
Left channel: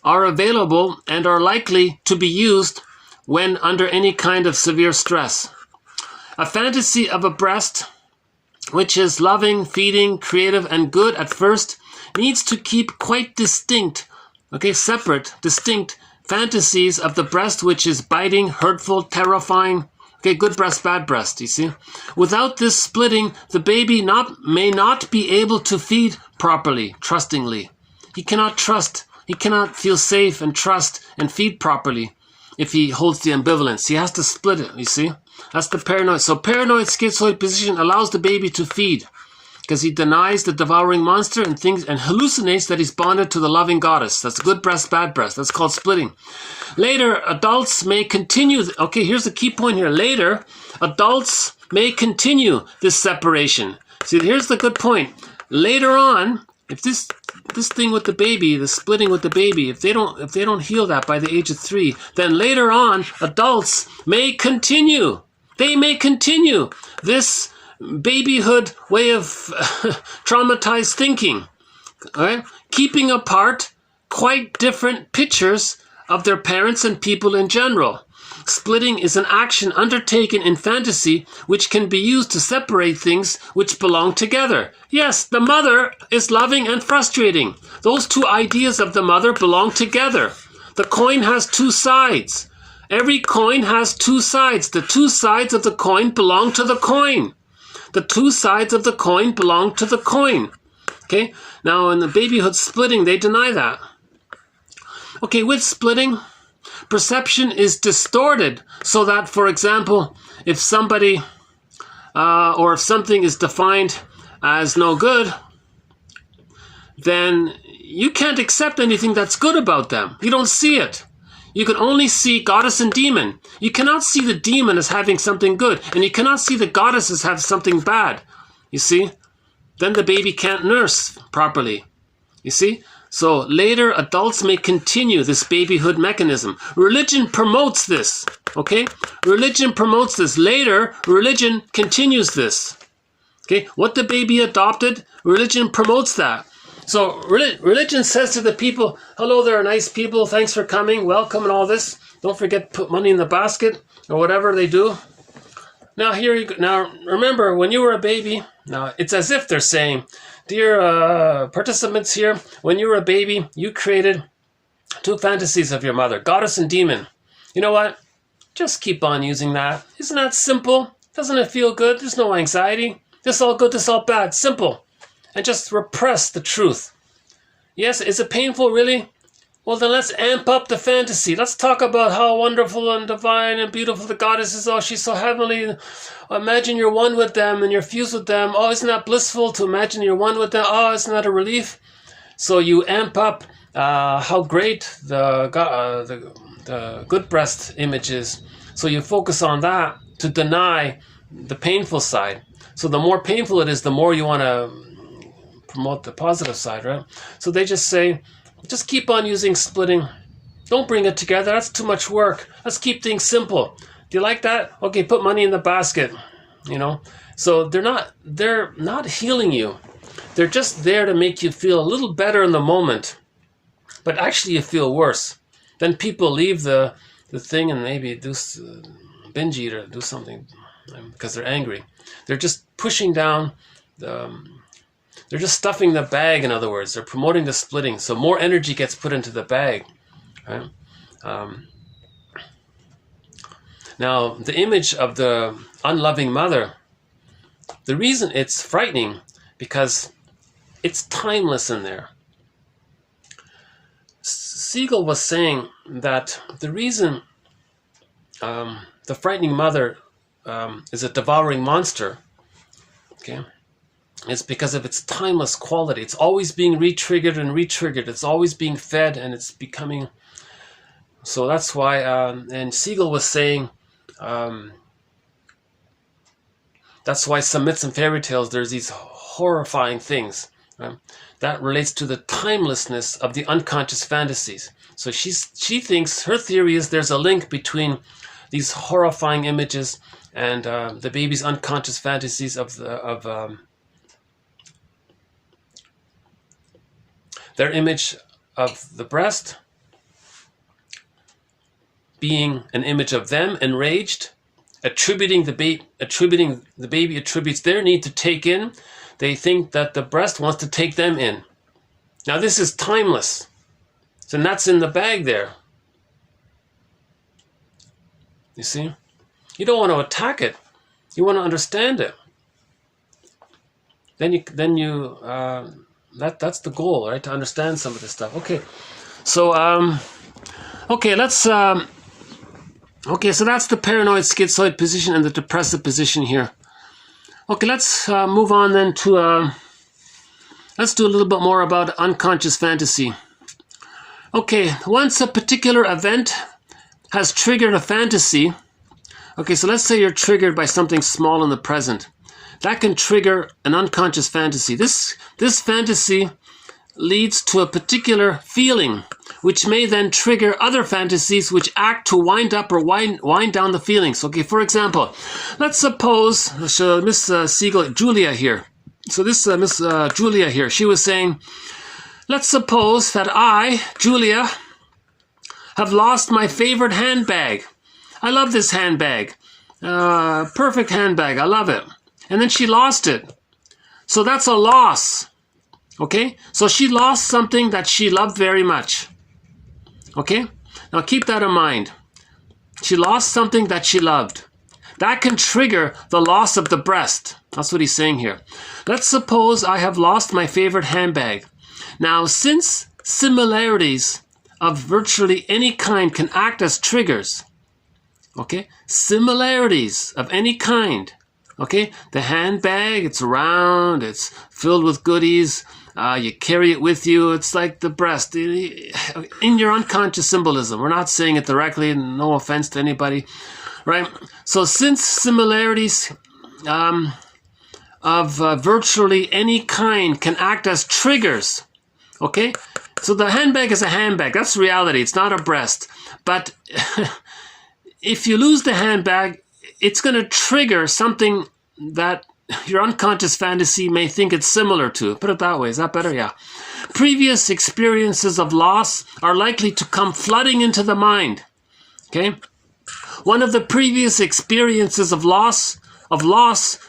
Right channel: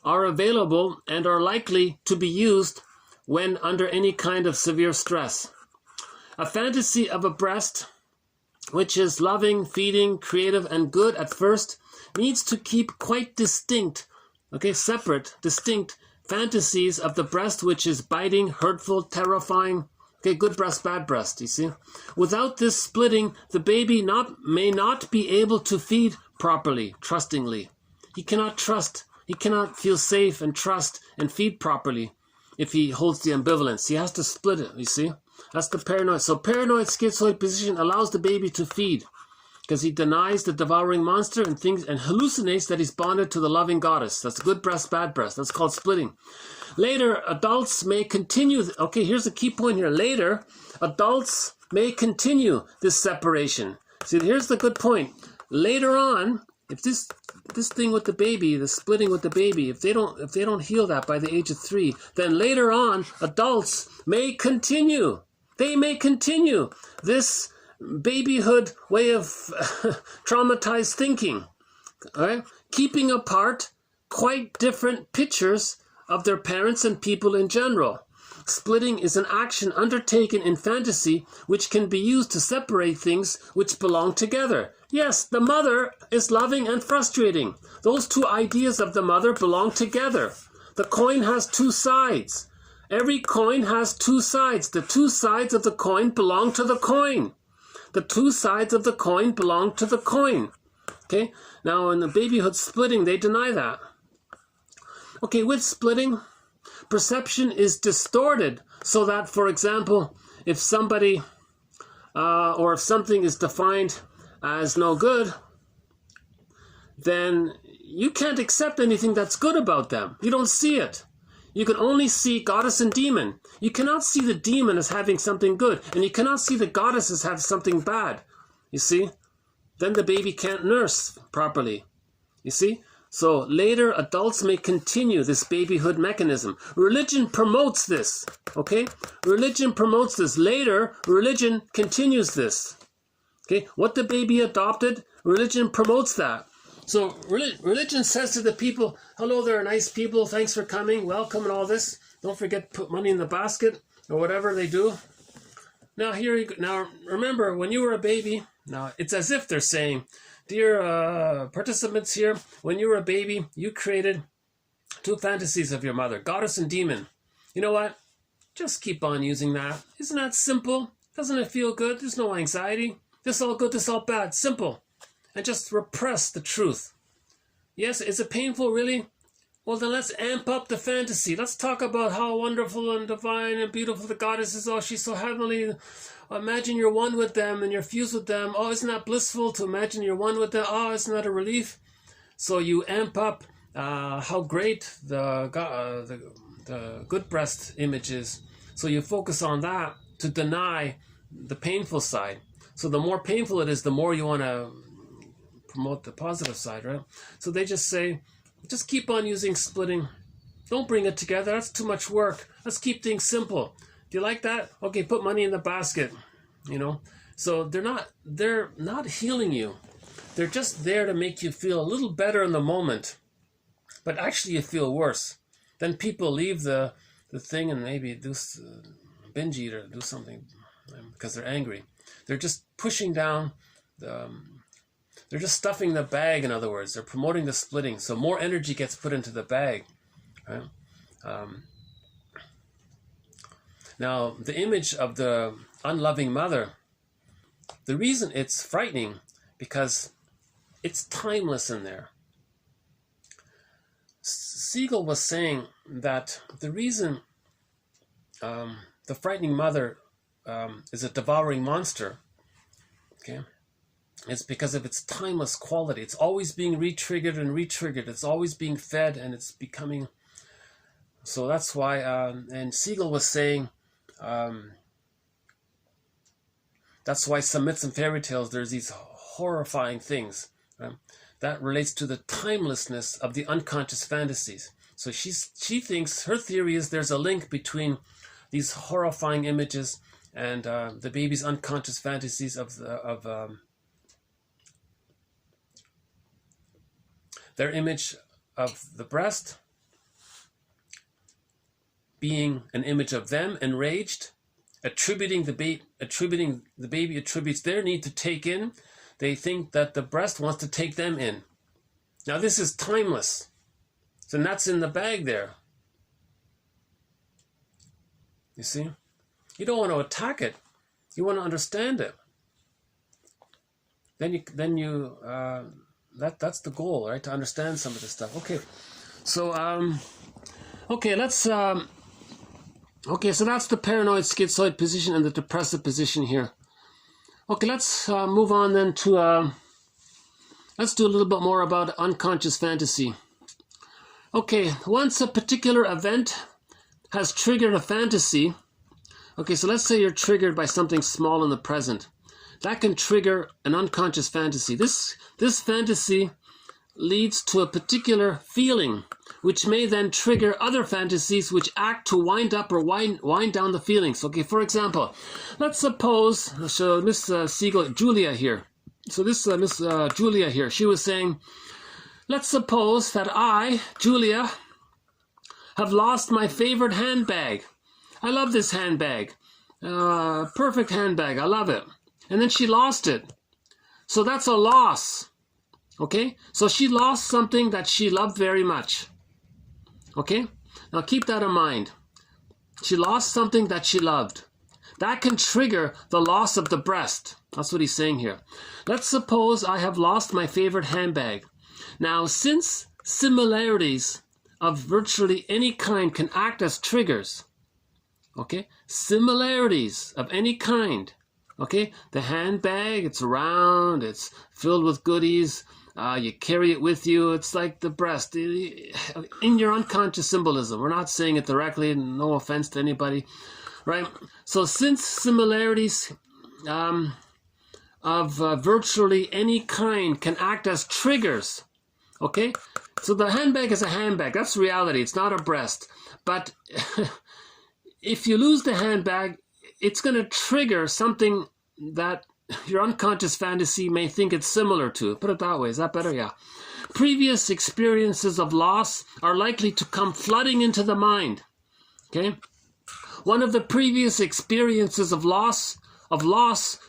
are available and are likely to be used when under any kind of severe stress. A fantasy of a breast, which is loving, feeding, creative, and good at first, needs to keep quite distinct, okay, separate, distinct fantasies of the breast, which is biting, hurtful, terrifying, okay, good breast, bad breast, you see. Without this splitting, the baby may not be able to feed properly, trustingly. He cannot trust, he cannot feel safe and trust and feed properly if he holds the ambivalence. He has to split it, you see. That's the paranoid. So paranoid schizoid position allows the baby to feed because he denies the devouring monster and thinks and hallucinates that he's bonded to the loving goddess. That's good breast, bad breast. That's called splitting. Later, adults may continue. Okay, here's the key point here. Later, adults may continue this separation. See, here's the good point. Later on, if this thing with the baby, the splitting with the baby, if they don't heal that by the age of 3, then later on, adults may continue. They may continue this babyhood way of traumatized thinking, right? Keeping apart quite different pictures of their parents and people in general. Splitting is an action undertaken in fantasy which can be used to separate things which belong together. Yes, the mother is loving and frustrating. Those two ideas of the mother belong together. The coin has two sides. Every coin has two sides. The two sides of the coin belong to the coin. The two sides of the coin belong to the coin. Okay, now in the babyhood splitting, they deny that. Okay, with splitting, perception is distorted so that, for example, if somebody or if something is defined as no good, then you can't accept anything that's good about them. You don't see it. You can only see goddess and demon. You cannot see the demon as having something good, and you cannot see the goddess as having something bad. You see? Then the baby can't nurse properly. You see? So later adults may continue this babyhood mechanism. Religion promotes this. Okay? Religion promotes this. Later, religion continues this. Okay? What the baby adopted, religion promotes that. So religion says to the people, hello there, nice people, thanks for coming, welcome and all this. Don't forget to put money in the basket or whatever they do. Now here you go. Now remember, when you were a baby, now it's as if they're saying, dear participants here, when you were a baby, you created two fantasies of your mother, goddess and demon. You know what? Just keep on using that. Isn't that simple? Doesn't it feel good? There's no anxiety. This all good, this all bad. Simple. And just repress the truth. Yes, is it painful, really? Well, then let's amp up the fantasy. Let's talk about how wonderful and divine and beautiful the goddess is. Oh, she's so heavenly. Imagine you're one with them and you're fused with them. Oh, isn't that blissful to imagine you're one with them? Oh, isn't that a relief? So you amp up how great the good breast image is. So you focus on that to deny the painful side. So the more painful it is, the more you want to promote the positive side, right? So they just say, just keep on using splitting. Don't bring it together. That's too much work. Let's keep things simple. Do you like that? Okay, put money in the basket. You know? So they're not healing you. They're just there to make you feel a little better in the moment. But actually you feel worse. Then people leave the thing and maybe do binge eat or do something because they're angry. They're just pushing down they're just stuffing the bag, in other words. They're promoting the splitting. So more energy gets put into the bag. Right? Now, the image of the unloving mother, the reason it's frightening, because it's timeless in there. Siegel was saying that the reason the frightening mother is a devouring monster, okay, it's because of its timeless quality. It's always being re-triggered and re-triggered. It's always being fed and it's becoming... So that's why, and Siegel was saying, that's why some myths and fairy tales, there's these horrifying things. Right? That relates to the timelessness of the unconscious fantasies. So she thinks, her theory is there's a link between these horrifying images and the baby's unconscious fantasies of their image of the breast being an image of them enraged, attributing the baby attributes their need to take in. They think that the breast wants to take them in. Now this is timeless. So that's in the bag there. You see? You don't want to attack it. You want to understand it. That's the goal, right? To understand some of this stuff. Okay. So let's okay, so that's the paranoid schizoid position and the depressive position here. Okay, let's move on then to let's do a little bit more about unconscious fantasy. Okay, once a particular event has triggered a fantasy, okay, so let's say you're triggered by something small in the present. That can trigger an unconscious fantasy. This fantasy leads to a particular feeling, which may then trigger other fantasies which act to wind up or wind down the feelings. Okay, for example, let's suppose Miss Siegel, Julia here. So this Miss Julia here, she was saying, let's suppose that I, Julia, have lost my favorite handbag. I love this handbag. Perfect handbag. I love it. And then she lost it. So that's a loss. Okay? So she lost something that she loved very much. Okay? Now keep that in mind. She lost something that she loved. That can trigger the loss of the breast. That's what he's saying here. Let's suppose I have lost my favorite handbag. Now, since similarities of virtually any kind can act as triggers, okay? Similarities of any kind, okay? The handbag, it's round, it's filled with goodies, you carry it with you. It's like the breast. In your unconscious symbolism, we're not saying it directly, no offense to anybody, right? So since similarities of virtually any kind can act as triggers, okay? So the handbag is a handbag. That's reality. It's not a breast. But if you lose the handbag, it's going to trigger something that your unconscious fantasy may think it's similar to. Put it that way. Is that better? Yeah. Previous experiences of loss are likely to come flooding into the mind. Okay? One of the previous experiences of loss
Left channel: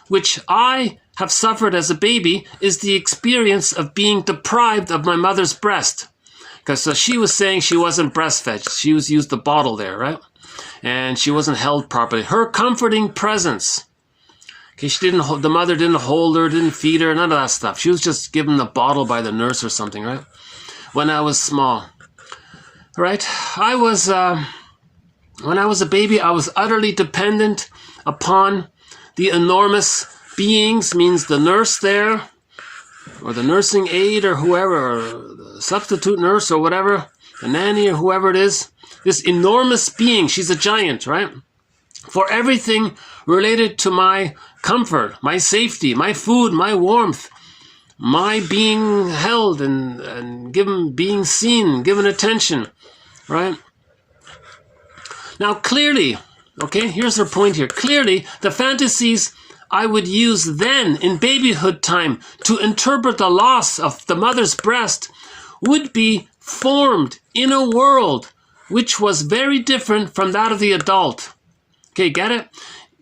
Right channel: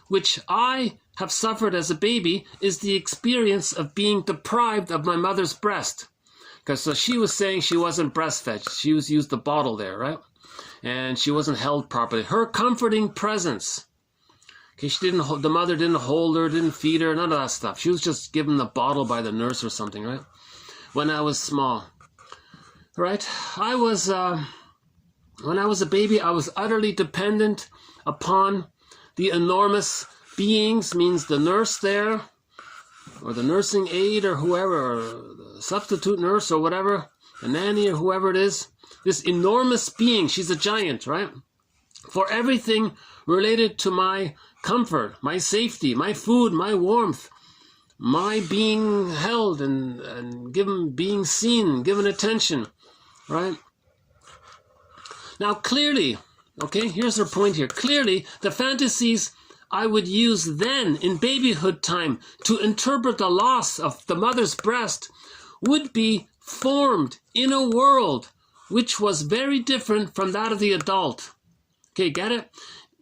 which I have suffered as a baby is the experience of being deprived of my mother's breast. Because she was saying she wasn't breastfed. She used the bottle there, right? And she wasn't held properly. Her comforting presence. Okay, the mother didn't hold her, didn't feed her, none of that stuff. She was just given the bottle by the nurse or something, right? When I was small. Right? When I was a baby, I was utterly dependent upon the enormous beings, means the nurse there, or the nursing aide, or whoever, or the substitute nurse, or whatever, the nanny, or whoever it is. This enormous being, she's a giant, right? For everything related to my comfort, my safety, my food, my warmth, my being held and being seen, given attention, right? Now, clearly, okay, here's her point here. Clearly, the fantasies I would use then in babyhood time to interpret the loss of the mother's breast would be formed in a world which was very different from that of the adult. Okay, get it?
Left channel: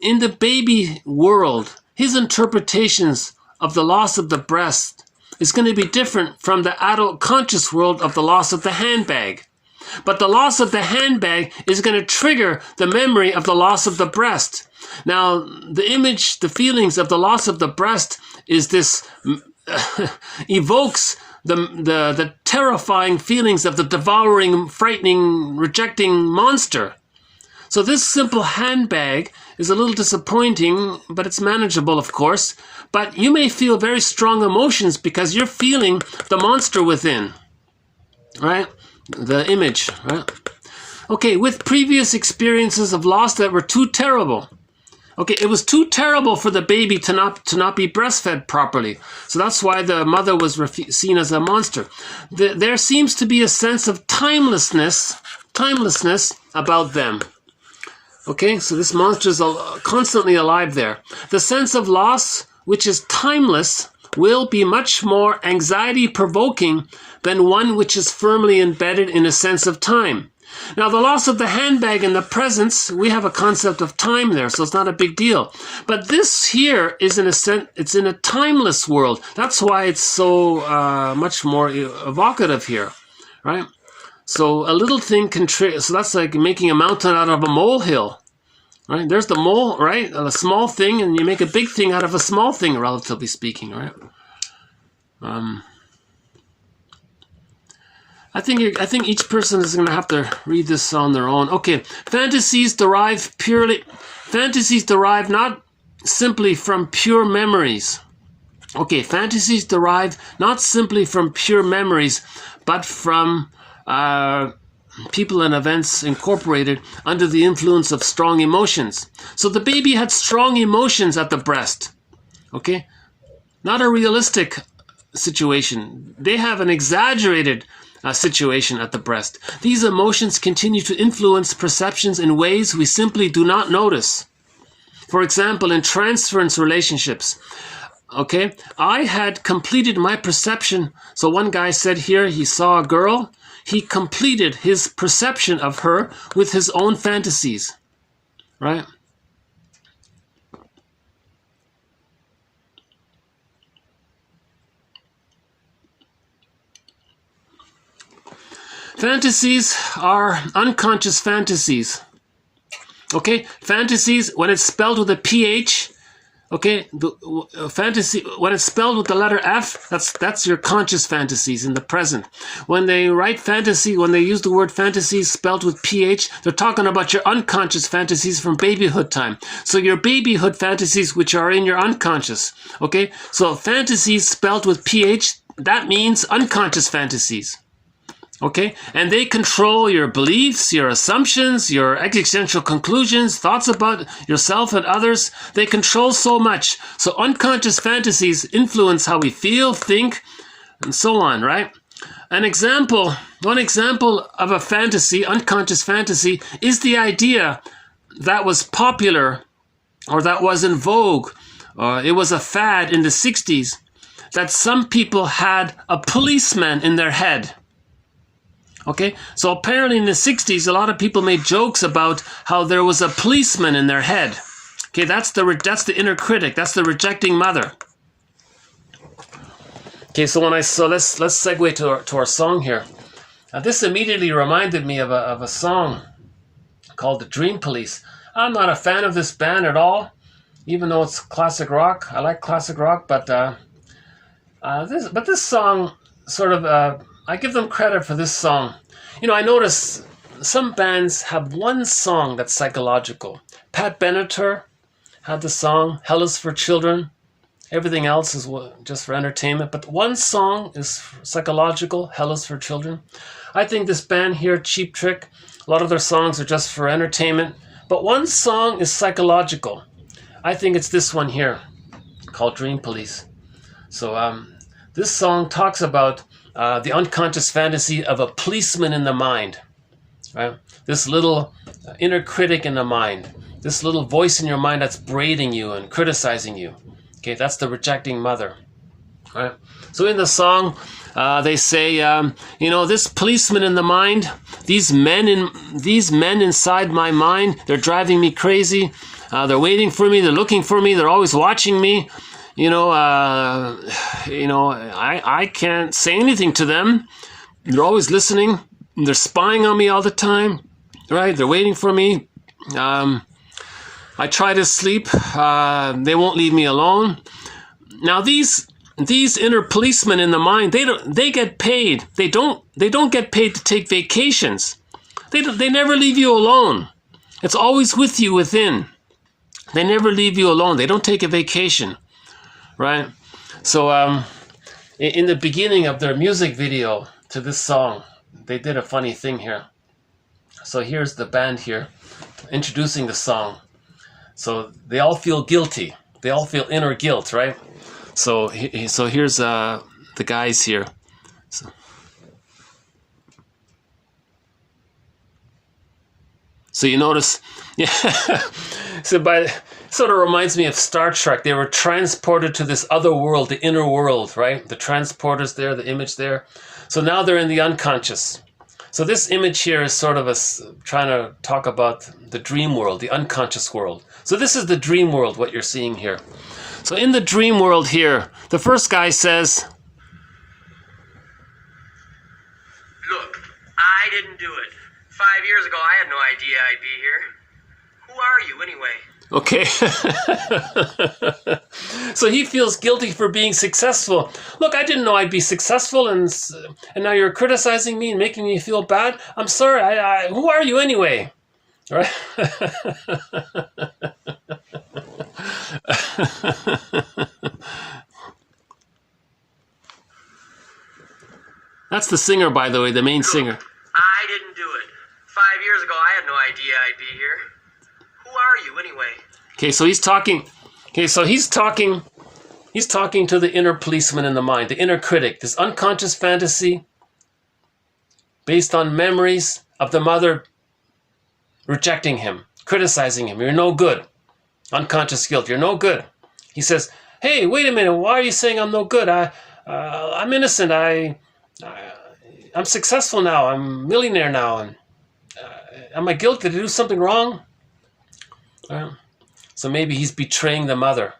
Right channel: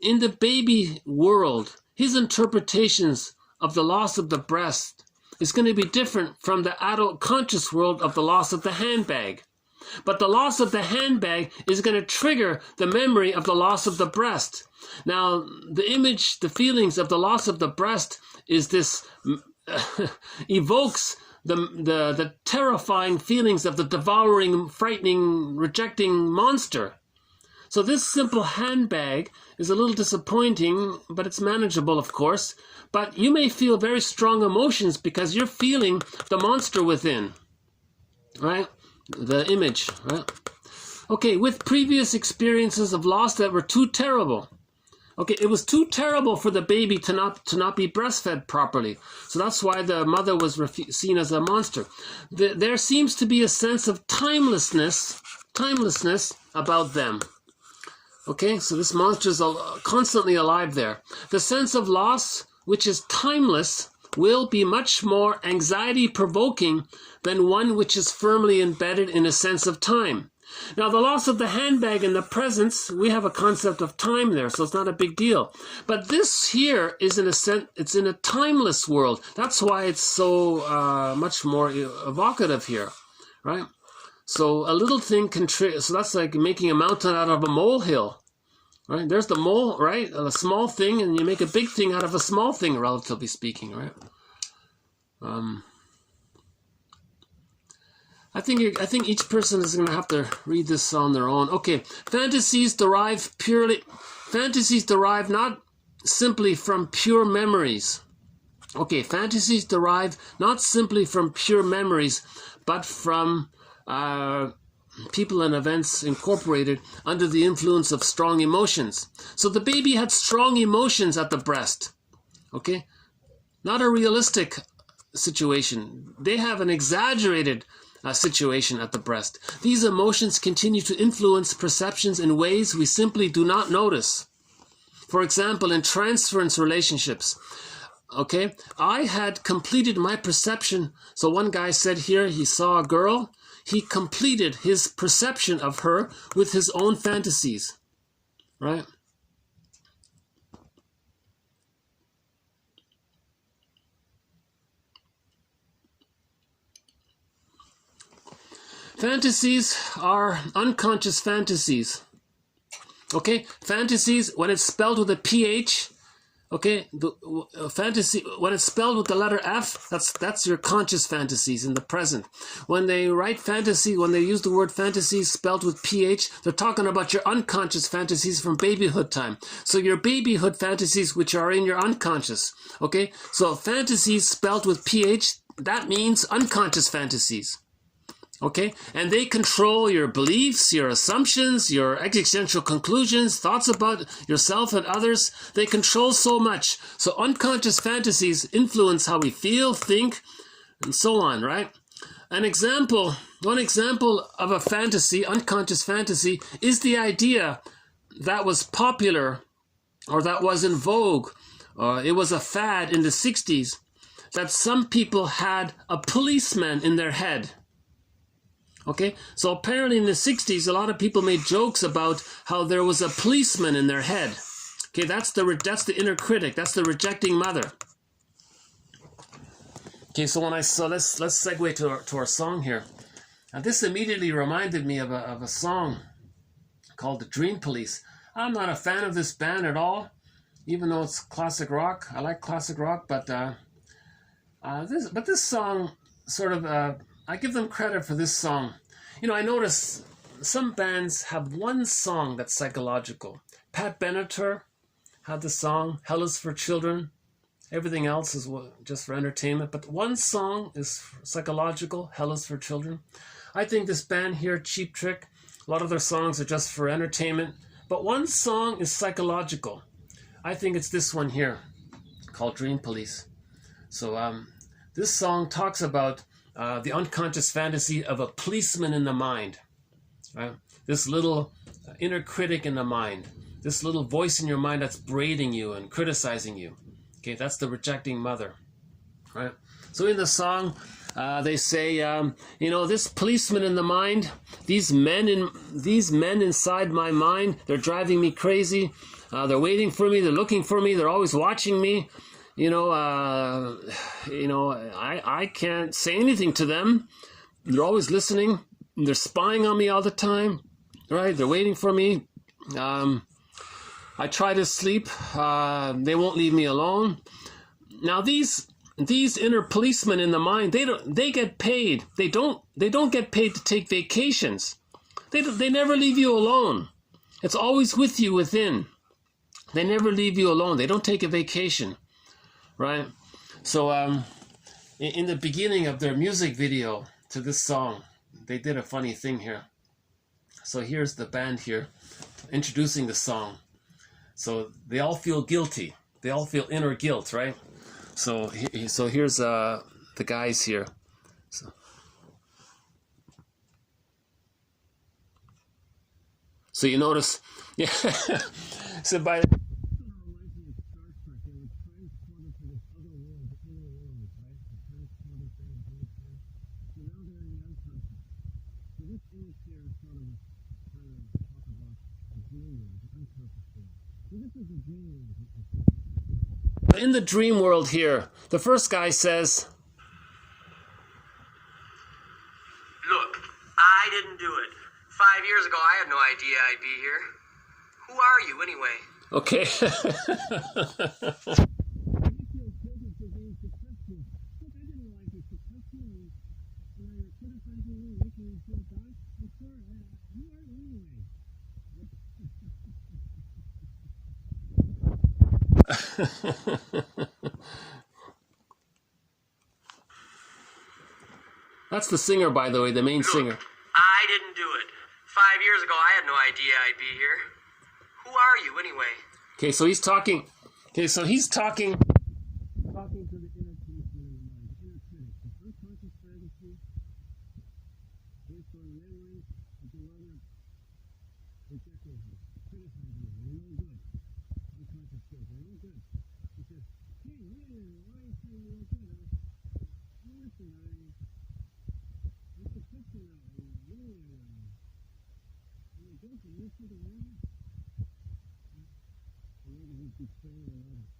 In the baby world, his interpretations of the loss of the breast is going to be different from the adult conscious world of the loss of the handbag. But the loss of the handbag is going to trigger the memory of the loss of the breast. Now, the image, the feelings of the loss of the breast is this, evokes the terrifying feelings of the devouring, frightening, rejecting monster. So this simple handbag is a little disappointing, but it's manageable, of course. But you may feel very strong emotions because you're feeling the monster within, right? The image, right? Okay, with previous experiences of loss that were too terrible. Okay, it was too terrible for the baby to not be breastfed properly. So that's why the mother was seen as a monster. There seems to be a sense of timelessness about them. Okay, so this monster is constantly alive there. The sense of loss, which is timeless, will be much more anxiety-provoking than one which is firmly embedded in a sense of time. Now, the loss of the handbag in the presence, we have a concept of time there, so it's not a big deal. But this here is, in a sense, it's in a timeless world. That's why it's so much more evocative here, right? So a little thing can trigger. So that's like making a mountain out of a molehill, right? There's the mole, right? A small thing, and you make a big thing out of a small thing, relatively speaking, right? I think each person is going to have to read this on their own. Okay, fantasies derive not simply from pure memories. Okay, fantasies derive not simply from pure memories, but from people and events incorporated under the influence of strong emotions. So the baby had strong emotions at the breast. Okay, not a realistic situation. They have an exaggerated situation at the breast. These emotions continue to influence perceptions in ways we simply do not notice. For example, in transference relationships, okay, I had completed my perception. So one guy said here he saw a girl. He completed his perception of her with his own fantasies. right? Fantasies are unconscious fantasies. Okay, fantasies, when it's spelled with a PH, okay, fantasy, when it's spelled with the letter F, that's your conscious fantasies in the present. When they write fantasy, when they use the word fantasies spelled with PH, they're talking about your unconscious fantasies from babyhood time. So your babyhood fantasies, which are in your unconscious, okay? So fantasies spelled with PH, that means unconscious fantasies. Okay, and they control your beliefs, your assumptions, your existential conclusions, thoughts about yourself and others. They control so much. So unconscious fantasies influence how we feel, think, and so on, right? One example of a fantasy, unconscious fantasy, is the idea that was popular or that was in vogue, or it was a fad in the 60s, that some people had a policeman in their head. Okay, so apparently in the 60s, a lot of people made jokes about how there was a policeman in their head. Okay, that's the inner critic. That's the rejecting mother. Okay, so let's segue to our song here. Now, this immediately reminded me of a song called "The Dream Police." I'm not a fan of this band at all, even though it's classic rock. I like classic rock, but this song sort of. I give them credit for this song. You know, I notice some bands have one song that's psychological. Pat Benatar had the song "Hell is for Children." Everything else is just for entertainment. But one song is psychological, "Hell is for Children." I think this band here, Cheap Trick, a lot of their songs are just for entertainment. But one song is psychological. I think it's this one here, called "Dream Police." So this song talks about the unconscious fantasy of a policeman in the mind, right? This little inner critic in the mind, this little voice in your mind that's berating you and criticizing you. Okay, that's the rejecting mother, right? So in the song, they say, this policeman in the mind, these men inside my mind, they're driving me crazy. They're waiting for me. They're looking for me. They're always watching me. I can't say anything to them. They're always listening. They're spying on me all the time, right? They're waiting for me. I try to sleep. They won't leave me alone. Now these inner policemen in the mind, they get paid. They don't get paid to take vacations. They never leave you alone. It's always with you within. They never leave you alone. They don't take a vacation. Right? So in the beginning of their music video to this song, they did a funny thing here. So here's the band here introducing the song. So they all feel guilty. They all feel inner guilt, right? So here's the guys here. So you notice, yeah. So sort of reminds me of Star Trek. They were transported to this other world, the inner world, right? The transporter's there, the image there. So now they're in the unconscious. So this image here is sort of trying to talk about the dream world, the unconscious world. So this is the dream world, what you're seeing here. So in the dream world here, the first guy says, "Look, I didn't do it. 5 years ago, I had no idea I'd be here. Who are you, anyway?" Okay. So he feels guilty for being successful. "Look, I didn't know I'd be successful, and now you're criticizing me and making me feel bad. I'm sorry. Who are you anyway?" Right? That's the singer, by the way, the main singer. "I didn't do it. 5 years ago, I had no idea I'd be here. Who are you, anyway?" Okay, so he's talking. Okay, so he's talking to the inner policeman in the mind, the inner critic, this unconscious fantasy based on memories of the mother rejecting him, criticizing him. "You're no good." Unconscious guilt. "You're no good." He says, "Hey, wait a minute. Why are you saying I'm no good? I'm innocent. I'm successful now. I'm a millionaire now. And am I guilty? Did I do something wrong?" Right? So maybe he's betraying the mother.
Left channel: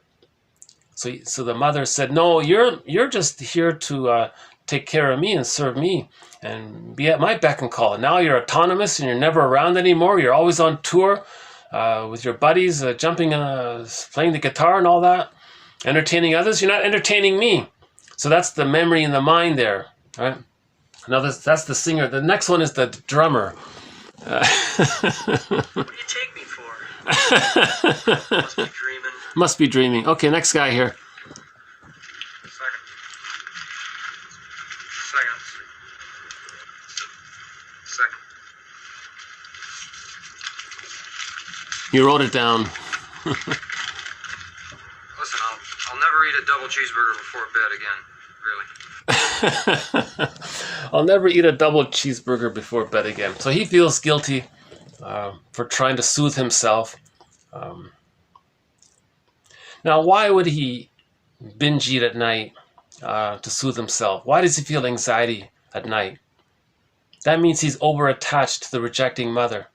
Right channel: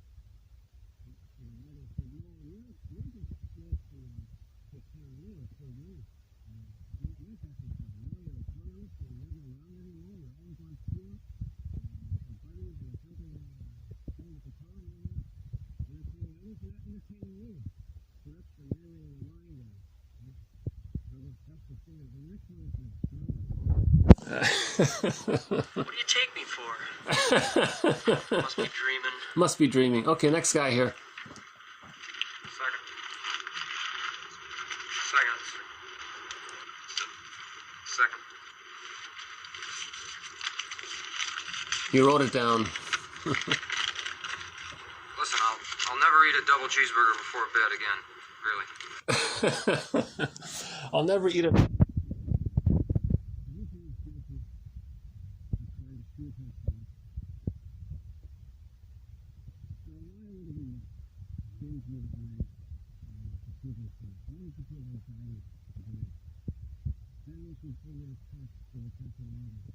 So the mother said, "No, you're just here to take care of me and serve me and be at my beck and call. Now you're autonomous and you're never around anymore. You're always on tour with your buddies, jumping, playing the guitar and all that, entertaining others. You're not entertaining me." So that's the memory in the mind there, right? Now that's the singer. The next one is the drummer. What do you take me for? Must be dreaming. Must be dreaming. Okay, next guy here. Second. You wrote it down. Listen, I'll never eat a double cheeseburger before bed again. Really. I'll never eat a double cheeseburger before bed again. So he feels guilty for trying to soothe himself. Now, why would he binge eat at night to soothe himself? Why does he feel anxiety at night? That means he's over-attached to the rejecting mother.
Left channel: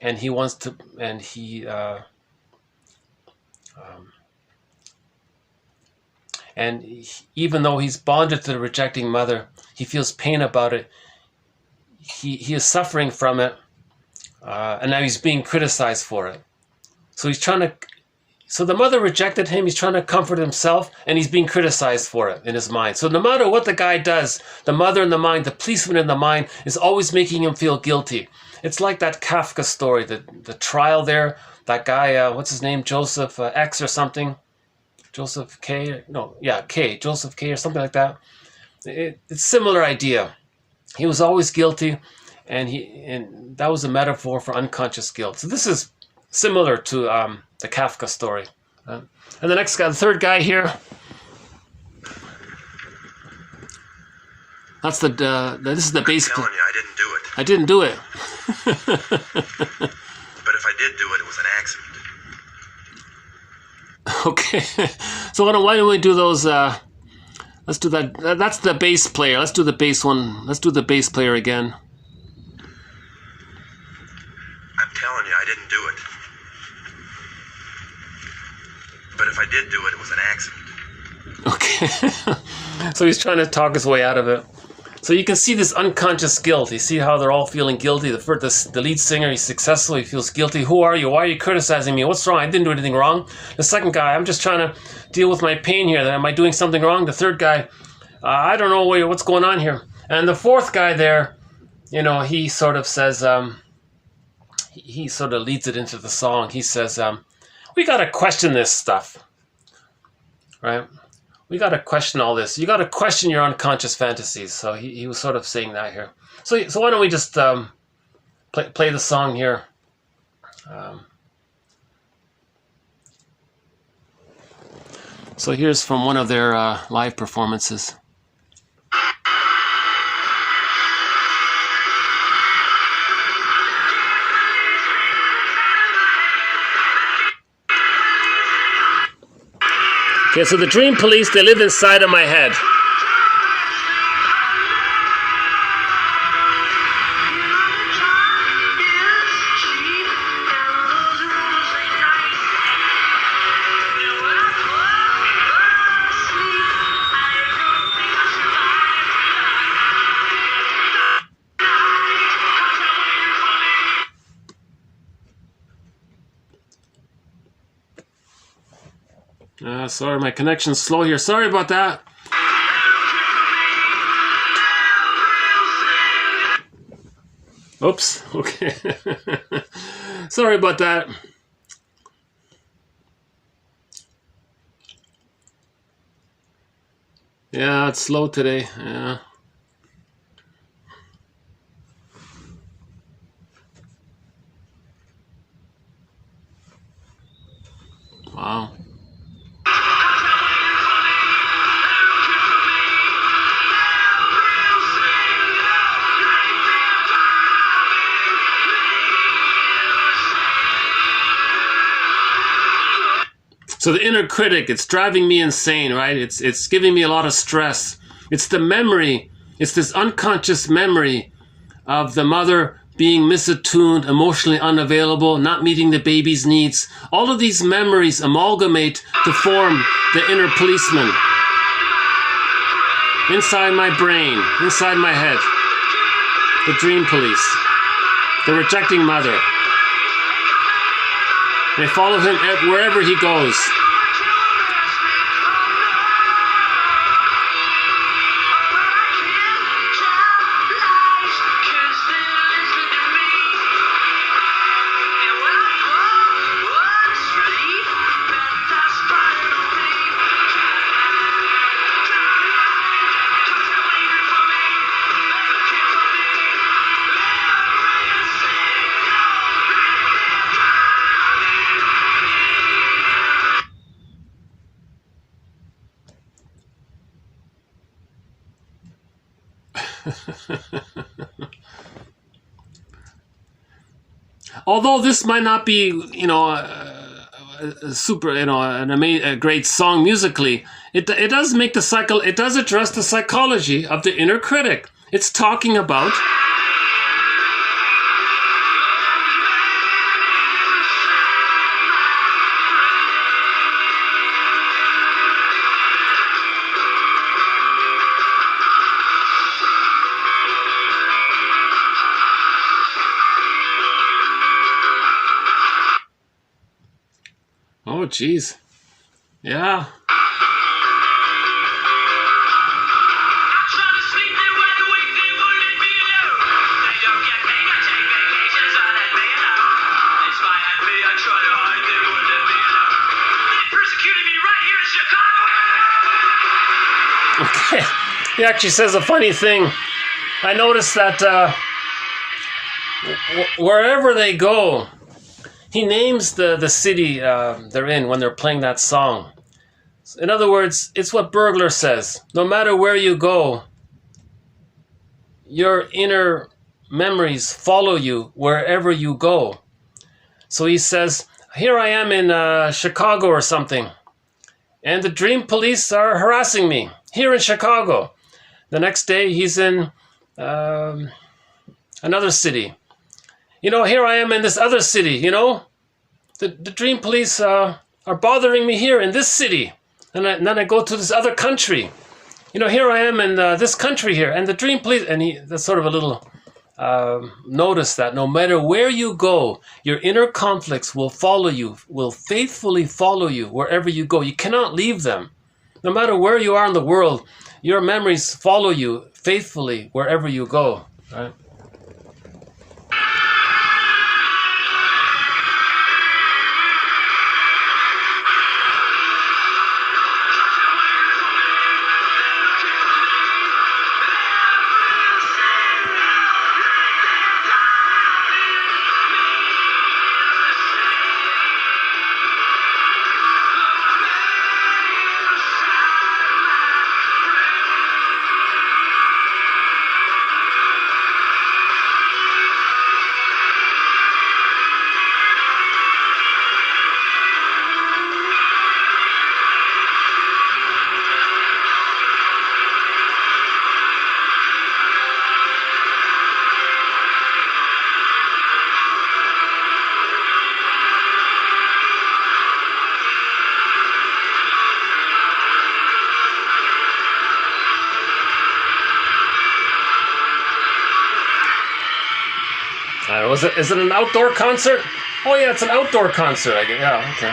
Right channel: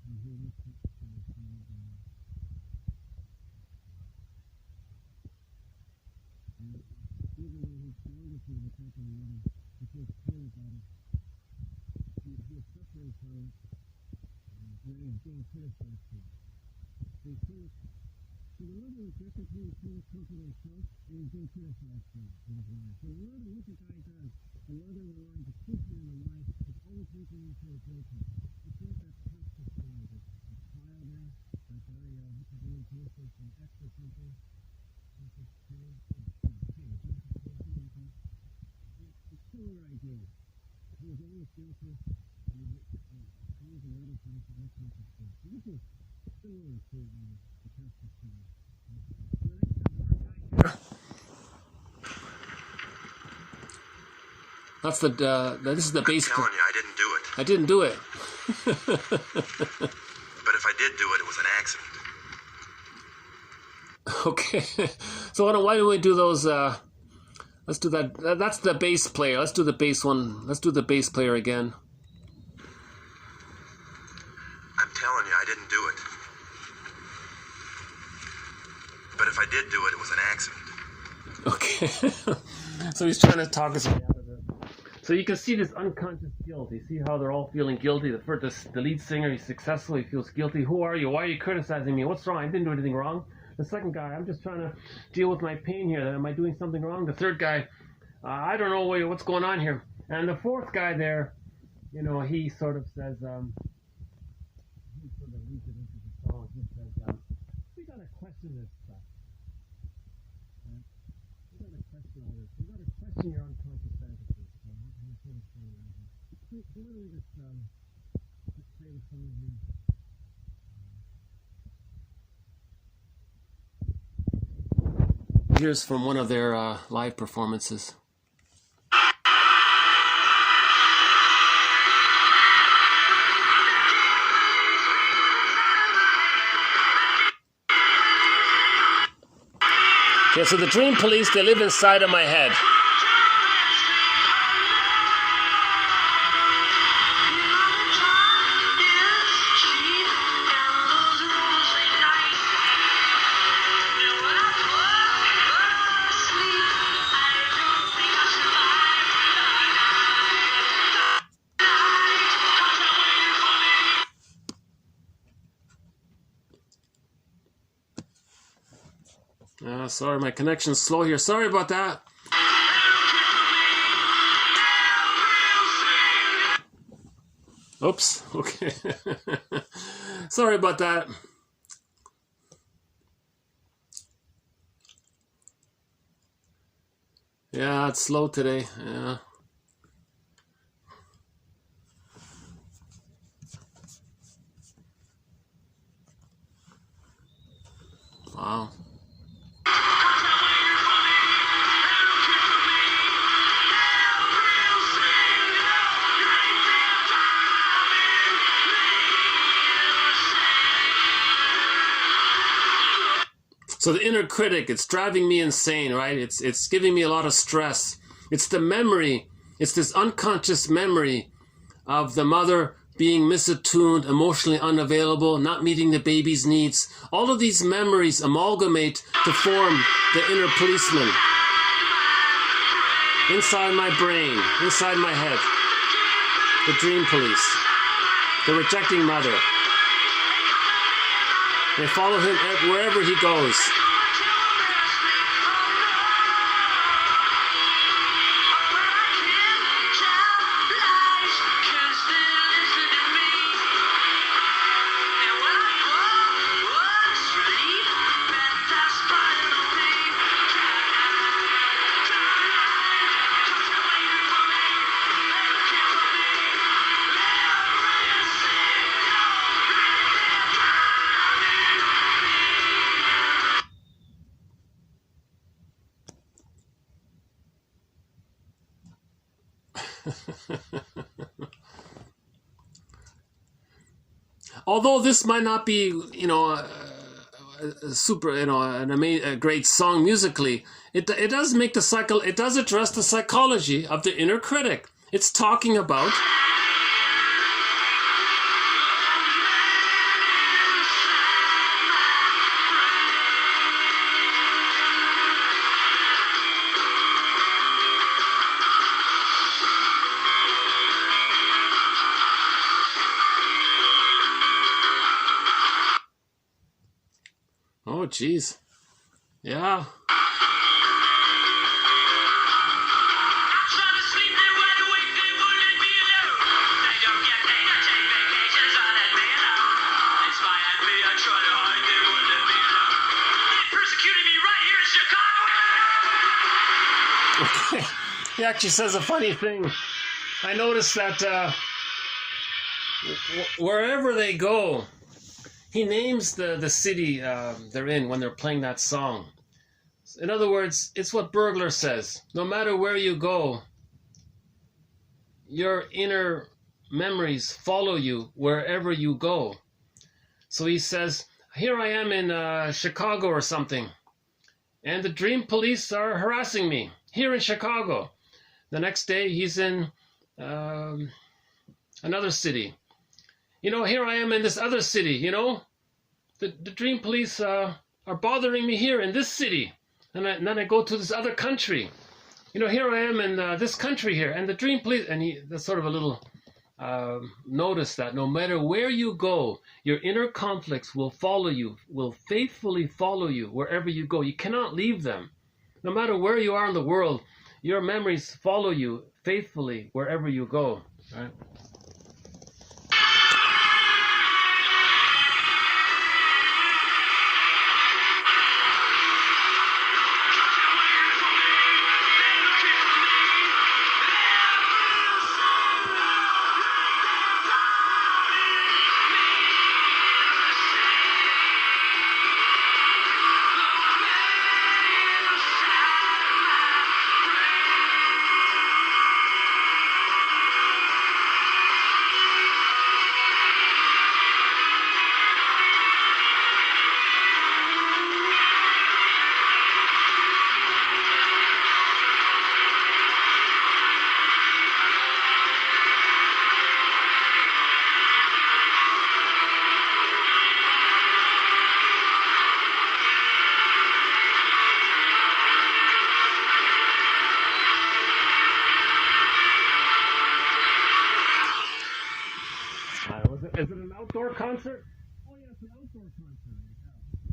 And he wants to, and he, even though he's bonded to the rejecting mother, he feels pain about it. He is suffering from it, and now he's being criticized for it. So he's trying to, so the mother rejected him, he's trying to comfort himself, and he's being criticized for it in his mind. So no matter what the guy does, the mother in the mind, the policeman in the mind, is always making him feel guilty. It's like that Kafka story, the trial there, that guy, what's his name, Joseph X or something? Joseph K? No, yeah, K, Joseph K or something like that. It's a similar idea. He was always guilty, and that was a metaphor for unconscious guilt. So this is similar to the Kafka story. And the next guy, the third guy here, that's this is the bass. I'm telling you, I didn't do it. I didn't do it. But if I did do it, it was an accident. Okay, so why don't we do those? Let's do that. That's the bass player. Let's do the bass one. Let's do the bass player again. I'm telling you, I didn't do it. But if I did do it, it was an accident. Okay. So he's trying to talk his way out of it. So you can see this unconscious guilt. You see how they're all feeling guilty. The lead singer, he's successful. He feels guilty. Who are you? Why are you criticizing me? What's wrong? I didn't do anything wrong. The second guy, I'm just trying to deal with my pain here. Am I doing something wrong? The third guy, I don't know what's going on here. And the fourth guy there, he sort of says, he sort of leads it into the song. He says, we got to question this stuff, right? We got to question all this. You got to question your unconscious fantasies. So he was sort of saying that here. So why don't we just play the song here. So here's from one of their live performances. Okay, so the dream police, they live inside of my head. Sorry, my connection's slow here. Sorry about that. Oops. Okay. Sorry about that. Yeah, it's slow today. Yeah. Wow. So the inner critic, it's driving me insane, right? It's giving me a lot of stress. It's the memory. It's this unconscious memory of the mother being misattuned, emotionally unavailable, not meeting the baby's needs. All of these memories amalgamate to form the inner policeman. Inside my brain, inside my head. The dream police. The rejecting mother. They follow him wherever he goes. Although this might not be, a great song musically, it does make the cycle. It does address the psychology of the inner critic. It's talking about oh, geez. Yeah. Okay. He actually says a funny thing. I noticed that wherever they go, he names the city they're in when they're playing that song. In other words, it's what Burglar says. No matter where you go, your inner memories follow you wherever you go. So he says, here I am in Chicago or something, and the dream police are harassing me here in Chicago. The next day he's in another city. Here I am in this other city, The dream police are bothering me here in this city. And then I go to this other country. Here I am in this country here. And the dream police... And that's sort of a little notice that no matter where you go, your inner conflicts will follow you, will faithfully follow you wherever you go. You cannot leave them. No matter where you are in the world, your memories follow you faithfully wherever you go. Right? Is it an outdoor concert? Oh yeah, it's an outdoor concert. I guess. Yeah, okay.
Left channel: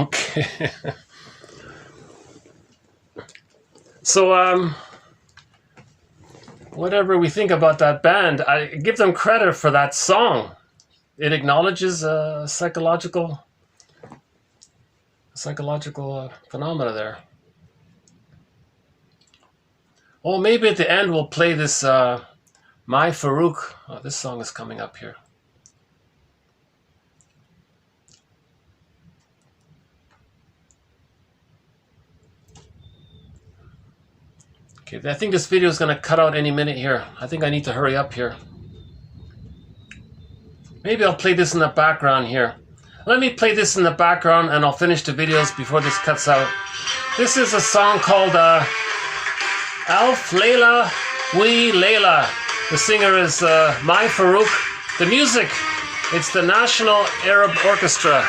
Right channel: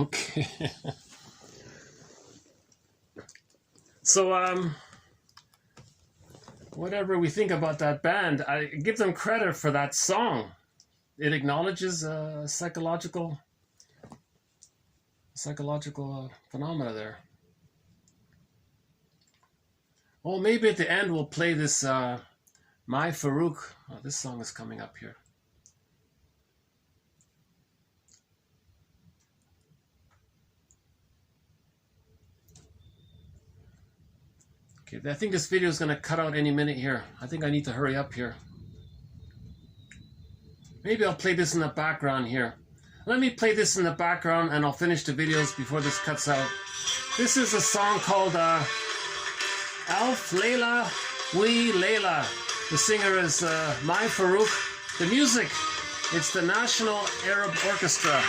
Okay. So, whatever we think about that band, I give them credit for that song. It acknowledges psychological phenomena there. Oh, maybe at the end we'll play this My Farouk. Oh, this song is coming up here. Okay, I think this video is going to cut out any minute here. I think I need to hurry up here. Maybe I'll play this in the background here. Let me play this in the background and I'll finish the videos before this cuts out. This is a song called Alf Layla Wee Layla. The singer is My Farouk. The music, it's the National Arab Orchestra.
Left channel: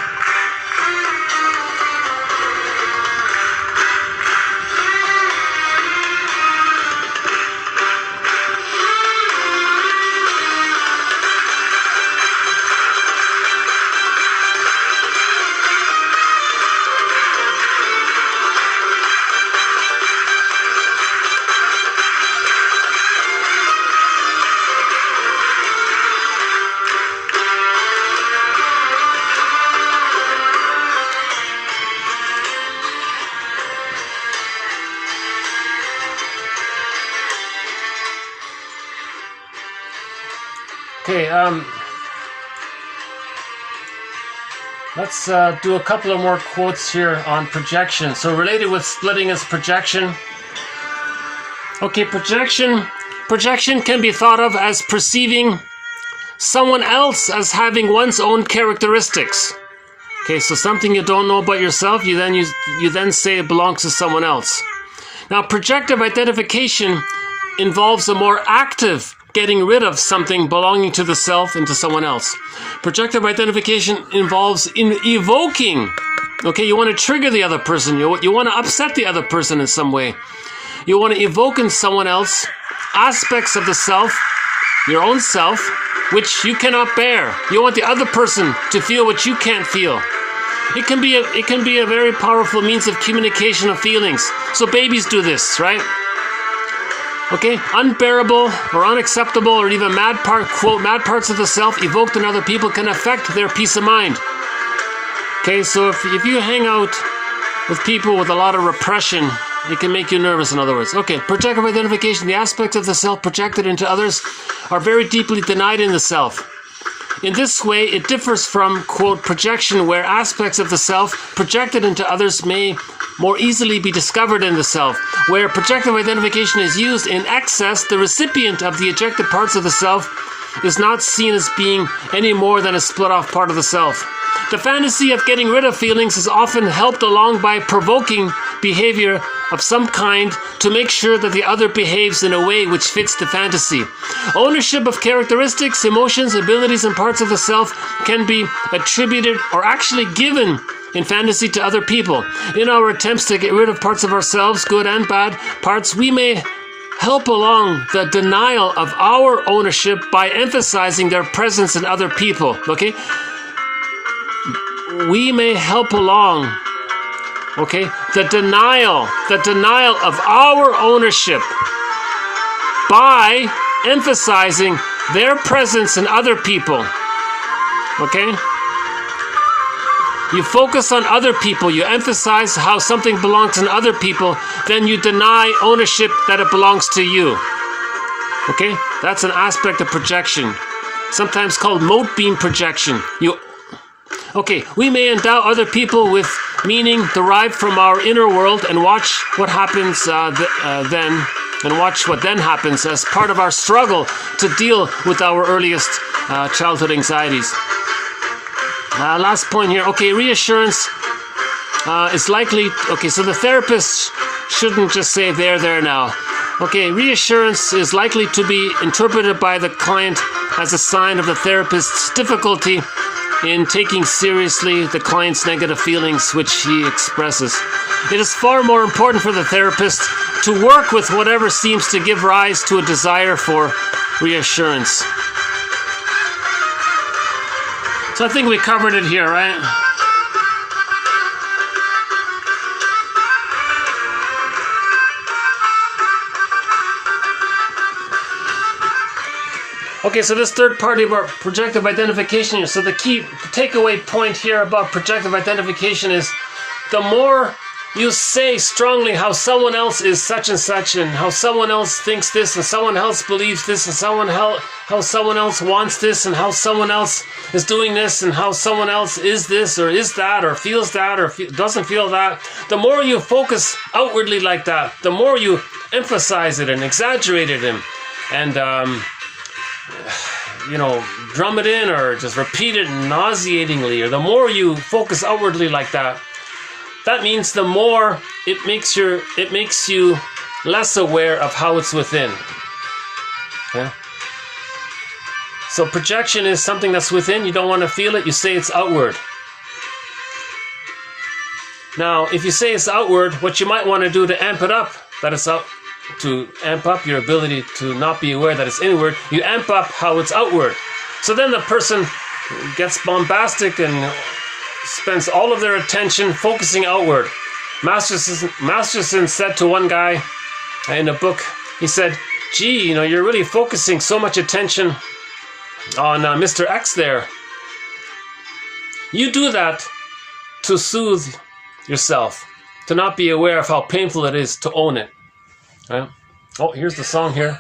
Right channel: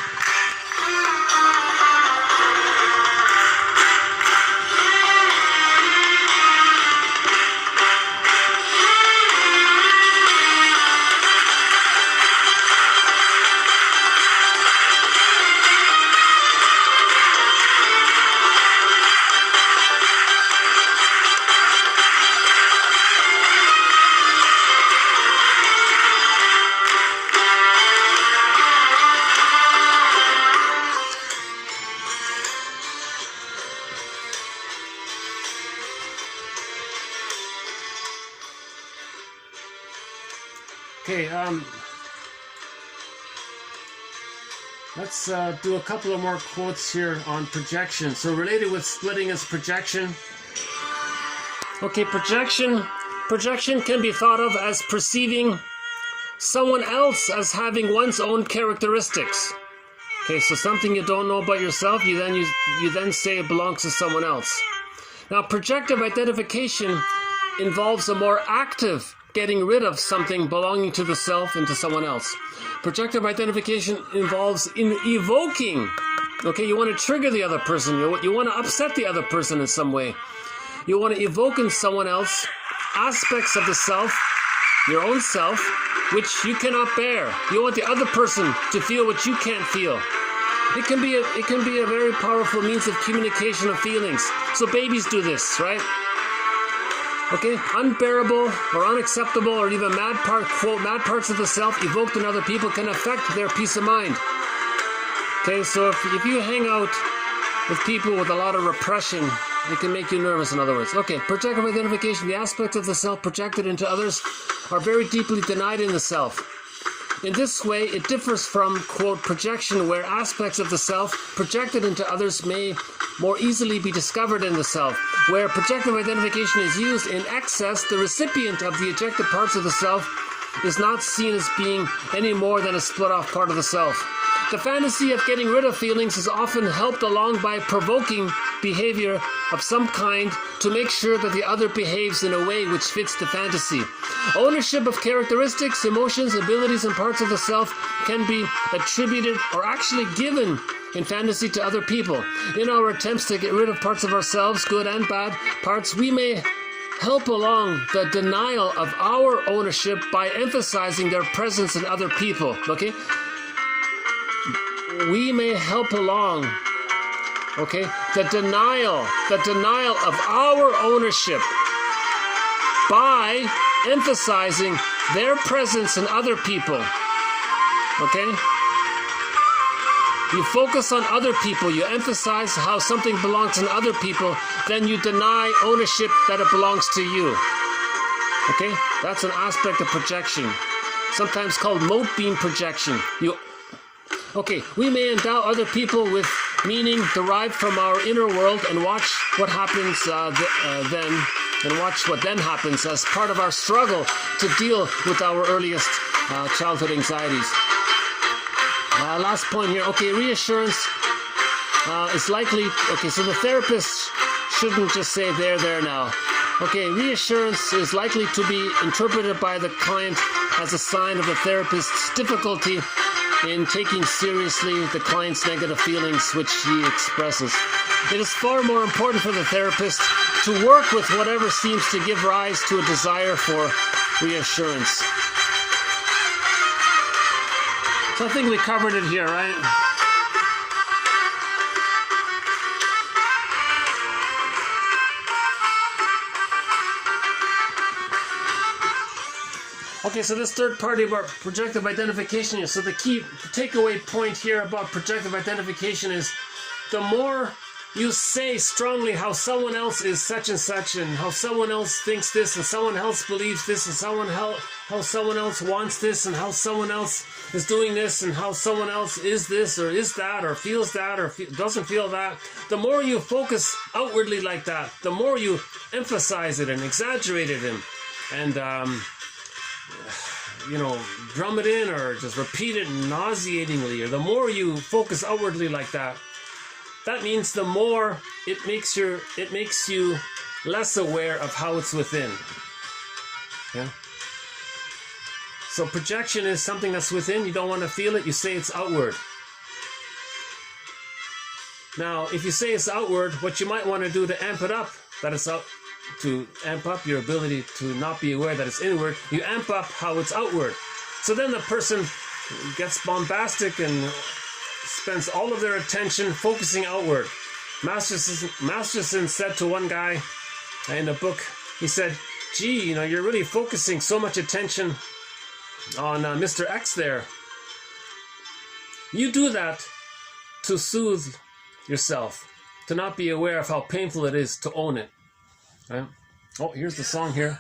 Okay, let's do a couple of more quotes here on projection. So related with splitting is projection. Okay, projection can be thought of as perceiving someone else as having one's own characteristics. Okay, so something you don't know about yourself, you then say it belongs to someone else. Now, projective identification involves a more active getting rid of something belonging to the self into someone else. Projective identification involves evoking. Okay, you want to trigger the other person. You want to upset the other person in some way. You want to evoke in someone else aspects of the self, your own self, which you cannot bear. You want the other person to feel what you can't feel. It can be a very powerful means of communication of feelings. So babies do this, right? Okay, unbearable or unacceptable or even mad parts of the self evoked in other people can affect their peace of mind. Okay, so if you hang out with people with a lot of repression, it can make you nervous, in other words. Okay, projective identification, the aspects of the self projected into others are very deeply denied in the self. In this way, it differs from, quote, projection, where aspects of the self projected into others may more easily be discovered in the self. Where projective identification is used in excess, the recipient of the ejected parts of the self is not seen as being any more than a split-off part of the self. The fantasy of getting rid of feelings is often helped along by provoking behavior of some kind to make sure that the other behaves in a way which fits the fantasy. Ownership of characteristics, emotions, abilities, and parts of the self can be attributed or actually given in fantasy to other people. In our attempts to get rid of parts of ourselves, good and bad parts, we may help along the denial of our ownership by emphasizing their presence in other people. Okay? We may help along, okay, the denial of our ownership by emphasizing their presence in other people. Okay? You focus on other people, you emphasize how something belongs in other people, then you deny ownership that it belongs to you. Okay? That's an aspect of projection, sometimes called mote beam projection. Okay, we may endow other people with meaning derived from our inner world and watch what happens then, and watch what then happens as part of our struggle to deal with our earliest childhood anxieties. Last point here. Okay, reassurance is likely... Okay, so the therapist shouldn't just say there now. Okay, reassurance is likely to be interpreted by the client as a sign of the therapist's difficulty in taking seriously the client's negative feelings which he expresses. It is far more important for the therapist to work with whatever seems to give rise to a desire for reassurance. So I think we covered it here, right? Okay, so this third part about projective identification. So the key takeaway point here about projective identification is the more you say strongly how someone else is such and such, and how someone else thinks this, and someone else believes this, and how someone else wants this, and how someone else is doing this, and how someone else is this, or is that, or feels that, or doesn't feel that, the more you focus outwardly like that, the more you emphasize it and exaggerate it and you know, drum it in or just repeat it nauseatingly, or the more you focus outwardly like that, that means the more it makes you less aware of how it's within. Okay? So projection is something that's within, you don't want to feel it, you say it's outward. Now, if you say it's outward, what you might want to do to amp it up, that it's out, to amp up your ability to not be aware that it's inward, you amp up how it's outward. So then the person gets bombastic and spends all of their attention focusing outward. Masterson said to one guy in a book, he said, gee, you know, you're really focusing so much attention on Mr. X there. You do that to soothe yourself, to not be aware of how painful it is to own it. Right? Oh, here's the song here.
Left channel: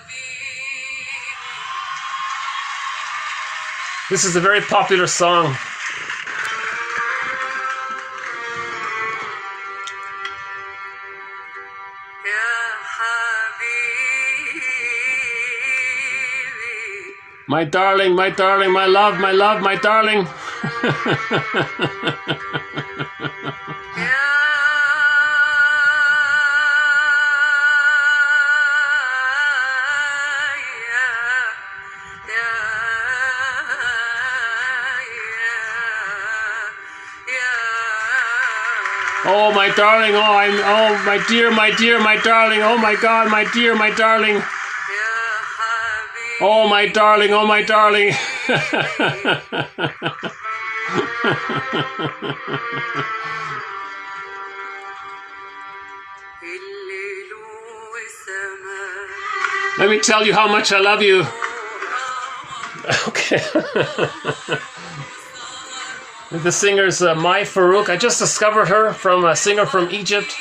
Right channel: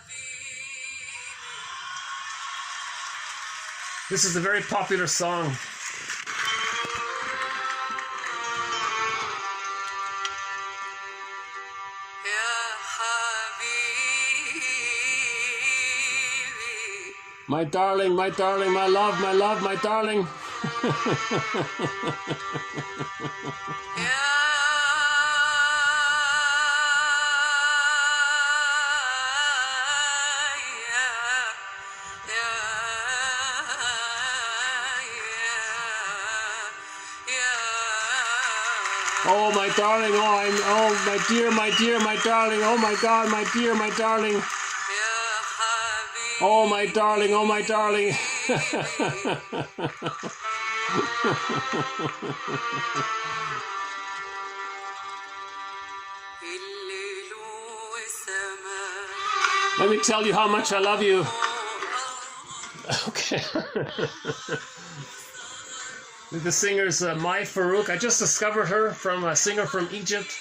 This is a very popular song. My darling, my darling, my love, my love, my darling. Oh, my darling, oh, my dear, my darling, oh my God, my dear, my darling. Oh, my darling, oh, my darling. Let me tell you how much I love you. Okay. The singer's Mai Farouk. I just discovered her from a singer from Egypt.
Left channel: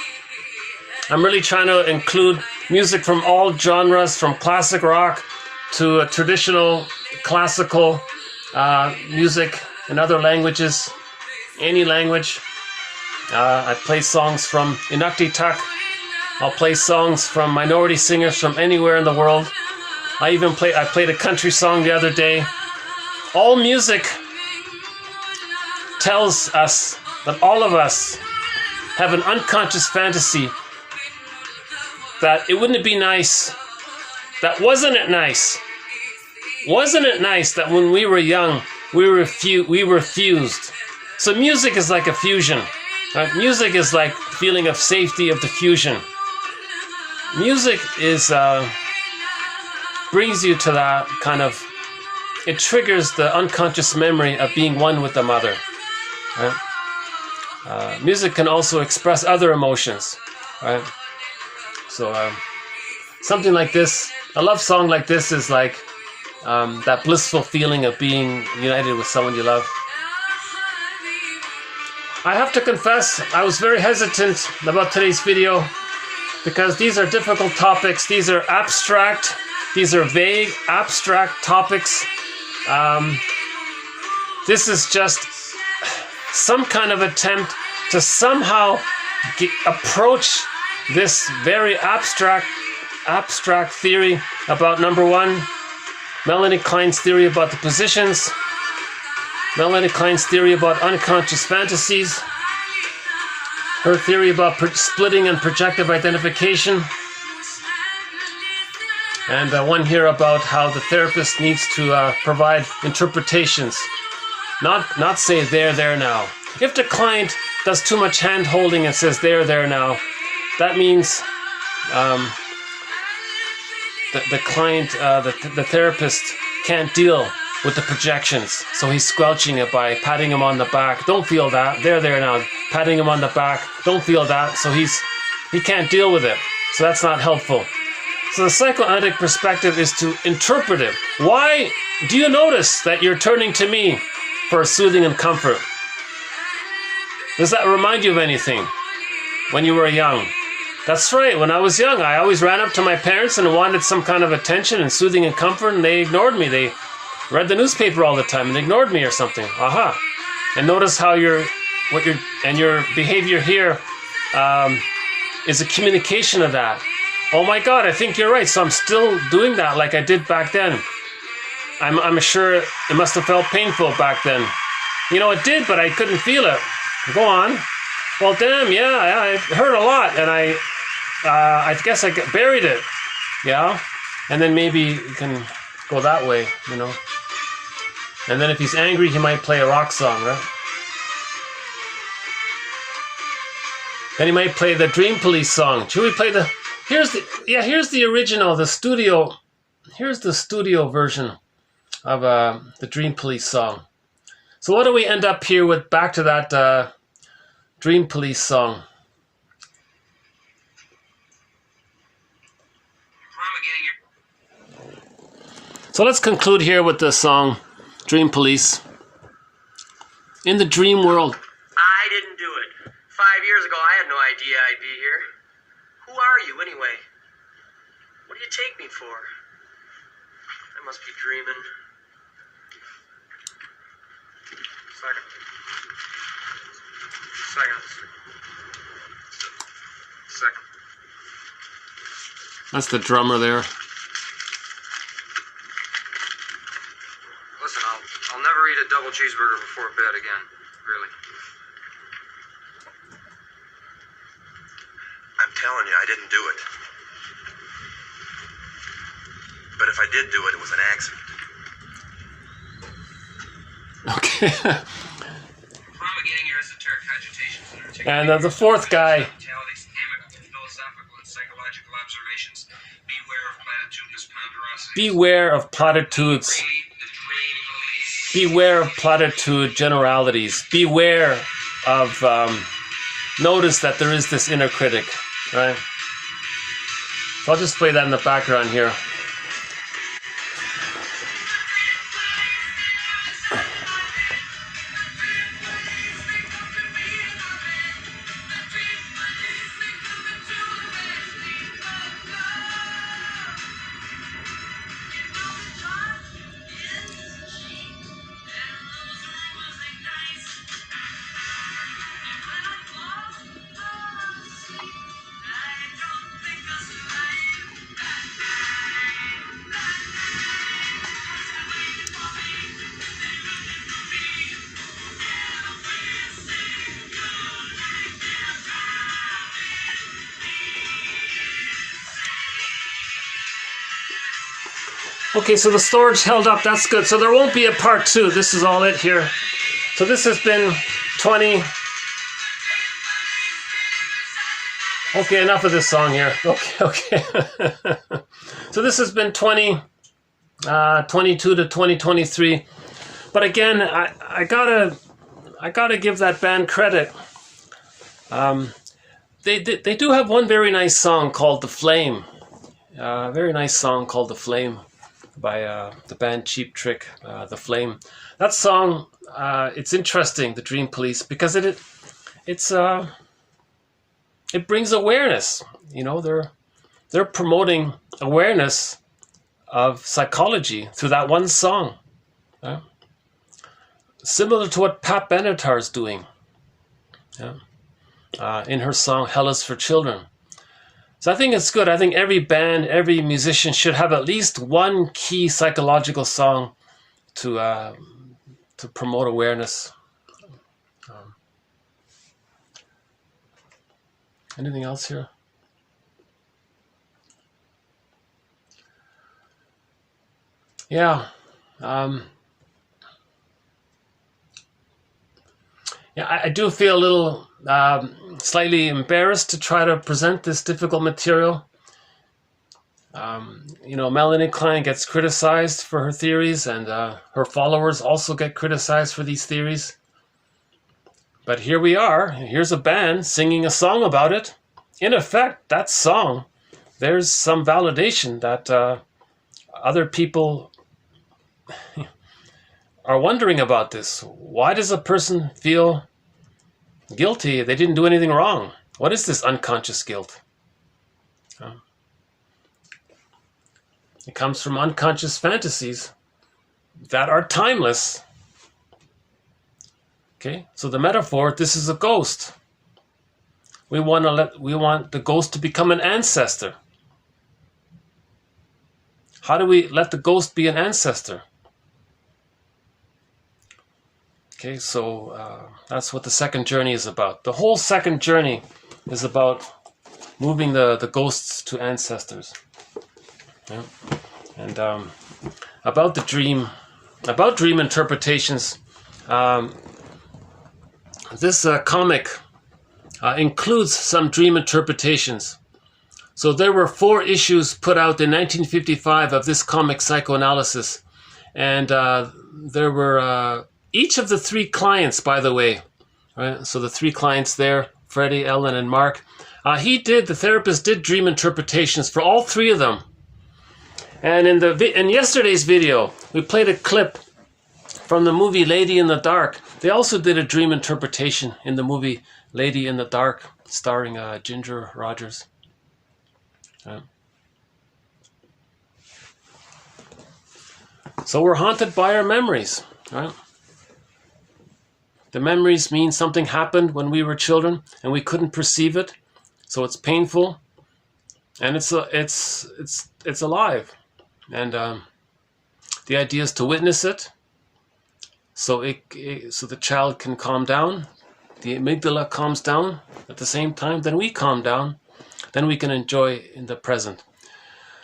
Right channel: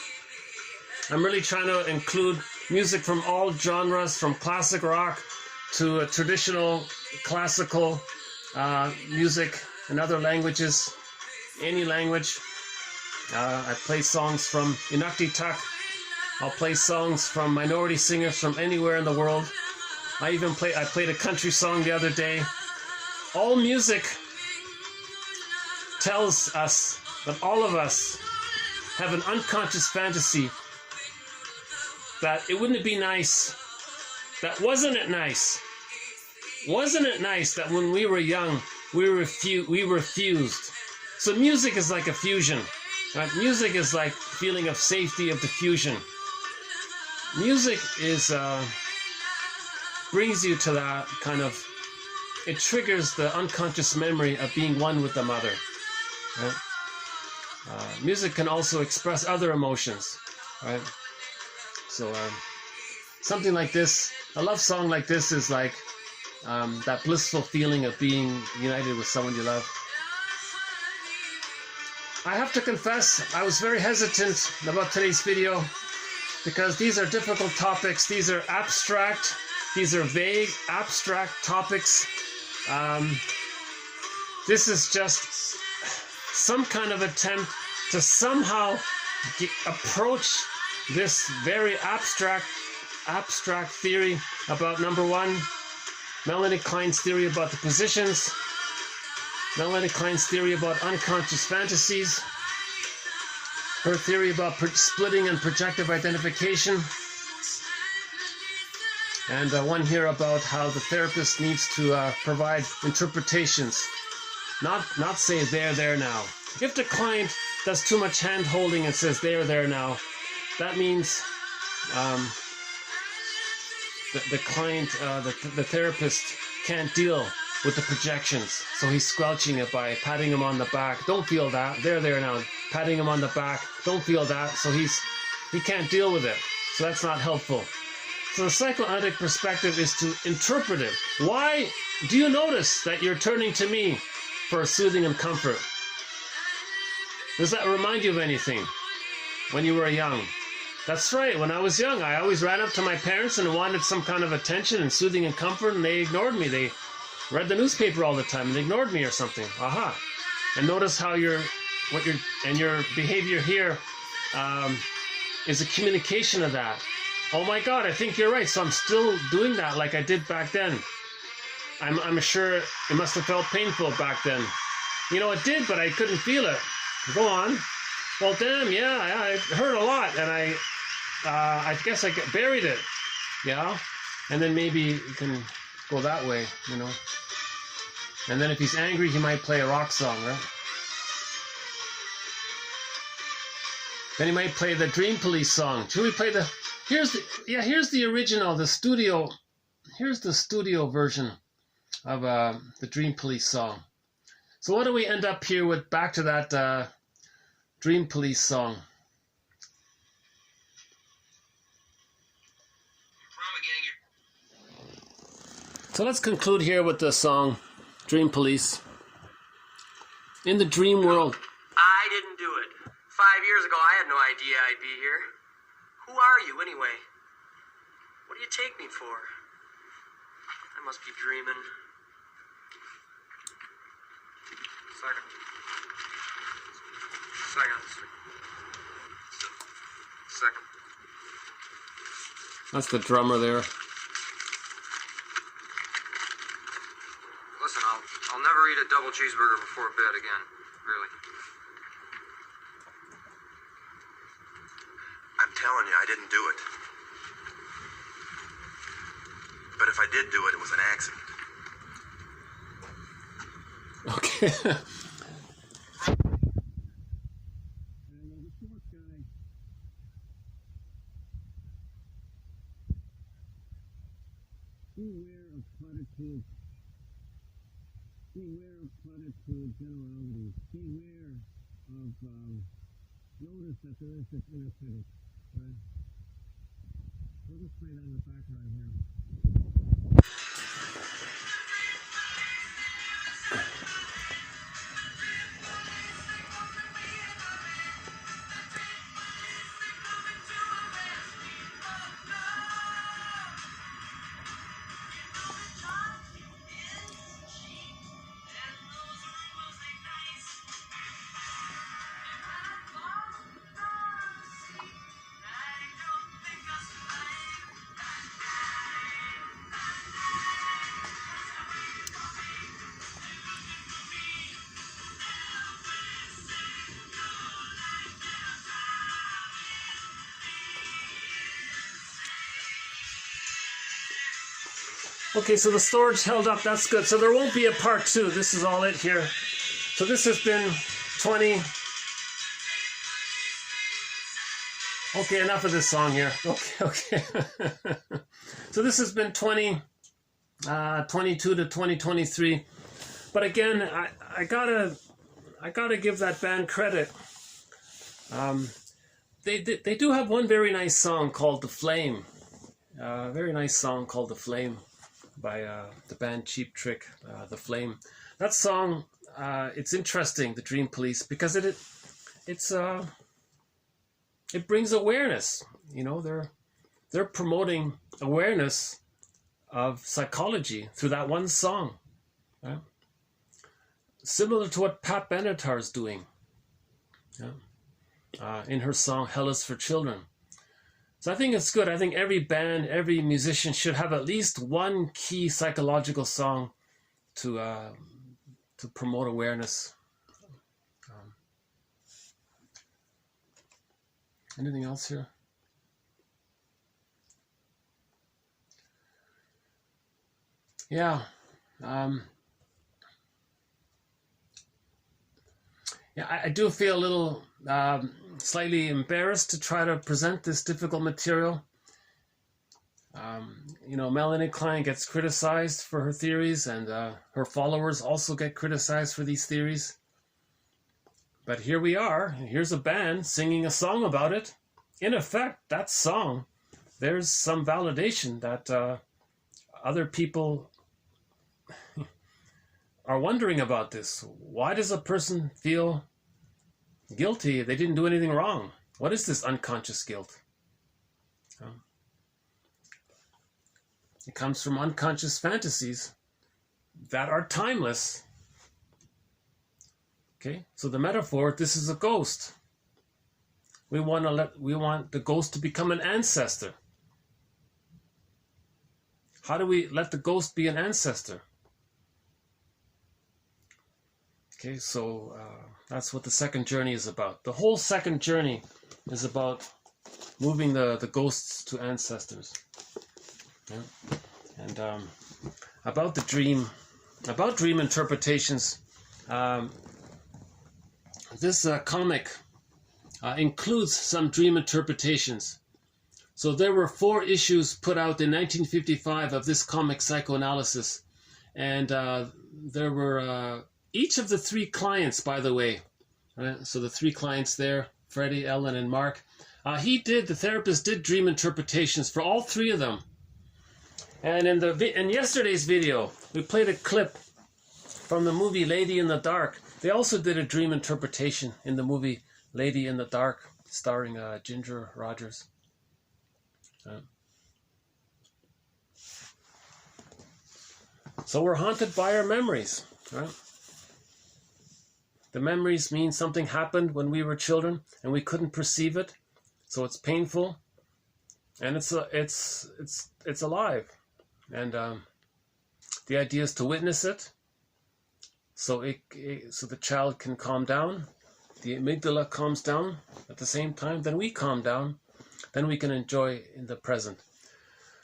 I'm really trying to include music from all genres, from classic rock to traditional classical music in other languages, any language. I play songs from Inuktitut. I'll play songs from minority singers from anywhere in the world. I played a country song the other day. All music tells us that all of us have an unconscious fantasy that it wouldn't be nice, that wasn't it nice that when we were young we were fused. So music is like a fusion, right? Music is like feeling of safety of the fusion. Music is brings you to that kind of, it triggers the unconscious memory of being one with the mother. Right? Music can also express other emotions, right? So something like this, a love song like this is like that blissful feeling of being united with someone you love. I have to confess, I was very hesitant about today's video because these are difficult topics. These are abstract, these are vague, abstract topics. This is just some kind of attempt to somehow approach this very abstract theory about, number one, Melanie Klein's theory about the positions, Melanie Klein's theory about unconscious fantasies, her theory about splitting and projective identification, and one here about how the therapist needs to provide interpretations. Not say there now. If the client does too much hand holding and says there now, that means the client, the therapist can't deal with the projections. So he's squelching it by patting him on the back. Don't feel that. There now. Patting him on the back. Don't feel that. So he can't deal with it. So that's not helpful. So the psychoanalytic perspective is to interpret it. Why do you notice that you're turning to me for soothing and comfort? Does that remind you of anything? when you were young. That's right. When I was young, I always ran up to my parents and wanted some kind of attention and soothing and comfort, and they ignored me. They read the newspaper all the time and ignored me or something. Aha. And notice how your behavior here is a communication of that. Oh my God, I think you're right. So I'm still doing that like I did back then. I'm sure it must have felt painful back then. You know, it did, but I couldn't feel it. Go on. Well, damn, yeah, it hurt a lot, and I guess I buried it. Yeah, and then maybe you can go that way, you know. And then if he's angry, he might play a rock song, right? Then he might play the Dream Police song. Should we play the? Here's the original, the studio. Here's the studio version of the Dream Police song. So what do we end up here with? Back to that Dream Police song. So let's conclude here with the song Dream Police. In the dream world. I didn't do it. 5 years ago, I had no idea I'd be here. Who are you, anyway? What do you take me for? I must be dreaming. Second. That's the drummer there. Listen, I'll never eat a double cheeseburger before bed again. Really. I'm telling you, I didn't do it. But if I did do it, it was an accident. Okay. Promulgating your esoteric agitations and And the fourth guy. philosophical and psychological observations. Beware of platitudes. Beware of platitude generalities. Beware of notice that there is this inner critic, right? So I'll just play that in the background here. Okay, so the storage held up. That's good. So there won't be a part 2. This is all it here. So this has been 20. Okay, enough of this song here. Okay. So this has been 22 to 2023. But again, I gotta give that band credit. They do have one very nice song called "The Flame." Very nice song called "The Flame" by the band Cheap Trick. "The Flame." That song, it's interesting, the Dream Police, because it brings awareness. You know, they're promoting awareness of psychology through that one song. Similar to what Pat Benatar is doing in her song "Hell is for Children." So I think it's good. I think every band, every musician should have at least one key psychological song to promote awareness. Anything else here? Yeah. I do feel a little slightly embarrassed to try to present this difficult material. Melanie Klein gets criticized for her theories, and her followers also get criticized for these theories. But here we are. Here's a band singing a song about it. In effect, that song, there's some validation that other people are wondering about this. Why does a person feel guilty? They didn't do anything wrong. What is this unconscious guilt? It comes from unconscious fantasies that are timeless. Okay, so the metaphor, this is a ghost. We want the ghost to become an ancestor. How do we let the ghost be an ancestor? Okay, so that's what the second journey is about. The whole second journey is about moving the ghosts to ancestors. Yeah. And about the dream, about dream interpretations, this comic includes some dream interpretations. So there were 4 issues put out in 1955 of this comic, Psychoanalysis. And there were each of the 3 clients, by the way, right? So the 3 clients there, Freddie, Ellen, and Mark, the therapist did dream interpretations for all 3 of them. And in yesterday's video, we played a clip from the movie Lady in the Dark. They also did a dream interpretation in the movie Lady in the Dark, starring Ginger Rogers. So we're haunted by our memories, right? The memories mean something happened when we were children and we couldn't perceive it, so it's painful, and it's alive. And the idea is to witness it, so the child can calm down. The amygdala calms down at the same time. Then we calm down. Then we can enjoy in the present.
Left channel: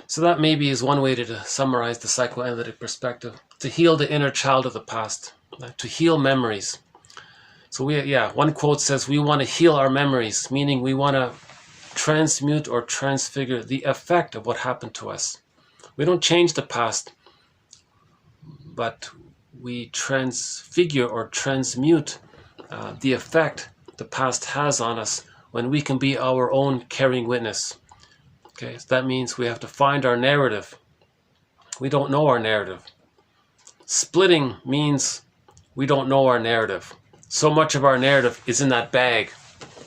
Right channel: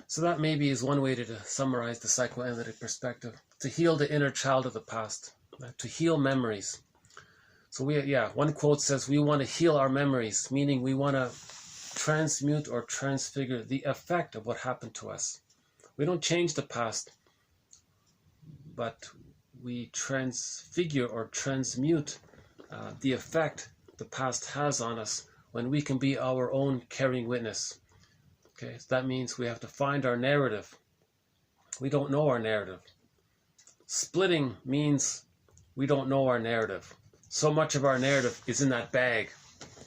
So that maybe is one way to summarize the psychoanalytic perspective: to heal the inner child of the past, to heal memories. So one quote says we want to heal our memories, meaning we want to transmute or transfigure the effect of what happened to us. We don't change the past, but we transfigure or transmute the effect the past has on us when we can be our own caring witness. Okay, so that means we have to find our narrative. We don't know our narrative. Splitting means we don't know our narrative. So much of our narrative is in that bag.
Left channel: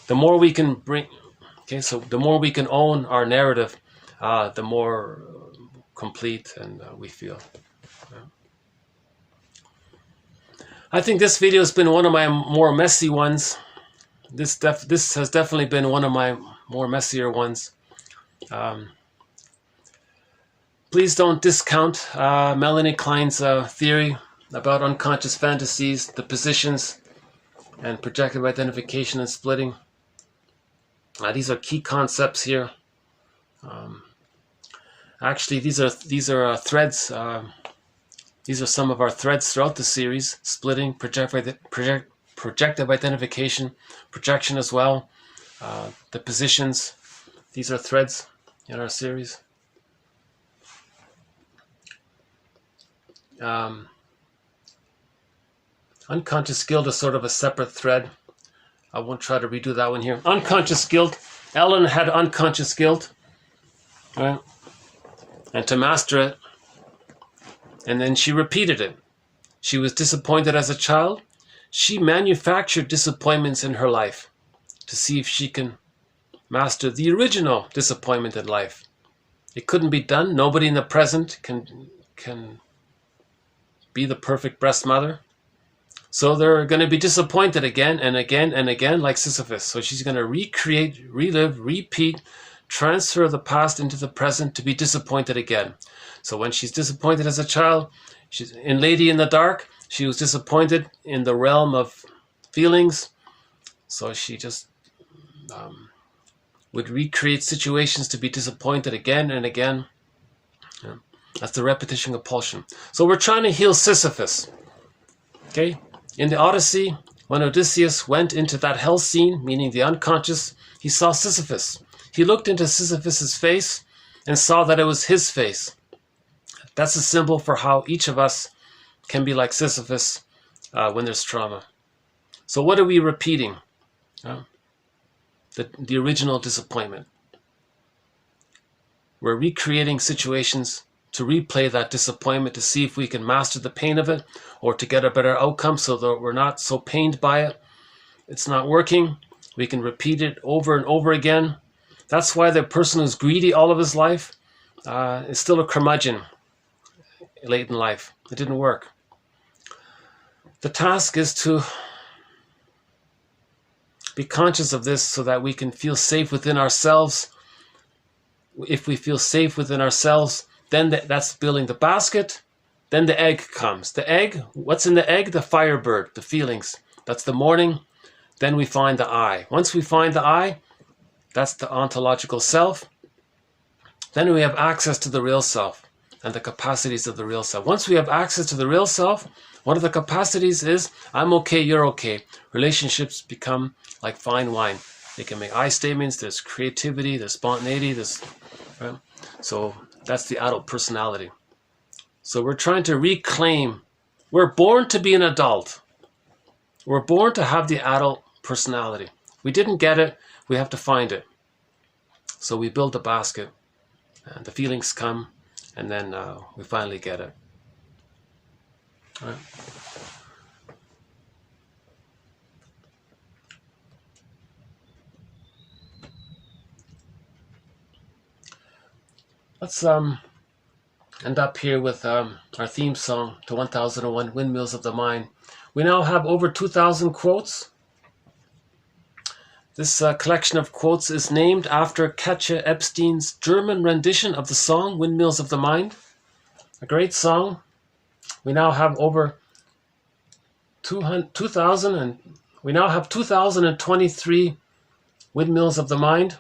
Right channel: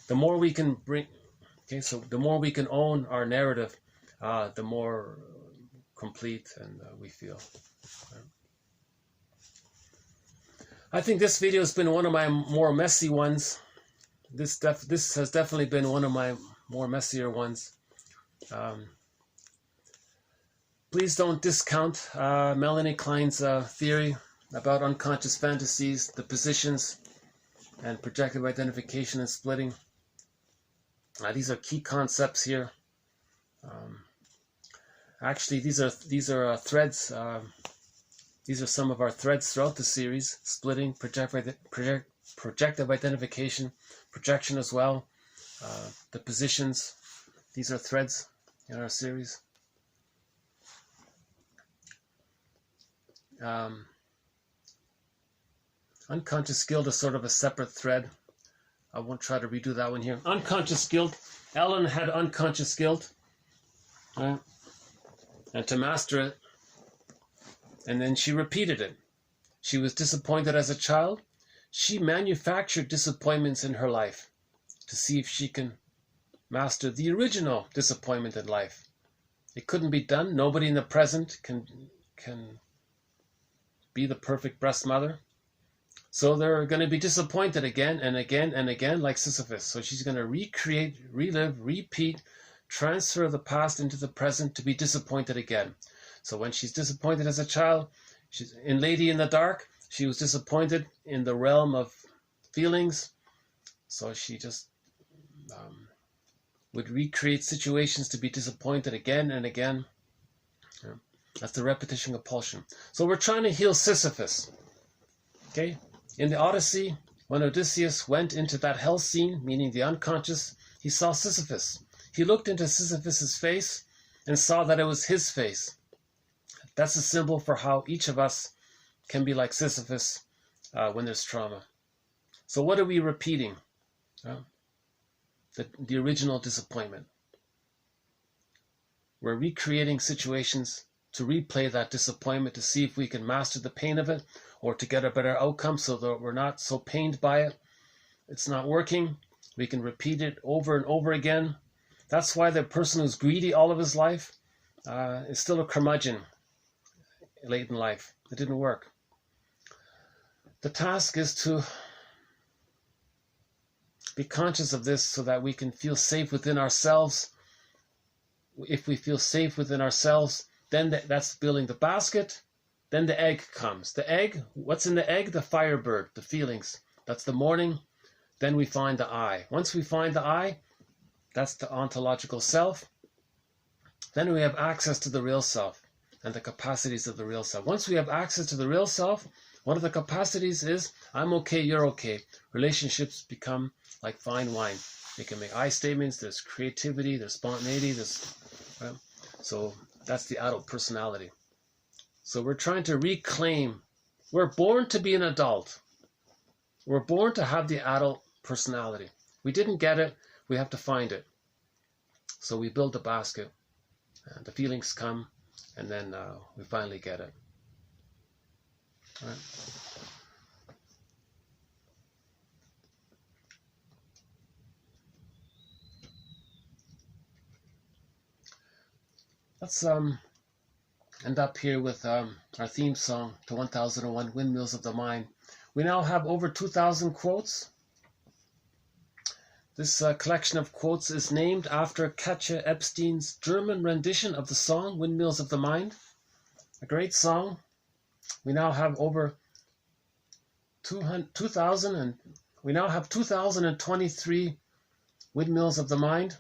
The more we can the more we can own our narrative, the more complete and we feel. I think this video has been one of my more messy ones. This has definitely been one of my more messier ones. Please don't discount Melanie Klein's theory about unconscious fantasies, the positions, and projective identification and splitting. These are key concepts here. Actually, these are threads. These are some of our threads throughout the series: splitting, projective identification, projection as well, the positions. These are threads in our series. Unconscious guilt is sort of a separate thread. I won't try to redo that one here. Unconscious guilt. Ellen had unconscious guilt, right? And to master it, and then she repeated it. She was disappointed as a child. She manufactured disappointments in her life to see if she can master the original disappointment in life. It couldn't be done. Nobody in the present can be the perfect breast mother. So they're going to be disappointed again and again and again, like Sisyphus. So she's going to recreate, relive, repeat, transfer the past into the present to be disappointed again. So when she's disappointed as a child, she's in Lady in the Dark, she was disappointed in the realm of feelings. So she just would recreate situations to be disappointed again and again. Yeah. That's the repetition compulsion. So we're trying to heal Sisyphus. Okay? In the Odyssey, when Odysseus went into that hell scene, meaning the unconscious, he saw Sisyphus. He looked into Sisyphus's face and saw that it was his face. That's a symbol for how each of us can be like Sisyphus when there's trauma. So what are we repeating? The original disappointment. We're recreating situations to replay that disappointment to see if we can master the pain of it or to get a better outcome so that we're not so pained by it. It's not working. We can repeat it over and over again. That's why the person who's greedy all of his life is still a curmudgeon late in life. It didn't work. The task is to be conscious of this so that we can feel safe within ourselves. If we feel safe within ourselves, then that's building the basket. Then the egg comes. The egg, what's in the egg? The firebird, the feelings. That's the morning. Then we find the I. Once we find the I, that's the ontological self. Then we have access to the real self and the capacities of the real self. Once we have access to the real self, one of the capacities is, I'm okay, you're okay. Relationships become like fine wine. They can make I statements, there's creativity, there's spontaneity, right? So that's the adult personality. So we're trying to reclaim, we're born to be an adult. We're born to have the adult personality. We didn't get it, we have to find it. So we build the basket, and the feelings come, and then we finally get it. Right. Let's end up here with our theme song to 1001 Windmills of the Mind. We now have over 2,000 quotes. This collection of quotes is named after Katja Epstein's German rendition of the song Windmills of the Mind. A great song. We now have over 2,000 and we now have 2,023 Windmills of the Mind.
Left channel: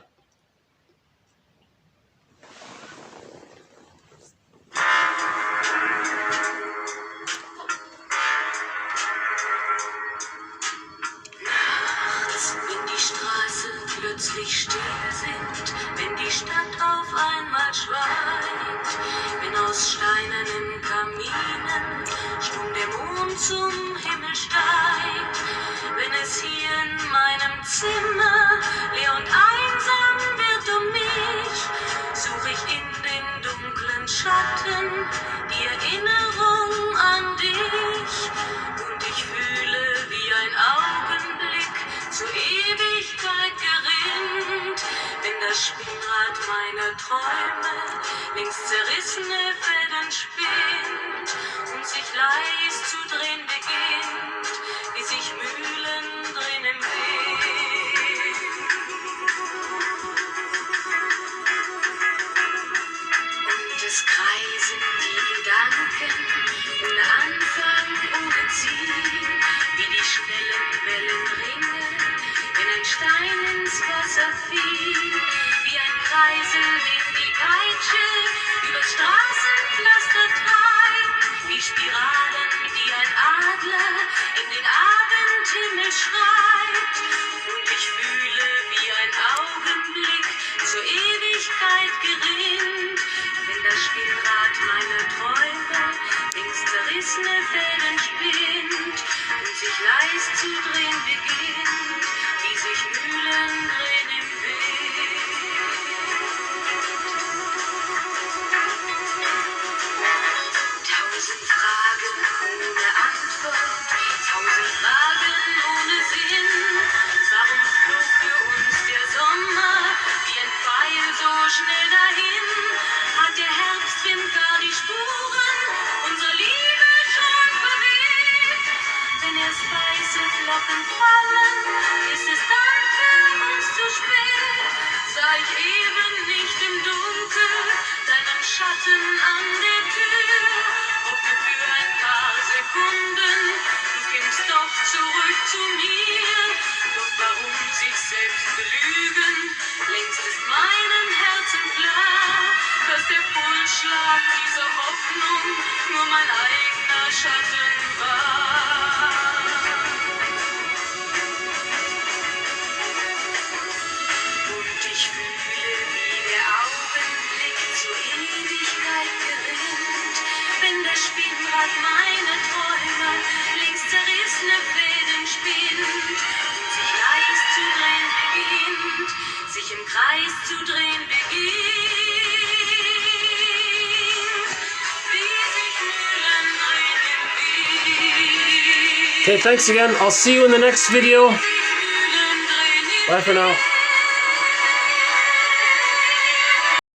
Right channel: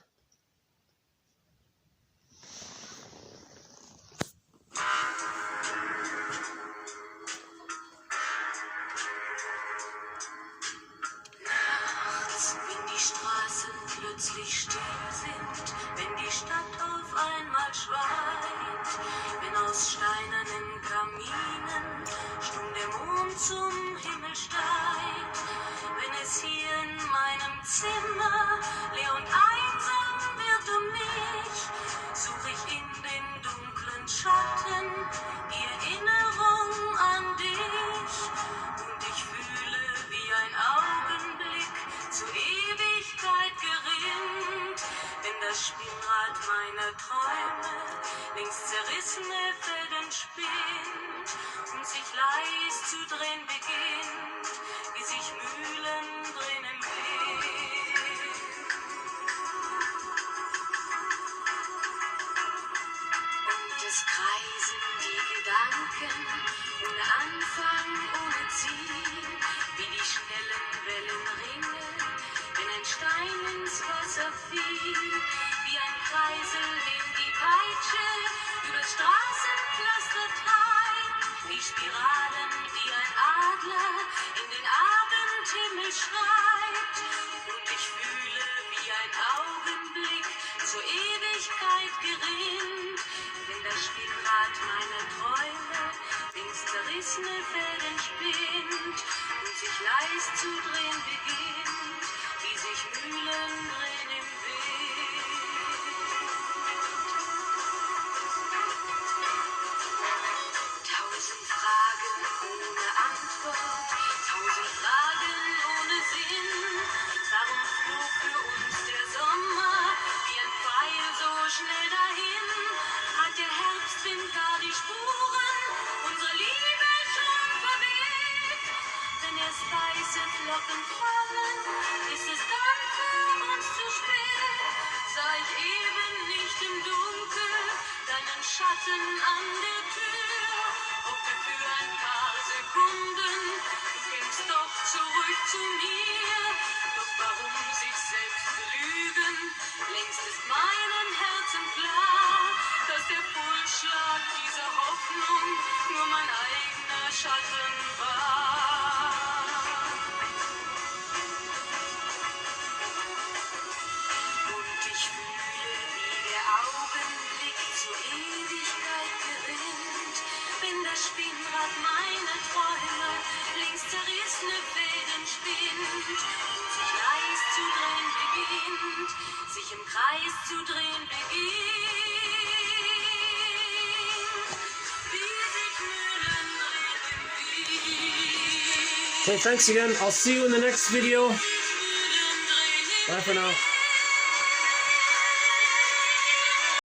Plötzlich still sind, wenn die Stadt auf einmal schweigt, wenn aus steinernen Kaminen stumm der Mond zum Himmel steigt, wenn es hier in meinem Zimmer leer und einsam wird mich, suche ich in den dunklen Schatten die Erinnerung an dich und ich fühle wie ein Augenblick zur Ewigkeit gerinnt, wenn das Spielrad meiner Träume links zerrissene Fäden spinnt und sich leis zu drehen beginnt, wie sich Mühlen drehen im Wind. Und es kreisen die Gedanken ohne Anfang, ohne Ziel, wie die schnellen Wellenringe, wenn ein Stein ins Wasser fiel, wie ein Kreisen, den die Peitsche über Straßenpflaster treibt, wie Spiralen, die ein Adler in den Abendhimmel schreibt. Und ich fühle, wie ein Augenblick zur Ewigkeit gerinnt, wenn das Spielrad meiner Träume links zerrissene Fäden spinnt und sich leis zu drehen beginnt, wie sich Mühlen drehen im Wind. 1000 Fragen ohne Antwort, 1000 Fragen ohne Sinn. Warum flog für uns der Sommer wie ein Pfeil so schnell dahin? Hat der Herbstwind gar die Spuren unserer Liebe schon verweht? Wenn erst weiße Flocken fallen, ist es dann für uns zu spät. Sah ich eben nicht im Dunkel deinen Schatten an der Tür? Hoffte für ein paar Sekunden, du kämst doch zurück zu mir. Doch warum sich selbst belügen? Längst ist meinem Herzen klar, dass der Pulsschlag dieser Hoffnung nur mein eigener Schatten war. Und ich fühle, wie der Augenblick zur Ewigkeit gerinnt, wenn das Spielrad meiner Träume links zerrissene Fäden spinnt und sich leis zu drehen beginnt, sich im Kreis zu drehen beginnt, wie sich Mühlen drehen im Wind. Okay, thanks again. I'll see you in the next video. Mühlen drehen im Bye for now.